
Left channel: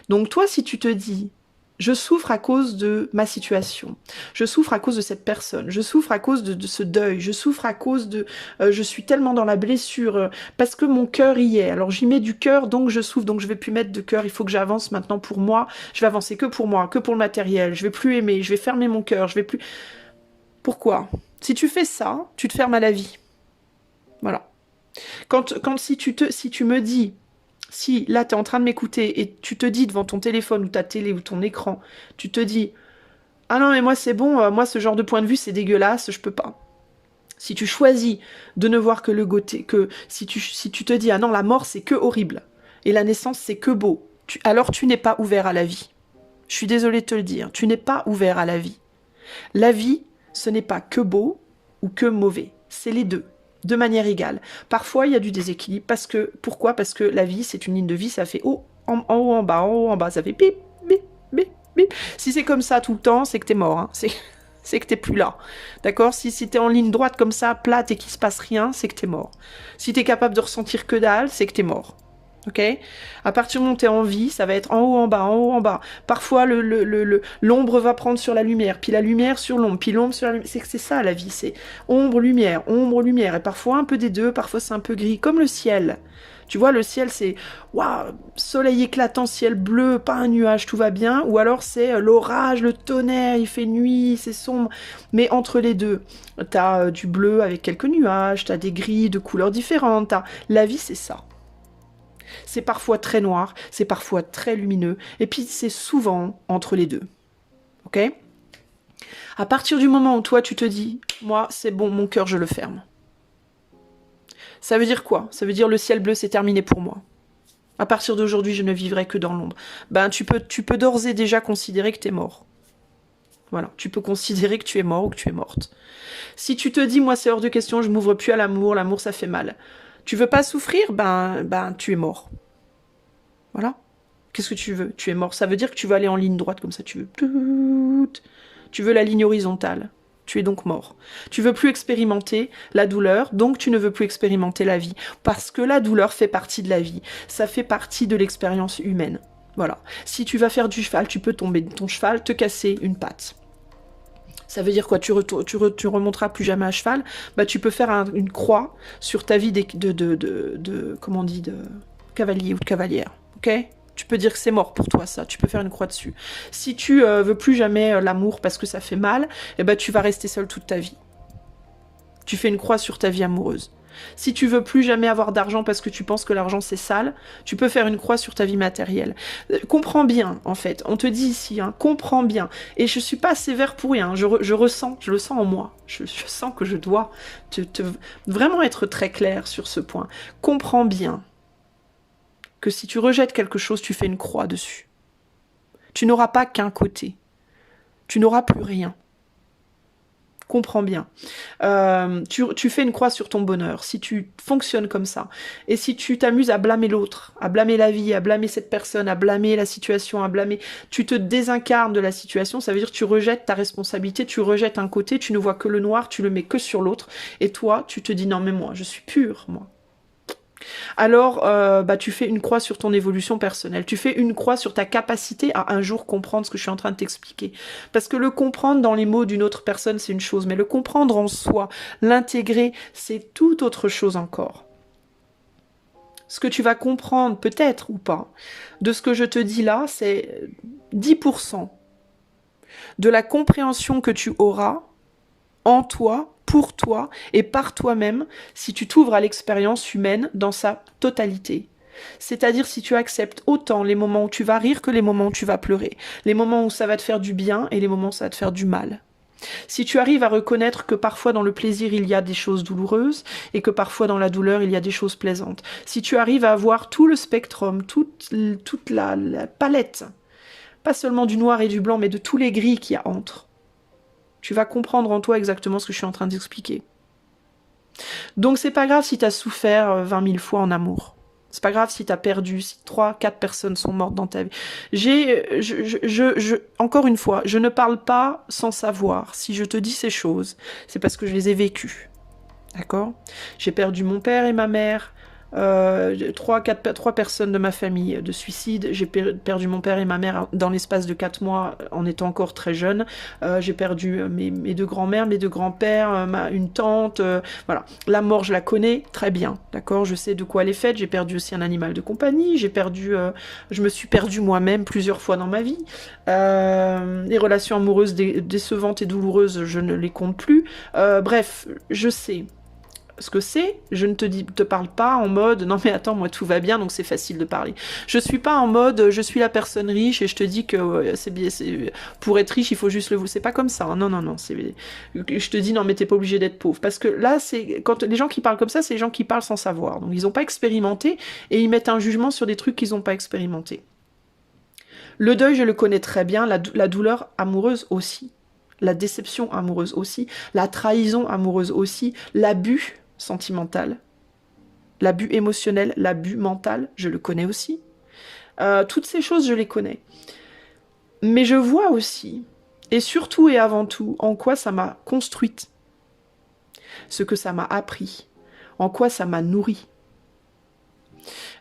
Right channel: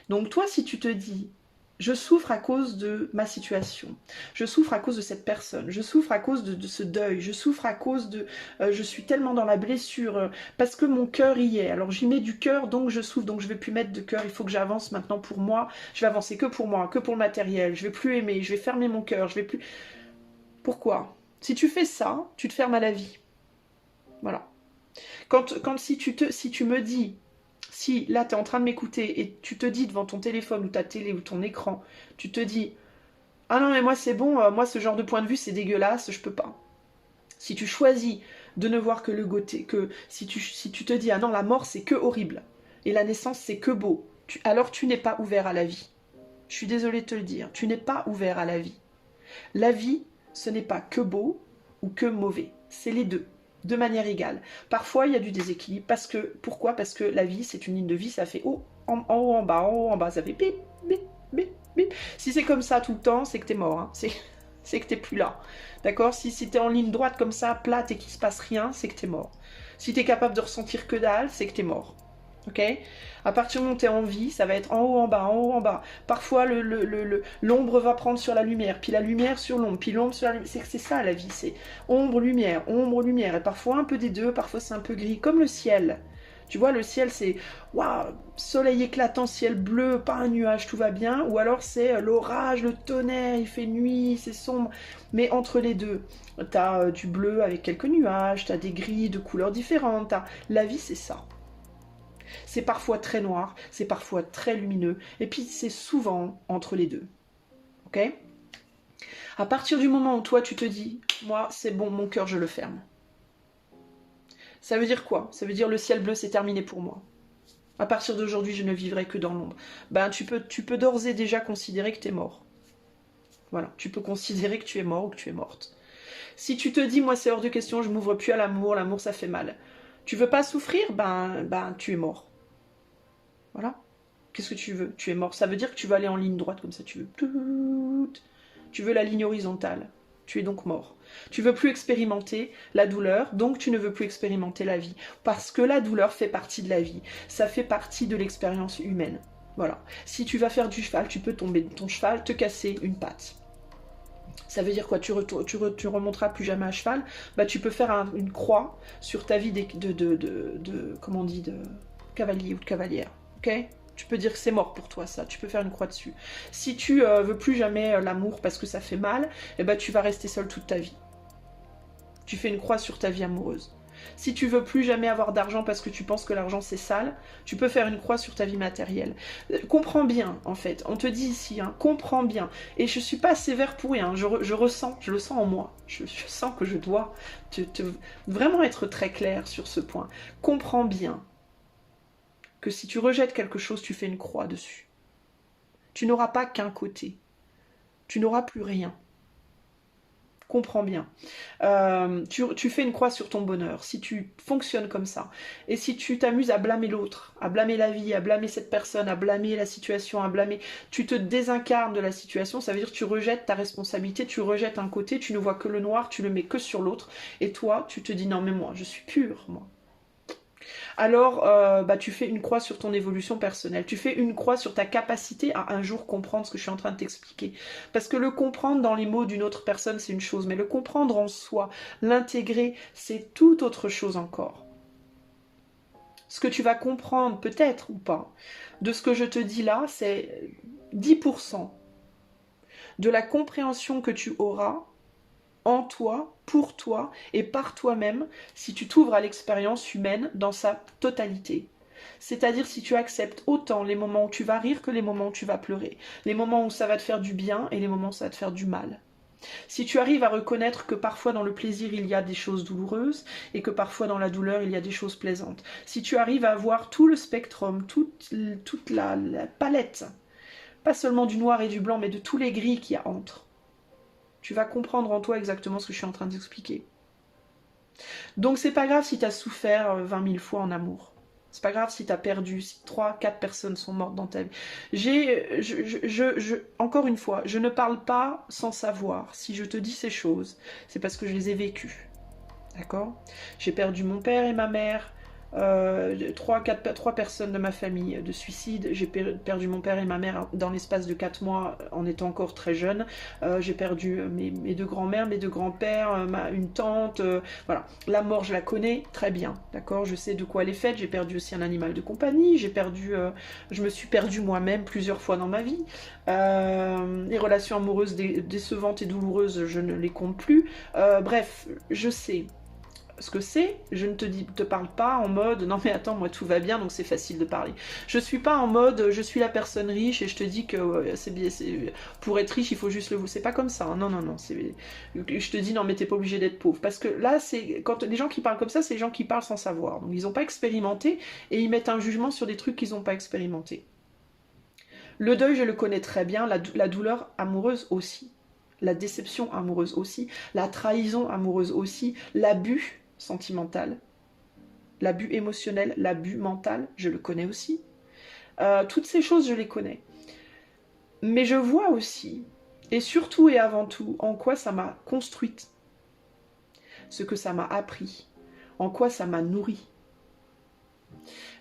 Donc toi, si tu te dis, je souffre à cause de ma situation, je souffre à cause de cette personne, je souffre à cause de ce deuil, je souffre à cause de... je suis tellement dans la blessure, parce que mon cœur y est, alors j'y mets du cœur, donc je souffre, donc je vais plus mettre de cœur, il faut que j'avance maintenant pour moi, je vais avancer que pour moi, que pour le matériel, je vais plus aimer, je vais fermer mon cœur, je vais plus... Pourquoi? Si tu fais ça, tu te fermes à la vie. Voilà. Si tu me dis, si là tu es en train de m'écouter et tu te dis devant ton téléphone ou ta télé ou ton écran, tu te dis, ah non mais moi c'est bon, moi ce genre de point de vue c'est dégueulasse, je peux pas. Si tu choisis de ne voir que le côté, que si tu te dis, ah non la mort c'est que horrible, et la naissance c'est que beau, alors tu n'es pas ouvert à la vie. Je suis désolée de te le dire, tu n'es pas ouvert à la vie. La vie, ce n'est pas que beau ou que mauvais, c'est les deux. De manière égale. Parfois, il y a du déséquilibre. Pourquoi? Parce que la vie, c'est une ligne de vie, ça fait haut, en haut, en bas, en haut, en bas, ça fait bip, bip, bip, bip. Si c'est comme ça tout le temps, c'est que t'es mort. Hein. C'est que t'es plus là. D'accord? Si t'es en ligne droite comme ça, plate et qu'il se passe rien, c'est que t'es mort. Si t'es capable de ressentir que dalle, c'est que t'es mort. Ok? À partir du moment où t'es en vie, ça va être en haut, en bas, en haut, en bas. Parfois, l'ombre va prendre sur la lumière, puis la lumière sur l'ombre, puis l'ombre sur la lumière. C'est ça la vie, c'est ombre, lumière, et parfois un peu des deux, parfois c'est un peu gris, comme le ciel. Tu vois, le ciel, c'est waouh, soleil éclatant, ciel bleu, pas un nuage, tout va bien. Ou alors c'est l'orage, le tonnerre, il fait nuit, c'est sombre. Mais entre les deux, t'as du bleu avec quelques nuages, t'as des gris de couleurs différentes. La vie, c'est ça. C'est parfois très noir, c'est parfois très lumineux, et puis c'est souvent entre les deux. Ok? À partir du moment où toi tu te dis, moi c'est bon, mon cœur je le ferme. Ça veut dire quoi? Ça veut dire le ciel bleu c'est terminé pour moi. À partir d'aujourd'hui je ne vivrai que dans l'ombre. Ben tu peux d'ores et déjà considérer que t'es mort. Voilà, tu peux considérer que tu es mort ou que tu es morte. Si tu te dis, moi c'est hors de question, je m'ouvre plus à l'amour, l'amour ça fait mal. Tu veux pas souffrir, ben tu es mort. Voilà. Qu'est-ce que tu veux? Tu es mort. Ça veut dire que tu vas aller en ligne droite comme ça, tu veux. Tu veux la ligne horizontale. Tu es donc mort. Tu veux plus expérimenter la douleur, donc tu ne veux plus expérimenter la vie. Parce que la douleur fait partie de la vie. Ça fait partie de l'expérience humaine. Voilà. Si tu vas faire du cheval, tu peux tomber de ton cheval, te casser une patte. Ça veut dire quoi? Tu remonteras plus jamais à cheval. Bah, tu peux faire une croix sur ta vie comment on dit, de cavalier ou de cavalière. Ok? Tu peux dire que c'est mort pour toi, ça. Tu peux faire une croix dessus. Si tu veux plus jamais l'amour parce que ça fait mal, eh ben, tu vas rester seul toute ta vie. Tu fais une croix sur ta vie amoureuse. Si tu veux plus jamais avoir d'argent parce que tu penses que l'argent c'est sale, tu peux faire une croix sur ta vie matérielle. Comprends bien, en fait. On te dit ici, hein, comprends bien. Et je suis pas sévère pour rien. Je ressens, je le sens en moi. Je sens que je dois vraiment être très clair sur ce point. Comprends bien que si tu rejettes quelque chose, tu fais une croix dessus. Tu n'auras pas qu'un côté. Tu n'auras plus rien. Comprends bien. Tu fais une croix sur ton bonheur, si tu fonctionnes comme ça. Et si tu t'amuses à blâmer l'autre, à blâmer la vie, à blâmer cette personne, à blâmer la situation, à blâmer... Tu te désincarnes de la situation, ça veut dire que tu rejettes ta responsabilité, tu rejettes un côté, tu ne vois que le noir, tu le mets que sur l'autre. Et toi, tu te dis, non mais moi, je suis pure, moi. Alors, tu fais une croix sur ton évolution personnelle. Tu fais une croix sur ta capacité à un jour comprendre ce que je suis en train de t'expliquer. Parce que le comprendre dans les mots d'une autre personne, c'est une chose. Mais le comprendre en soi, l'intégrer, c'est tout autre chose encore. Ce que tu vas comprendre, peut-être ou pas, de ce que je te dis là, c'est 10% de la compréhension que tu auras en toi, pour toi et par toi-même si tu t'ouvres à l'expérience humaine dans sa totalité. C'est-à-dire si tu acceptes autant les moments où tu vas rire que les moments où tu vas pleurer, les moments où ça va te faire du bien et les moments où ça va te faire du mal. Si tu arrives à reconnaître que parfois dans le plaisir il y a des choses douloureuses et que parfois dans la douleur il y a des choses plaisantes. Si tu arrives à avoir tout le spectrum, toute la palette, pas seulement du noir et du blanc mais de tous les gris qu'il y a entre, tu vas comprendre en toi exactement ce que je suis en train d'expliquer. Donc c'est pas grave si tu as souffert 20 000 fois en amour. C'est pas grave si tu as perdu, si 3-4 personnes sont mortes dans ta vie. Encore une fois, je ne parle pas sans savoir. Si je te dis ces choses, c'est parce que je les ai vécues. D'accord? J'ai perdu mon père et ma mère. 3 personnes de ma famille de suicide. J'ai perdu mon père et ma mère dans l'espace de 4 mois en étant encore très jeune. J'ai perdu mes 2 grands-mères, mes 2 grands-pères, une tante. Voilà. La mort, je la connais très bien. D'accord? Je sais de quoi elle est faite. J'ai perdu aussi un animal de compagnie. Je me suis perdue moi-même plusieurs fois dans ma vie. Les relations amoureuses décevantes et douloureuses, je ne les compte plus. Bref, je sais ce que c'est, je ne te parle pas en mode non mais attends, moi tout va bien donc c'est facile de parler. Je suis pas en mode je suis la personne riche et je te dis que pour être riche il faut juste le vouloir. C'est pas comme ça, hein. Non, je te dis non mais t'es pas obligé d'être pauvre. Parce que là, c'est quand les gens qui parlent comme ça, c'est les gens qui parlent sans savoir. Donc ils n'ont pas expérimenté et ils mettent un jugement sur des trucs qu'ils n'ont pas expérimenté. Le deuil, je le connais très bien, la douleur amoureuse aussi. La déception amoureuse aussi, la trahison amoureuse aussi, l'abus sentimental, l'abus émotionnel, l'abus mental, je le connais aussi. Toutes ces choses, je les connais. Mais je vois aussi, et surtout et avant tout, en quoi ça m'a construite, ce que ça m'a appris, en quoi ça m'a nourri.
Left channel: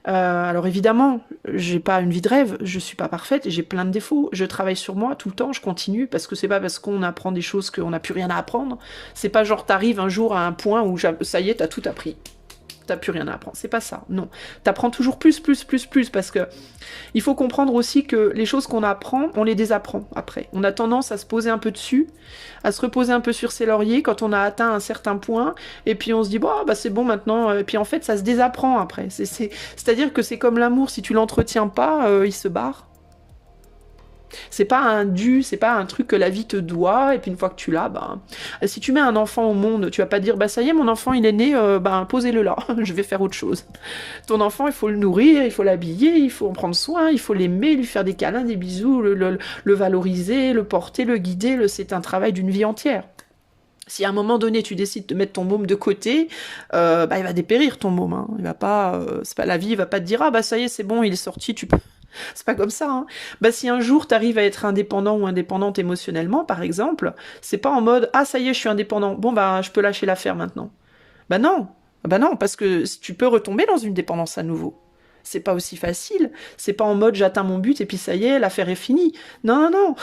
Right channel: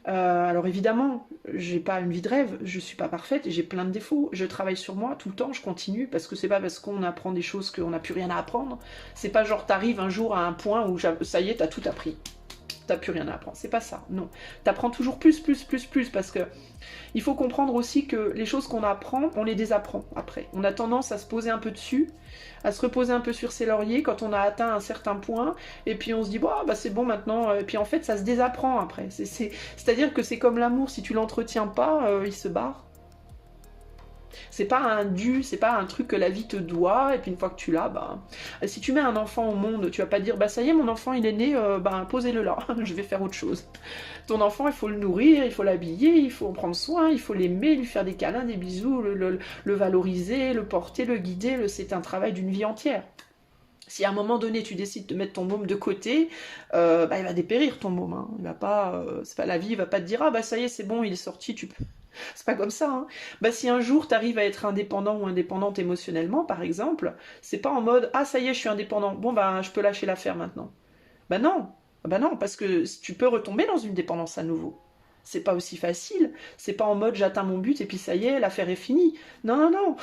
Alors évidemment, j'ai pas une vie de rêve, je suis pas parfaite, j'ai plein de défauts, je travaille sur moi tout le temps, je continue, parce que c'est pas parce qu'on apprend des choses qu'on n'a plus rien à apprendre, c'est pas genre t'arrives un jour à un point où ça y est, t'as tout appris, t'as plus rien à apprendre, c'est pas ça, non. T'apprends toujours plus, parce que il faut comprendre aussi que les choses qu'on apprend, on les désapprend après. On a tendance à se poser un peu dessus, à se reposer un peu sur ses lauriers quand on a atteint un certain point, et puis on se dit, c'est bon maintenant, et puis en fait ça se désapprend après. C'est-à-dire que c'est comme l'amour, si tu l'entretiens pas, il se barre. C'est pas un dû, c'est pas un truc que la vie te doit, et puis une fois que tu l'as, ben, si tu mets un enfant au monde, tu vas pas dire, bah ça y est, mon enfant il est né, ben posez-le là, je vais faire autre chose. Ton enfant, il faut le nourrir, il faut l'habiller, il faut en prendre soin, il faut l'aimer, lui faire des câlins, des bisous, le valoriser, le porter, le guider, c'est un travail d'une vie entière. Si à un moment donné tu décides de mettre ton môme de côté, bah, il va dépérir ton môme. Hein. Il va pas, c'est pas la vie, il va pas te dire ah bah ça y est c'est bon il est sorti, tu peux. C'est pas comme ça. Hein. Bah si un jour tu arrives à être indépendant ou indépendante émotionnellement par exemple, c'est pas en mode ah ça y est je suis indépendant, bon bah je peux lâcher l'affaire maintenant. Bah non parce que tu peux retomber dans une dépendance à nouveau. C'est pas aussi facile. C'est pas en mode j'atteins mon but et puis ça y est, l'affaire est finie. Non, non, non.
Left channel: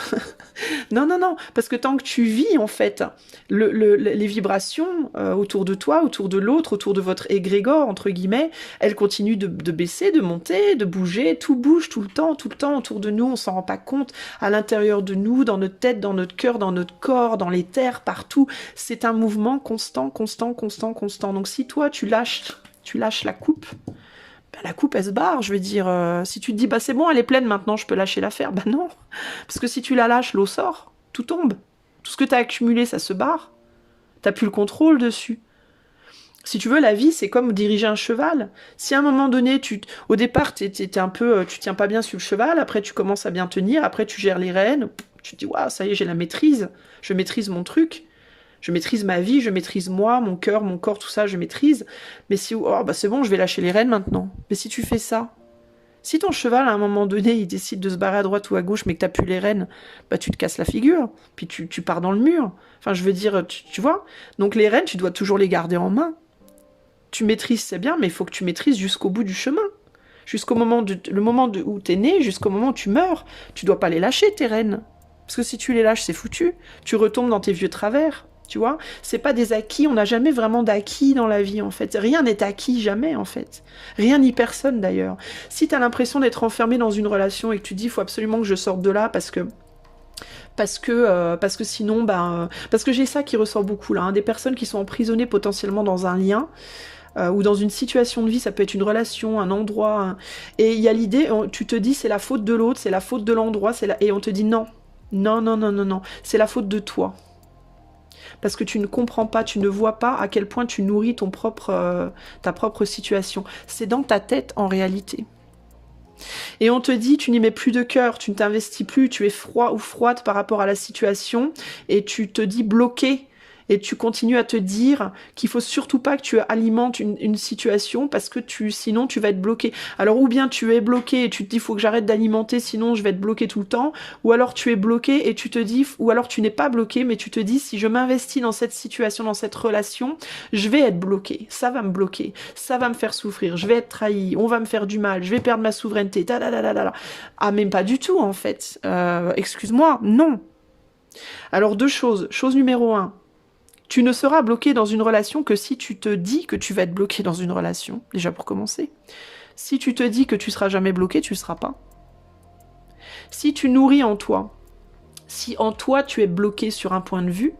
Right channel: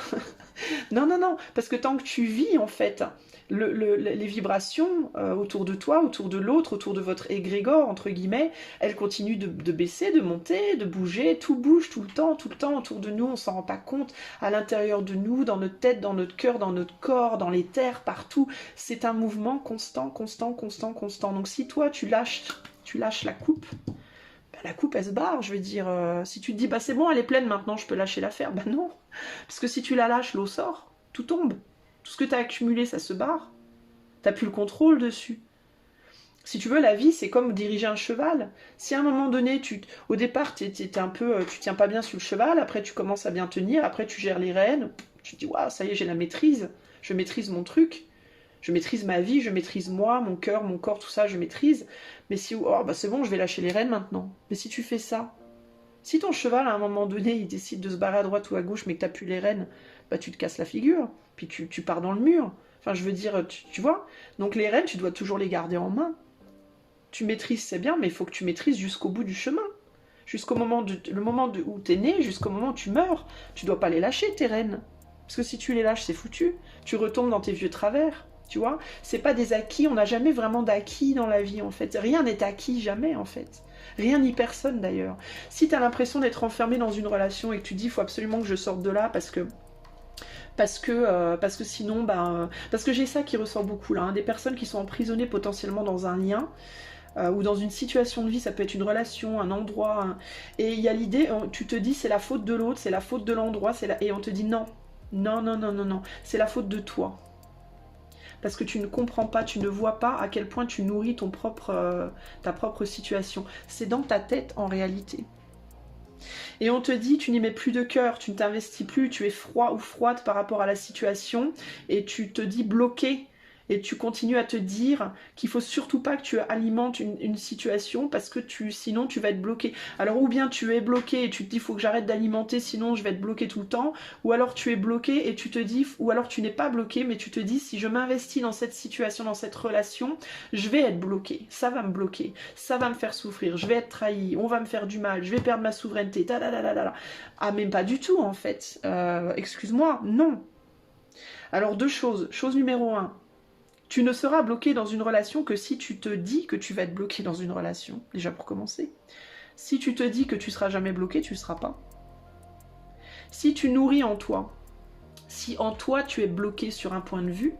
non, non, non. Parce que tant que tu vis, en fait, les vibrations autour de toi, autour de l'autre, autour de votre égrégore, entre guillemets, elles continuent de baisser, de monter, de bouger. Tout bouge tout le temps autour de nous. On s'en rend pas compte. À l'intérieur de nous, dans notre tête, dans notre cœur, dans notre corps, dans les terres, partout. C'est un mouvement constant, constant, constant, constant. Donc si toi, tu lâches la coupe, la coupe elle se barre, je veux dire, si tu te dis bah c'est bon elle est pleine maintenant je peux lâcher l'affaire, bah non, parce que si tu la lâches l'eau sort, tout tombe, tout ce que tu as accumulé ça se barre, t'as plus le contrôle dessus. Si tu veux la vie c'est comme diriger un cheval, si à un moment donné au départ t'es un peu, tu tiens pas bien sur le cheval, après tu commences à bien tenir, après tu gères les rênes, tu te dis waouh ça y est j'ai la maîtrise, je maîtrise mon truc. Je maîtrise ma vie, je maîtrise moi, mon cœur, mon corps, tout ça, je maîtrise. Mais si, oh, bah c'est bon, je vais lâcher les rênes maintenant. Mais si tu fais ça, si ton cheval, à un moment donné, il décide de se barrer à droite ou à gauche, mais que t'as plus les rênes, bah tu te casses la figure, puis tu pars dans le mur. Enfin, je veux dire, tu vois. Donc les rênes, tu dois toujours les garder en main. Tu maîtrises, c'est bien, mais il faut que tu maîtrises jusqu'au bout du chemin. Jusqu'au moment, où t'es né, jusqu'au moment où tu meurs. Tu dois pas les lâcher, tes rênes. Parce que si tu les lâches, c'est foutu. Tu retombes dans tes vieux travers. Tu vois, c'est pas des acquis, on n'a jamais vraiment d'acquis dans la vie en fait. Rien n'est acquis, jamais en fait. Rien ni personne d'ailleurs. Si tu as l'impression d'être enfermé dans une relation et que tu dis il faut absolument que je sorte de là parce que sinon, parce que j'ai ça qui ressort beaucoup là, hein, des personnes qui sont emprisonnées potentiellement dans un lien ou dans une situation de vie, ça peut être une relation, un endroit, et il y a l'idée, tu te dis c'est la faute de l'autre, c'est la faute de l'endroit, et on te dit non, non, non, non, non, non, c'est la faute de toi. Parce que tu ne comprends pas, tu ne vois pas à quel point tu nourris ta propre situation. C'est dans ta tête en réalité. Et on te dit, tu n'y mets plus de cœur, tu ne t'investis plus, tu es froid ou froide par rapport à la situation, et tu te dis bloqué. Et tu continues à te dire qu'il faut surtout pas que tu alimentes une situation parce que sinon tu vas être bloqué. Alors ou bien tu es bloqué et tu te dis il faut que j'arrête d'alimenter sinon je vais être bloqué tout le temps, ou alors tu es bloqué et tu te dis, ou alors tu n'es pas bloqué mais tu te dis si je m'investis dans cette situation, dans cette relation, je vais être bloqué, ça va me bloquer, ça va me faire souffrir, je vais être trahi, on va me faire du mal, je vais perdre ma souveraineté, ah même pas du tout en fait, excuse-moi, non. Alors deux choses, chose numéro 1, tu ne seras bloqué dans une relation que si tu te dis que tu vas être bloqué dans une relation, déjà pour commencer. Si tu te dis que tu seras jamais bloqué, tu ne seras pas. Si tu nourris en toi, si en toi tu es bloqué sur un point de vue,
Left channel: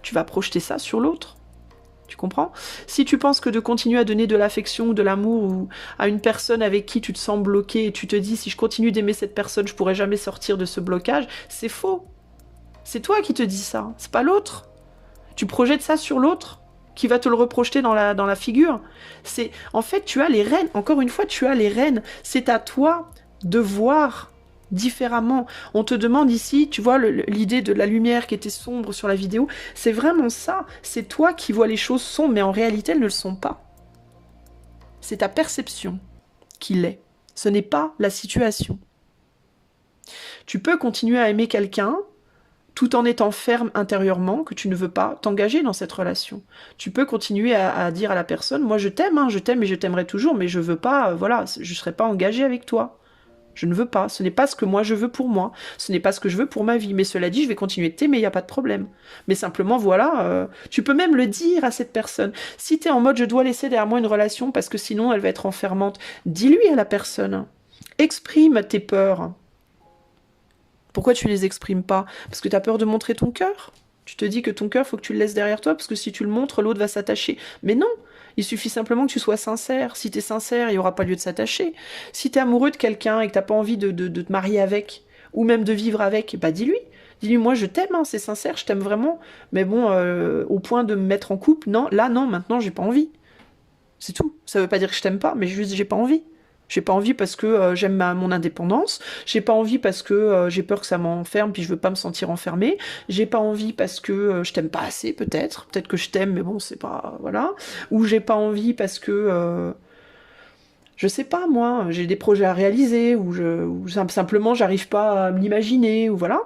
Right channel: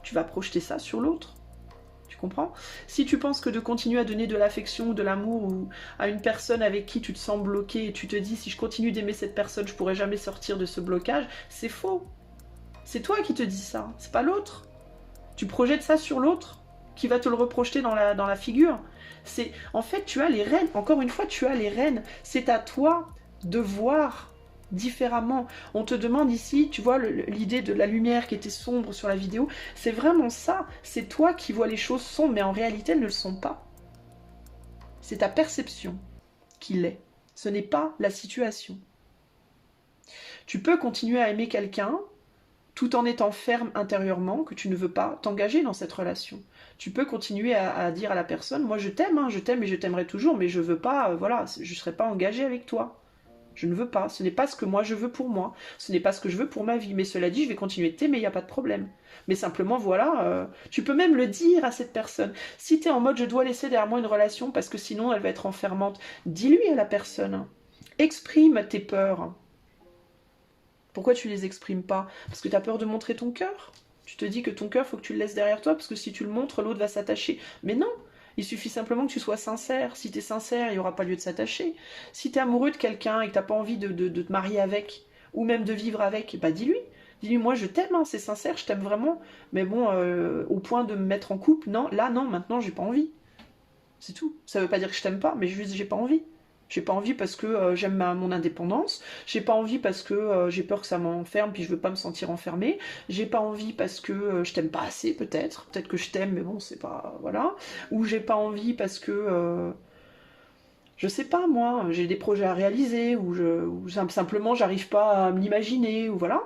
tu vas projeter ça sur l'autre. Tu comprends? Si tu penses que de continuer à donner de l'affection ou de l'amour ou à une personne avec qui tu te sens bloqué et tu te dis si je continue d'aimer cette personne, je pourrai jamais sortir de ce blocage, c'est faux. C'est toi qui te dis ça, c'est pas l'autre. Tu projettes ça sur l'autre qui va te le reprojeter dans la figure. En fait, tu as les rênes. Encore une fois, tu as les rênes. C'est à toi de voir différemment. On te demande ici, tu vois, l'idée de la lumière qui était sombre sur la vidéo, c'est vraiment ça. C'est toi qui vois les choses sombres, mais en réalité, elles ne le sont pas. C'est ta perception qui l'est. Ce n'est pas la situation. Tu peux continuer à aimer quelqu'un tout en étant ferme intérieurement, que tu ne veux pas t'engager dans cette relation. Tu peux continuer à dire à la personne, moi je t'aime et je t'aimerai toujours, mais je veux pas, voilà, je ne serai pas engagée avec toi. Je ne veux pas, ce n'est pas ce que moi je veux pour moi, ce n'est pas ce que je veux pour ma vie, mais cela dit, je vais continuer de t'aimer, il n'y a pas de problème. Mais simplement, voilà, tu peux même le dire à cette personne. Si tu es en mode, je dois laisser derrière moi une relation, parce que sinon elle va être enfermante, dis-lui à la personne, exprime tes peurs. Pourquoi tu les exprimes pas? Parce que tu as peur de montrer ton cœur? Tu te dis que ton cœur, faut que tu le laisses derrière toi, parce que si tu le montres, l'autre va s'attacher. Mais non, il suffit simplement que tu sois sincère. Si tu es sincère, il n'y aura pas lieu de s'attacher. Si tu es amoureux de quelqu'un et que tu n'as pas envie de te marier avec, ou même de vivre avec, bah dis-lui. Dis-lui, moi je t'aime, hein, c'est sincère, je t'aime vraiment, mais bon, au point de me mettre en couple, non, là non, maintenant j'ai pas envie. C'est tout. Ça veut pas dire que je t'aime pas, mais juste j'ai pas envie. J'ai pas envie parce que j'aime mon indépendance. J'ai pas envie parce que j'ai peur que ça m'enferme puis je veux pas me sentir enfermée. J'ai pas envie parce que je t'aime pas assez peut-être. Peut-être que je t'aime mais bon c'est pas voilà. Ou j'ai pas envie parce que je sais pas moi, j'ai des projets à réaliser ou simplement j'arrive pas à me l'imaginer ou voilà.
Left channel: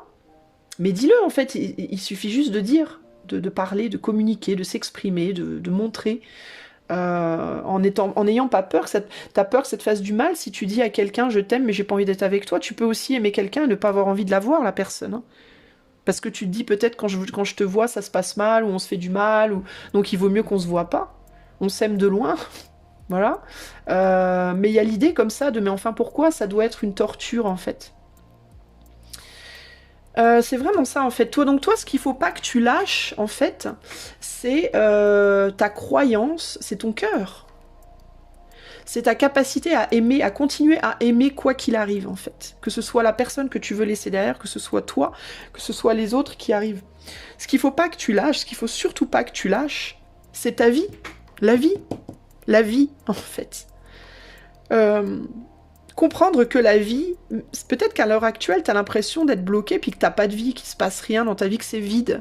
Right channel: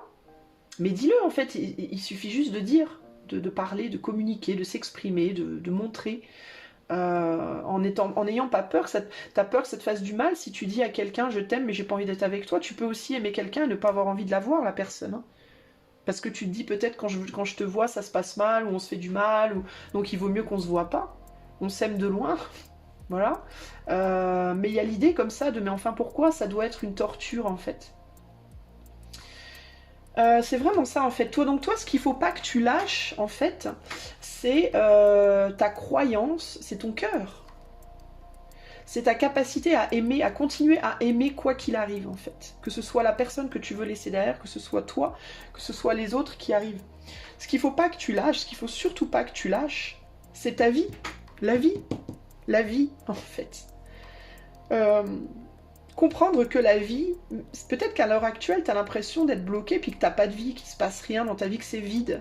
Mais dis-le en fait, il suffit juste de dire, de parler, de communiquer, de s'exprimer, de montrer. En n'ayant pas peur, t'as peur que ça te fasse du mal. Si tu dis à quelqu'un je t'aime mais j'ai pas envie d'être avec toi, tu peux aussi aimer quelqu'un et ne pas avoir envie de la voir la personne, hein. Parce que tu te dis peut-être quand je te vois ça se passe mal ou on se fait du mal ou donc il vaut mieux qu'on se voit pas. On s'aime de loin, voilà. Mais il y a l'idée comme ça de mais enfin pourquoi ça doit être une torture en fait. C'est vraiment ça en fait. Toi, ce qu'il faut pas que tu lâches en fait, c'est ta croyance, c'est ton cœur. C'est ta capacité à aimer, à continuer à aimer quoi qu'il arrive en fait. Que ce soit la personne que tu veux laisser derrière, que ce soit toi, que ce soit les autres qui arrivent. Ce qu'il faut pas que tu lâches, ce qu'il faut surtout pas que tu lâches, c'est ta vie. La vie. La vie en fait. Comprendre que la vie, peut-être qu'à l'heure actuelle, tu as l'impression d'être bloqué, puis que t'as pas de vie, qu'il se passe rien dans ta vie, que c'est vide.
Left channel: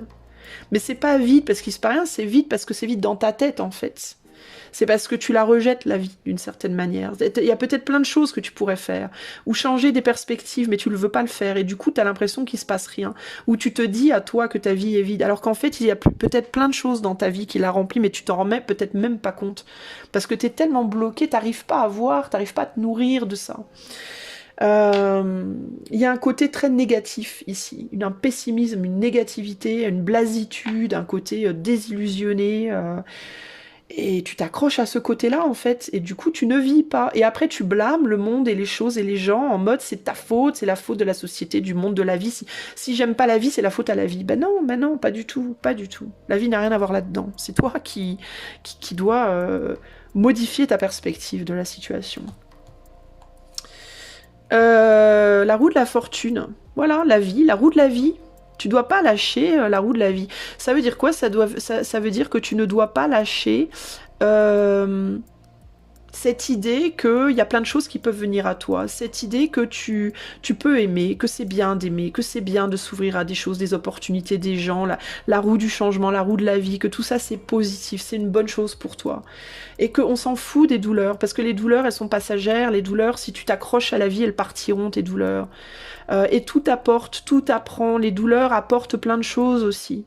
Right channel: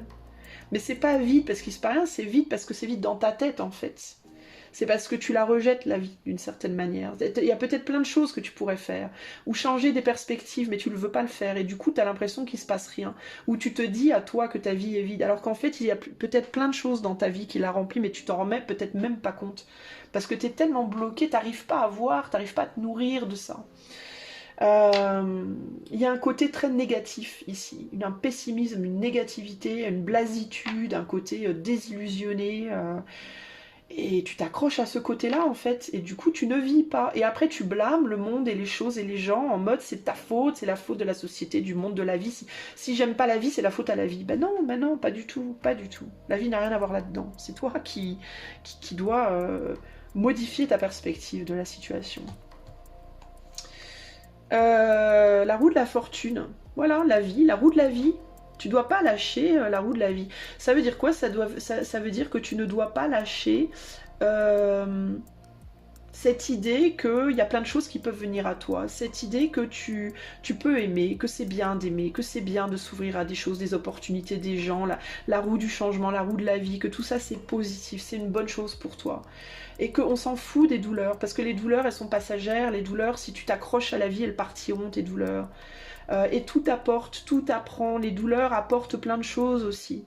Mais c'est pas vide parce qu'il se passe rien, c'est vide parce que c'est vide dans ta tête, en fait. C'est parce que tu la rejettes, la vie, d'une certaine manière. Il y a peut-être plein de choses que tu pourrais faire, ou changer des perspectives, mais tu ne veux pas le faire, et du coup, tu as l'impression qu'il se passe rien. Ou tu te dis à toi que ta vie est vide, alors qu'en fait, il y a peut-être plein de choses dans ta vie qui la remplissent, mais tu t'en remets peut-être même pas compte. Parce que tu es tellement bloqué, t'arrives pas à voir, t'arrives pas à te nourrir de ça. Il y a un côté très négatif ici, un pessimisme, une négativité, une blasitude, un côté désillusionné, et tu t'accroches à ce côté-là en fait, et du coup tu ne vis pas, et après tu blâmes le monde et les choses et les gens en mode c'est ta faute, c'est la faute de la société, du monde, de la vie, si j'aime pas la vie c'est la faute à la vie. Ben non, pas du tout, pas du tout. La vie n'a rien à voir là-dedans, c'est toi qui dois modifier ta perspective de la situation. La roue de la fortune, voilà, la vie, la roue de la vie. Tu dois pas lâcher la roue de la vie. Ça veut dire quoi? Ça veut dire que tu ne dois pas lâcher cette idée qu'il y a plein de choses qui peuvent venir à toi, cette idée que tu peux aimer, que c'est bien d'aimer, que c'est bien de s'ouvrir à des choses, des opportunités, des gens, la roue du changement, la roue de la vie, que tout ça c'est positif, c'est une bonne chose pour toi. Et qu'on s'en fout des douleurs, parce que les douleurs elles sont passagères, les douleurs si tu t'accroches à la vie elles partiront tes douleurs. Et tout apporte, tout apprend, les douleurs apportent plein de choses aussi.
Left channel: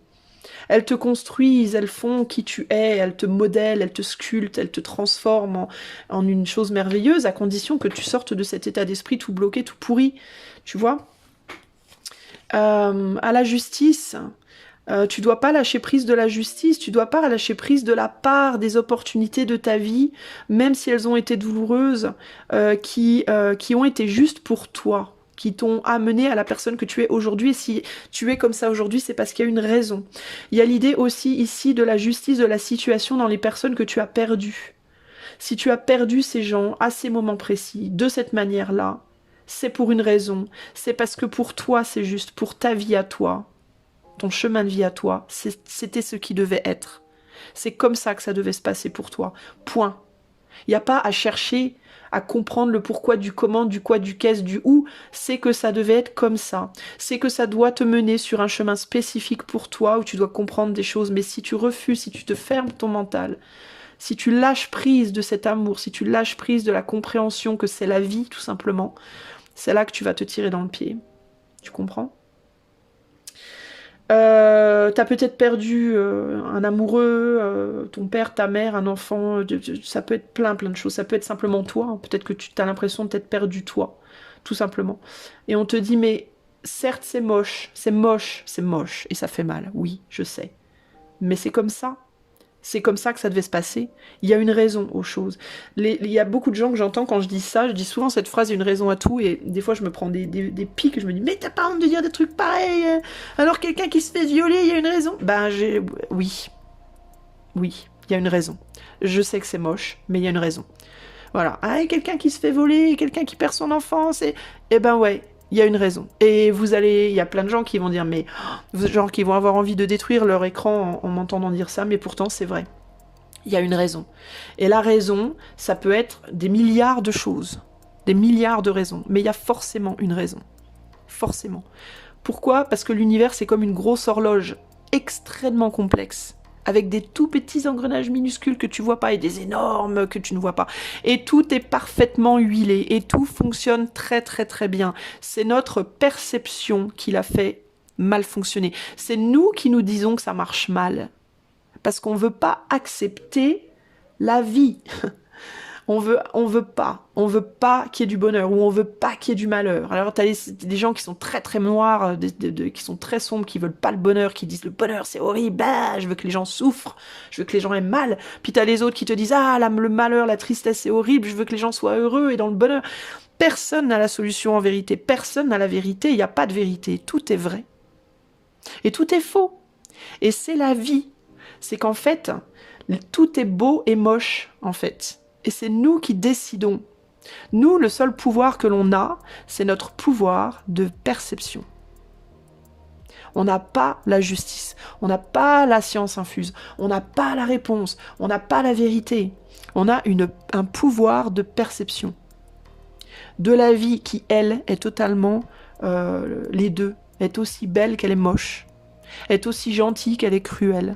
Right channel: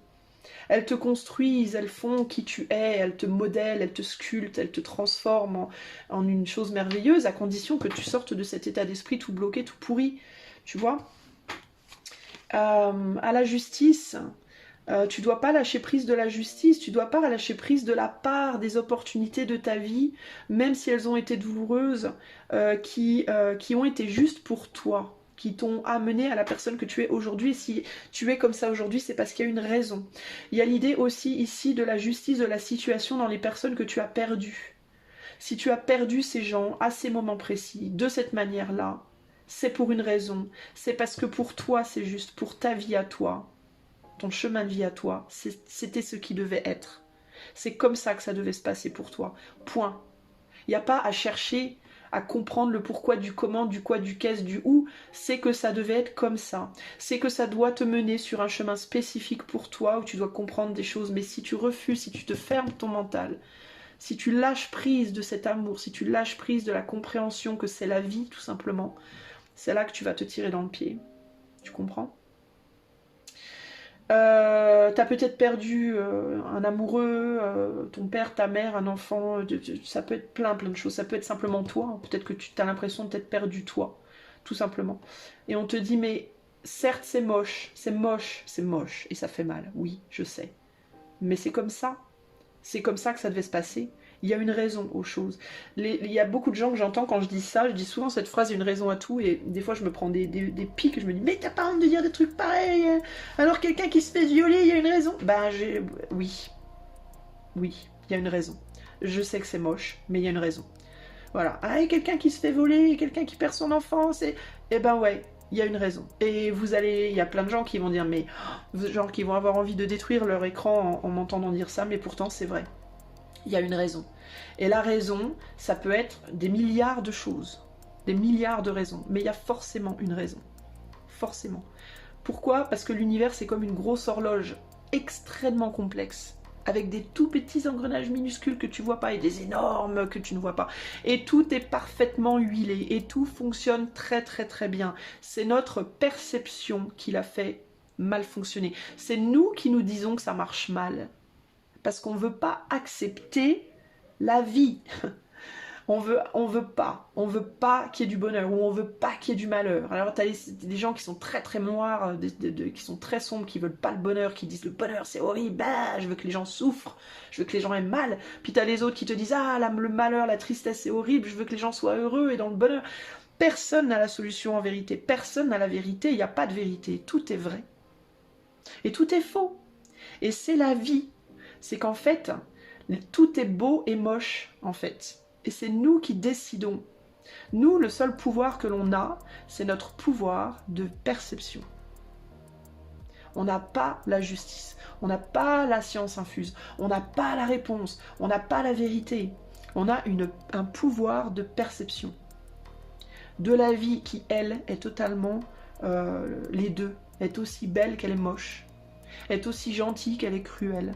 Elles te construisent, elles font qui tu es, elles te modèlent, elles te sculptent, elles te transforment en une chose merveilleuse, à condition que tu sortes de cet état d'esprit tout bloqué, tout pourri, tu vois. À la justice, tu dois pas lâcher prise de la justice, tu dois pas lâcher prise de la part des opportunités de ta vie, même si elles ont été douloureuses, qui ont été justes pour toi, qui t'ont amené à la personne que tu es aujourd'hui. Et si tu es comme ça aujourd'hui, c'est parce qu'il y a une raison. Il y a l'idée aussi ici de la justice de la situation dans les personnes que tu as perdues. Si tu as perdu ces gens à ces moments précis, de cette manière-là, c'est pour une raison. C'est parce que pour toi, c'est juste, pour ta vie à toi, ton chemin de vie à toi, c'était ce qui devait être. C'est comme ça que ça devait se passer pour toi. Point. Il n'y a pas à chercher à comprendre le pourquoi, du comment, du quoi, du qu'est-ce, du où. C'est que ça devait être comme ça. C'est que ça doit te mener sur un chemin spécifique pour toi où tu dois comprendre des choses. Mais si tu refuses, si tu te fermes ton mental, si tu lâches prise de cet amour, si tu lâches prise de la compréhension que c'est la vie, tout simplement, c'est là que tu vas te tirer dans le pied. Tu comprends ? T'as peut-être perdu un amoureux, ton père, ta mère, un enfant, ça peut être plein de choses, ça peut être simplement toi, hein. Peut-être que tu as l'impression de t'être perdu toi, tout simplement. Et on te dit, mais certes c'est moche, et ça fait mal, oui, je sais. Mais c'est comme ça. C'est comme ça que ça devait se passer. Il y a une raison aux choses. Il y a beaucoup de gens que j'entends quand je dis ça, je dis souvent cette phrase, il y a une raison à tout, et des fois je me prends des pics, et je me dis, mais t'as pas honte de dire des trucs pareils, alors quelqu'un qui se fait violer, il y a une raison. Oui, il y a une raison. Je sais que c'est moche, mais il y a une raison. Voilà. Ah, et quelqu'un qui se fait voler, quelqu'un qui perd son enfance, et ben ouais, il y a une raison. Et il y a plein de gens qui vont dire, mais genre qui vont avoir envie de détruire leur écran en m'entendant dire ça, mais pourtant c'est vrai. Il y a une raison. Et la raison, ça peut être des milliards de choses, des milliards de raisons, mais il y a forcément une raison. Forcément. Pourquoi? Parce que l'univers, c'est comme une grosse horloge extrêmement complexe, avec des tout petits engrenages minuscules que tu vois pas et des énormes que tu ne vois pas. Et tout est parfaitement huilé et tout fonctionne très très très bien. C'est notre perception qui l'a fait mal fonctionner. C'est nous qui nous disons que ça marche mal. Parce qu'on ne veut pas accepter la vie. On veut pas qu'il y ait du bonheur, ou on veut pas qu'il y ait du malheur. Alors t'as des gens qui sont très très noirs, qui sont très sombres, qui veulent pas le bonheur, qui disent le bonheur c'est horrible, bah, je veux que les gens souffrent, je veux que les gens aient mal. Puis t'as les autres qui te disent ah le malheur, la tristesse c'est horrible, je veux que les gens soient heureux et dans le bonheur. Personne n'a la solution en vérité, personne n'a la vérité, il n'y a pas de vérité, tout est vrai. Et tout est faux. Et c'est la vie. C'est qu'en fait, tout est beau et moche, en fait. Et c'est nous qui décidons. Nous, le seul pouvoir que l'on a, c'est notre pouvoir de perception. On n'a pas la justice, on n'a pas la science infuse, on n'a pas la réponse, on n'a pas la vérité. On a un pouvoir de perception. De la vie qui, elle, est totalement les deux. Est aussi belle qu'elle est moche. Est aussi gentille qu'elle est cruelle.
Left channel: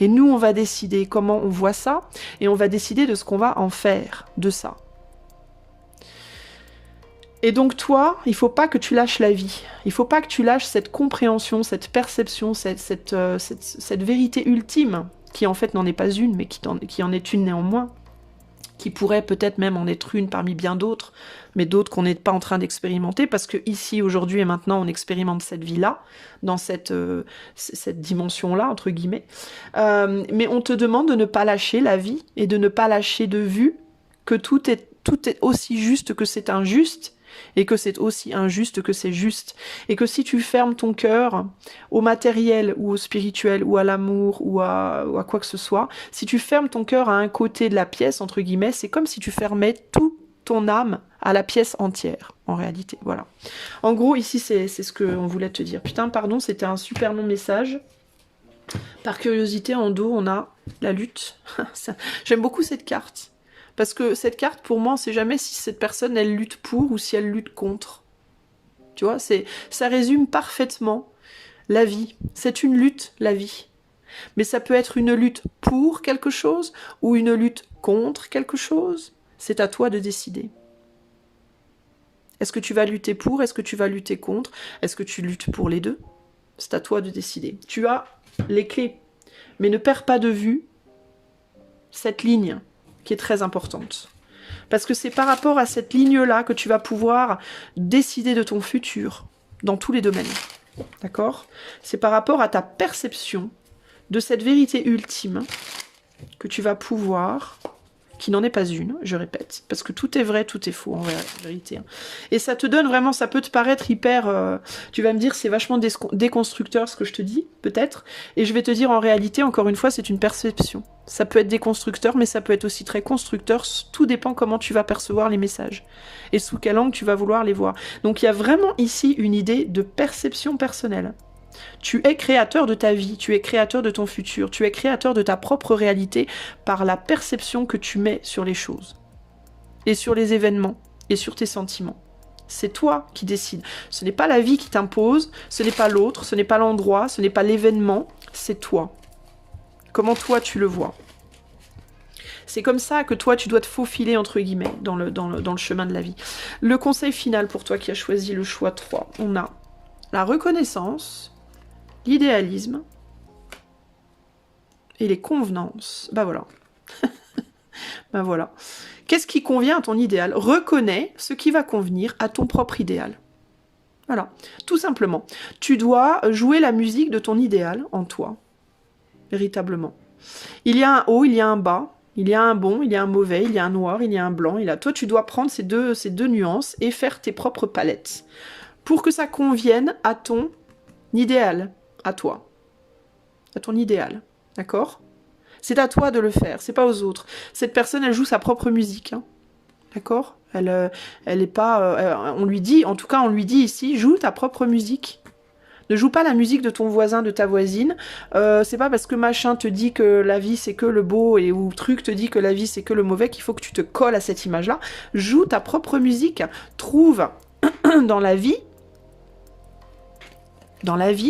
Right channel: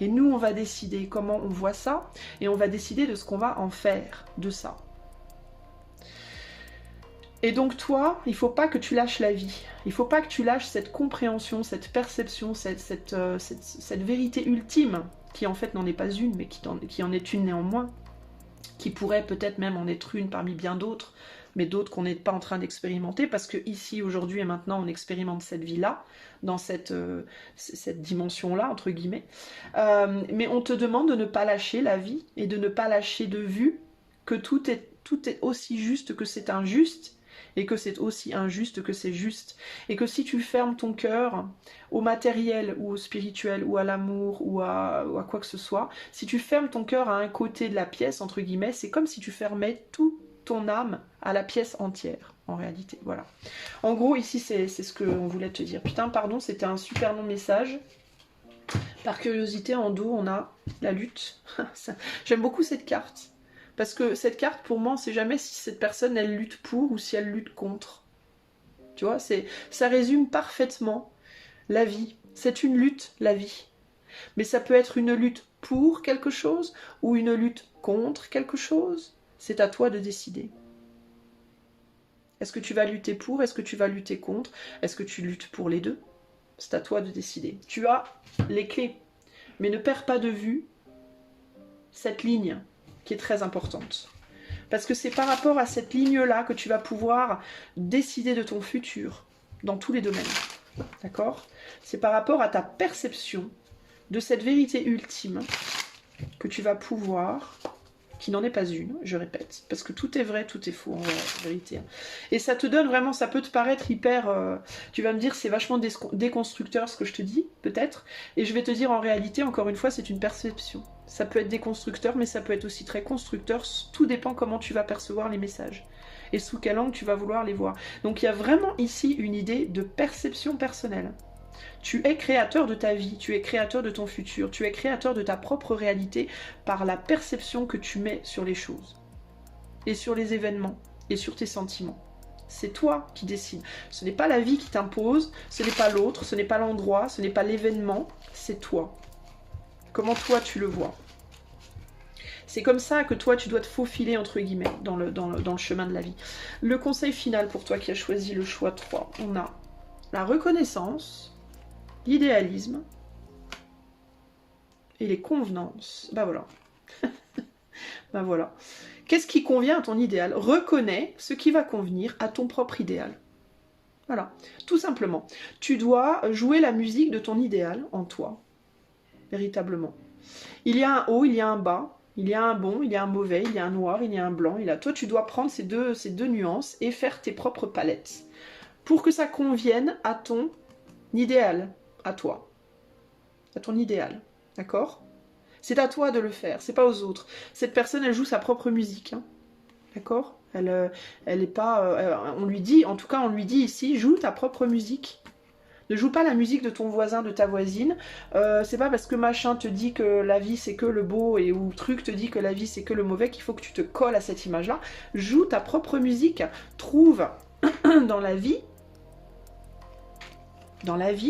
Et nous, on va décider comment on voit ça, et on va décider de ce qu'on va en faire de ça. Et donc toi, il ne faut pas que tu lâches la vie. Il ne faut pas que tu lâches cette compréhension, cette perception, cette vérité ultime, qui en fait n'en est pas une, mais qui en est une néanmoins, qui pourrait peut-être même en être une parmi bien d'autres, mais d'autres qu'on n'est pas en train d'expérimenter, parce que ici, aujourd'hui et maintenant, on expérimente cette vie-là, dans cette dimension-là, entre guillemets. Mais on te demande de ne pas lâcher la vie, et de ne pas lâcher de vue que tout est aussi juste que c'est injuste, et que c'est aussi injuste que c'est juste. Et que si tu fermes ton cœur au matériel, ou au spirituel, ou à l'amour, ou à quoi que ce soit, si tu fermes ton cœur à un côté de la pièce, entre guillemets, c'est comme si tu fermais tout ton âme à la pièce entière, en réalité, voilà. En gros, ici, c'est ce qu'on voulait te dire. Putain, pardon, c'était un super long message. Par curiosité, en dos, on a la lutte. J'aime beaucoup cette carte. Parce que cette carte, pour moi, on ne sait jamais si cette personne, elle lutte pour ou si elle lutte contre. Tu vois, ça résume parfaitement la vie. C'est une lutte, la vie. Mais ça peut être une lutte pour quelque chose ou une lutte contre quelque chose. C'est à toi de décider. Est-ce que tu vas lutter pour? Est-ce que tu vas lutter contre? Est-ce que tu luttes pour les deux? C'est à toi de décider. Tu as les clés. Mais ne perds pas de vue cette ligne qui est très importante. Parce que c'est par rapport à cette ligne-là que tu vas pouvoir décider de ton futur dans tous les domaines. D'accord? C'est par rapport à ta perception de cette vérité ultime que tu vas pouvoir, qui n'en est pas une, je répète, parce que tout est vrai, tout est faux en vérité. Et ça te donne vraiment, ça peut te paraître hyper... tu vas me dire, c'est vachement déconstructeur ce que je te dis, peut-être, et je vais te dire, en réalité, encore une fois, c'est une perception. Ça peut être déconstructeur, mais ça peut être aussi très constructeur, tout dépend comment tu vas percevoir les messages, et sous quel angle tu vas vouloir les voir. Donc il y a vraiment ici une idée de perception personnelle. Tu es créateur de ta vie, tu es créateur de ton futur, tu es créateur de ta propre réalité par la perception que tu mets sur les choses, et sur les événements, et sur tes sentiments. C'est toi qui décides. Ce n'est pas la vie qui t'impose, ce n'est pas l'autre, ce n'est pas l'endroit, ce n'est pas l'événement, c'est toi. Comment toi tu le vois. C'est comme ça que toi tu dois te faufiler entre guillemets dans le chemin de la vie. Le conseil final pour toi qui as choisi le choix 3, on a la reconnaissance, l'idéalisme et les convenances. Bah voilà. Bah voilà. Qu'est-ce qui convient à ton idéal? Reconnais ce qui va convenir à ton propre idéal. Voilà. Tout simplement. Tu dois jouer la musique de ton idéal en toi. Véritablement. Il y a un haut, il y a un bas. Il y a un bon, il y a un mauvais, il y a un noir, il y a un blanc. Toi, tu dois prendre ces deux nuances et faire tes propres palettes. Pour que ça convienne à ton idéal. À toi. À ton idéal. D'accord? C'est à toi de le faire, c'est pas aux autres. Cette personne, elle joue sa propre musique. Hein. D'accord? Elle est pas... on lui dit, en tout cas, on lui dit ici, joue ta propre musique. Ne joue pas la musique de ton voisin, de ta voisine. C'est pas parce que machin te dit que la vie c'est que le beau et ou truc te dit que la vie c'est que le mauvais qu'il faut que tu te colles à cette image-là. Joue ta propre musique. Trouve dans la vie,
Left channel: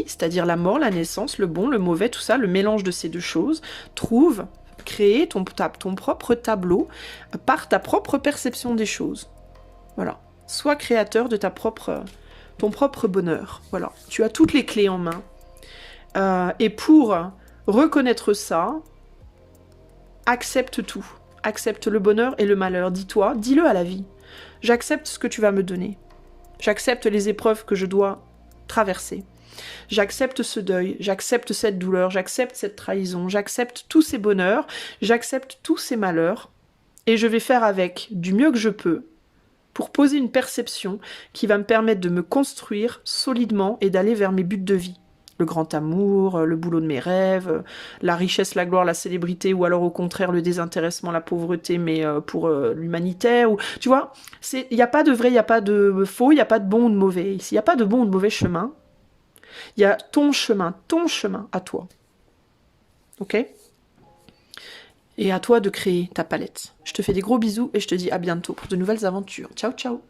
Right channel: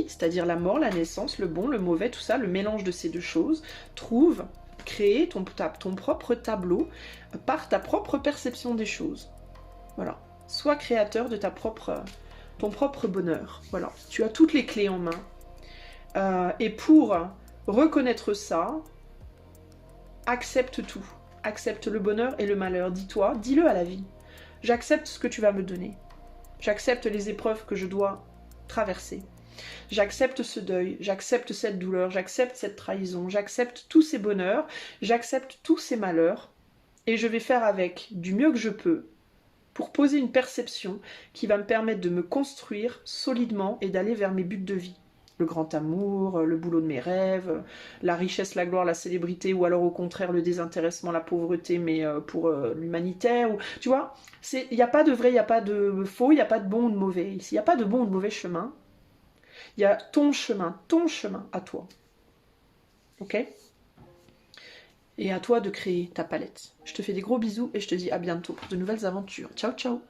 c'est-à-dire la mort, la naissance, le bon, le mauvais, tout ça, le mélange de ces deux choses, crée ton propre tableau par ta propre perception des choses. Voilà. Sois créateur de ton propre bonheur. Voilà. Tu as toutes les clés en main. Et pour reconnaître ça, accepte tout. Accepte le bonheur et le malheur. Dis-le à la vie. J'accepte ce que tu vas me donner. J'accepte les épreuves que je dois traverser. J'accepte ce deuil, j'accepte cette douleur, j'accepte cette trahison, j'accepte tous ces bonheurs, j'accepte tous ces malheurs, et je vais faire avec du mieux que je peux pour poser une perception qui va me permettre de me construire solidement et d'aller vers mes buts de vie. Le grand amour, le boulot de mes rêves, la richesse, la gloire, la célébrité, ou alors au contraire le désintéressement, la pauvreté, mais pour l'humanitaire. Tu vois, il n'y a pas de vrai, il n'y a pas de faux, il n'y a pas de bon ou de mauvais. Ici, il n'y a pas de bon ou de mauvais chemin. Il y a ton chemin à toi. Ok ? Et à toi de créer ta palette. Je te fais des gros bisous et je te dis à bientôt pour de nouvelles aventures. Ciao, ciao.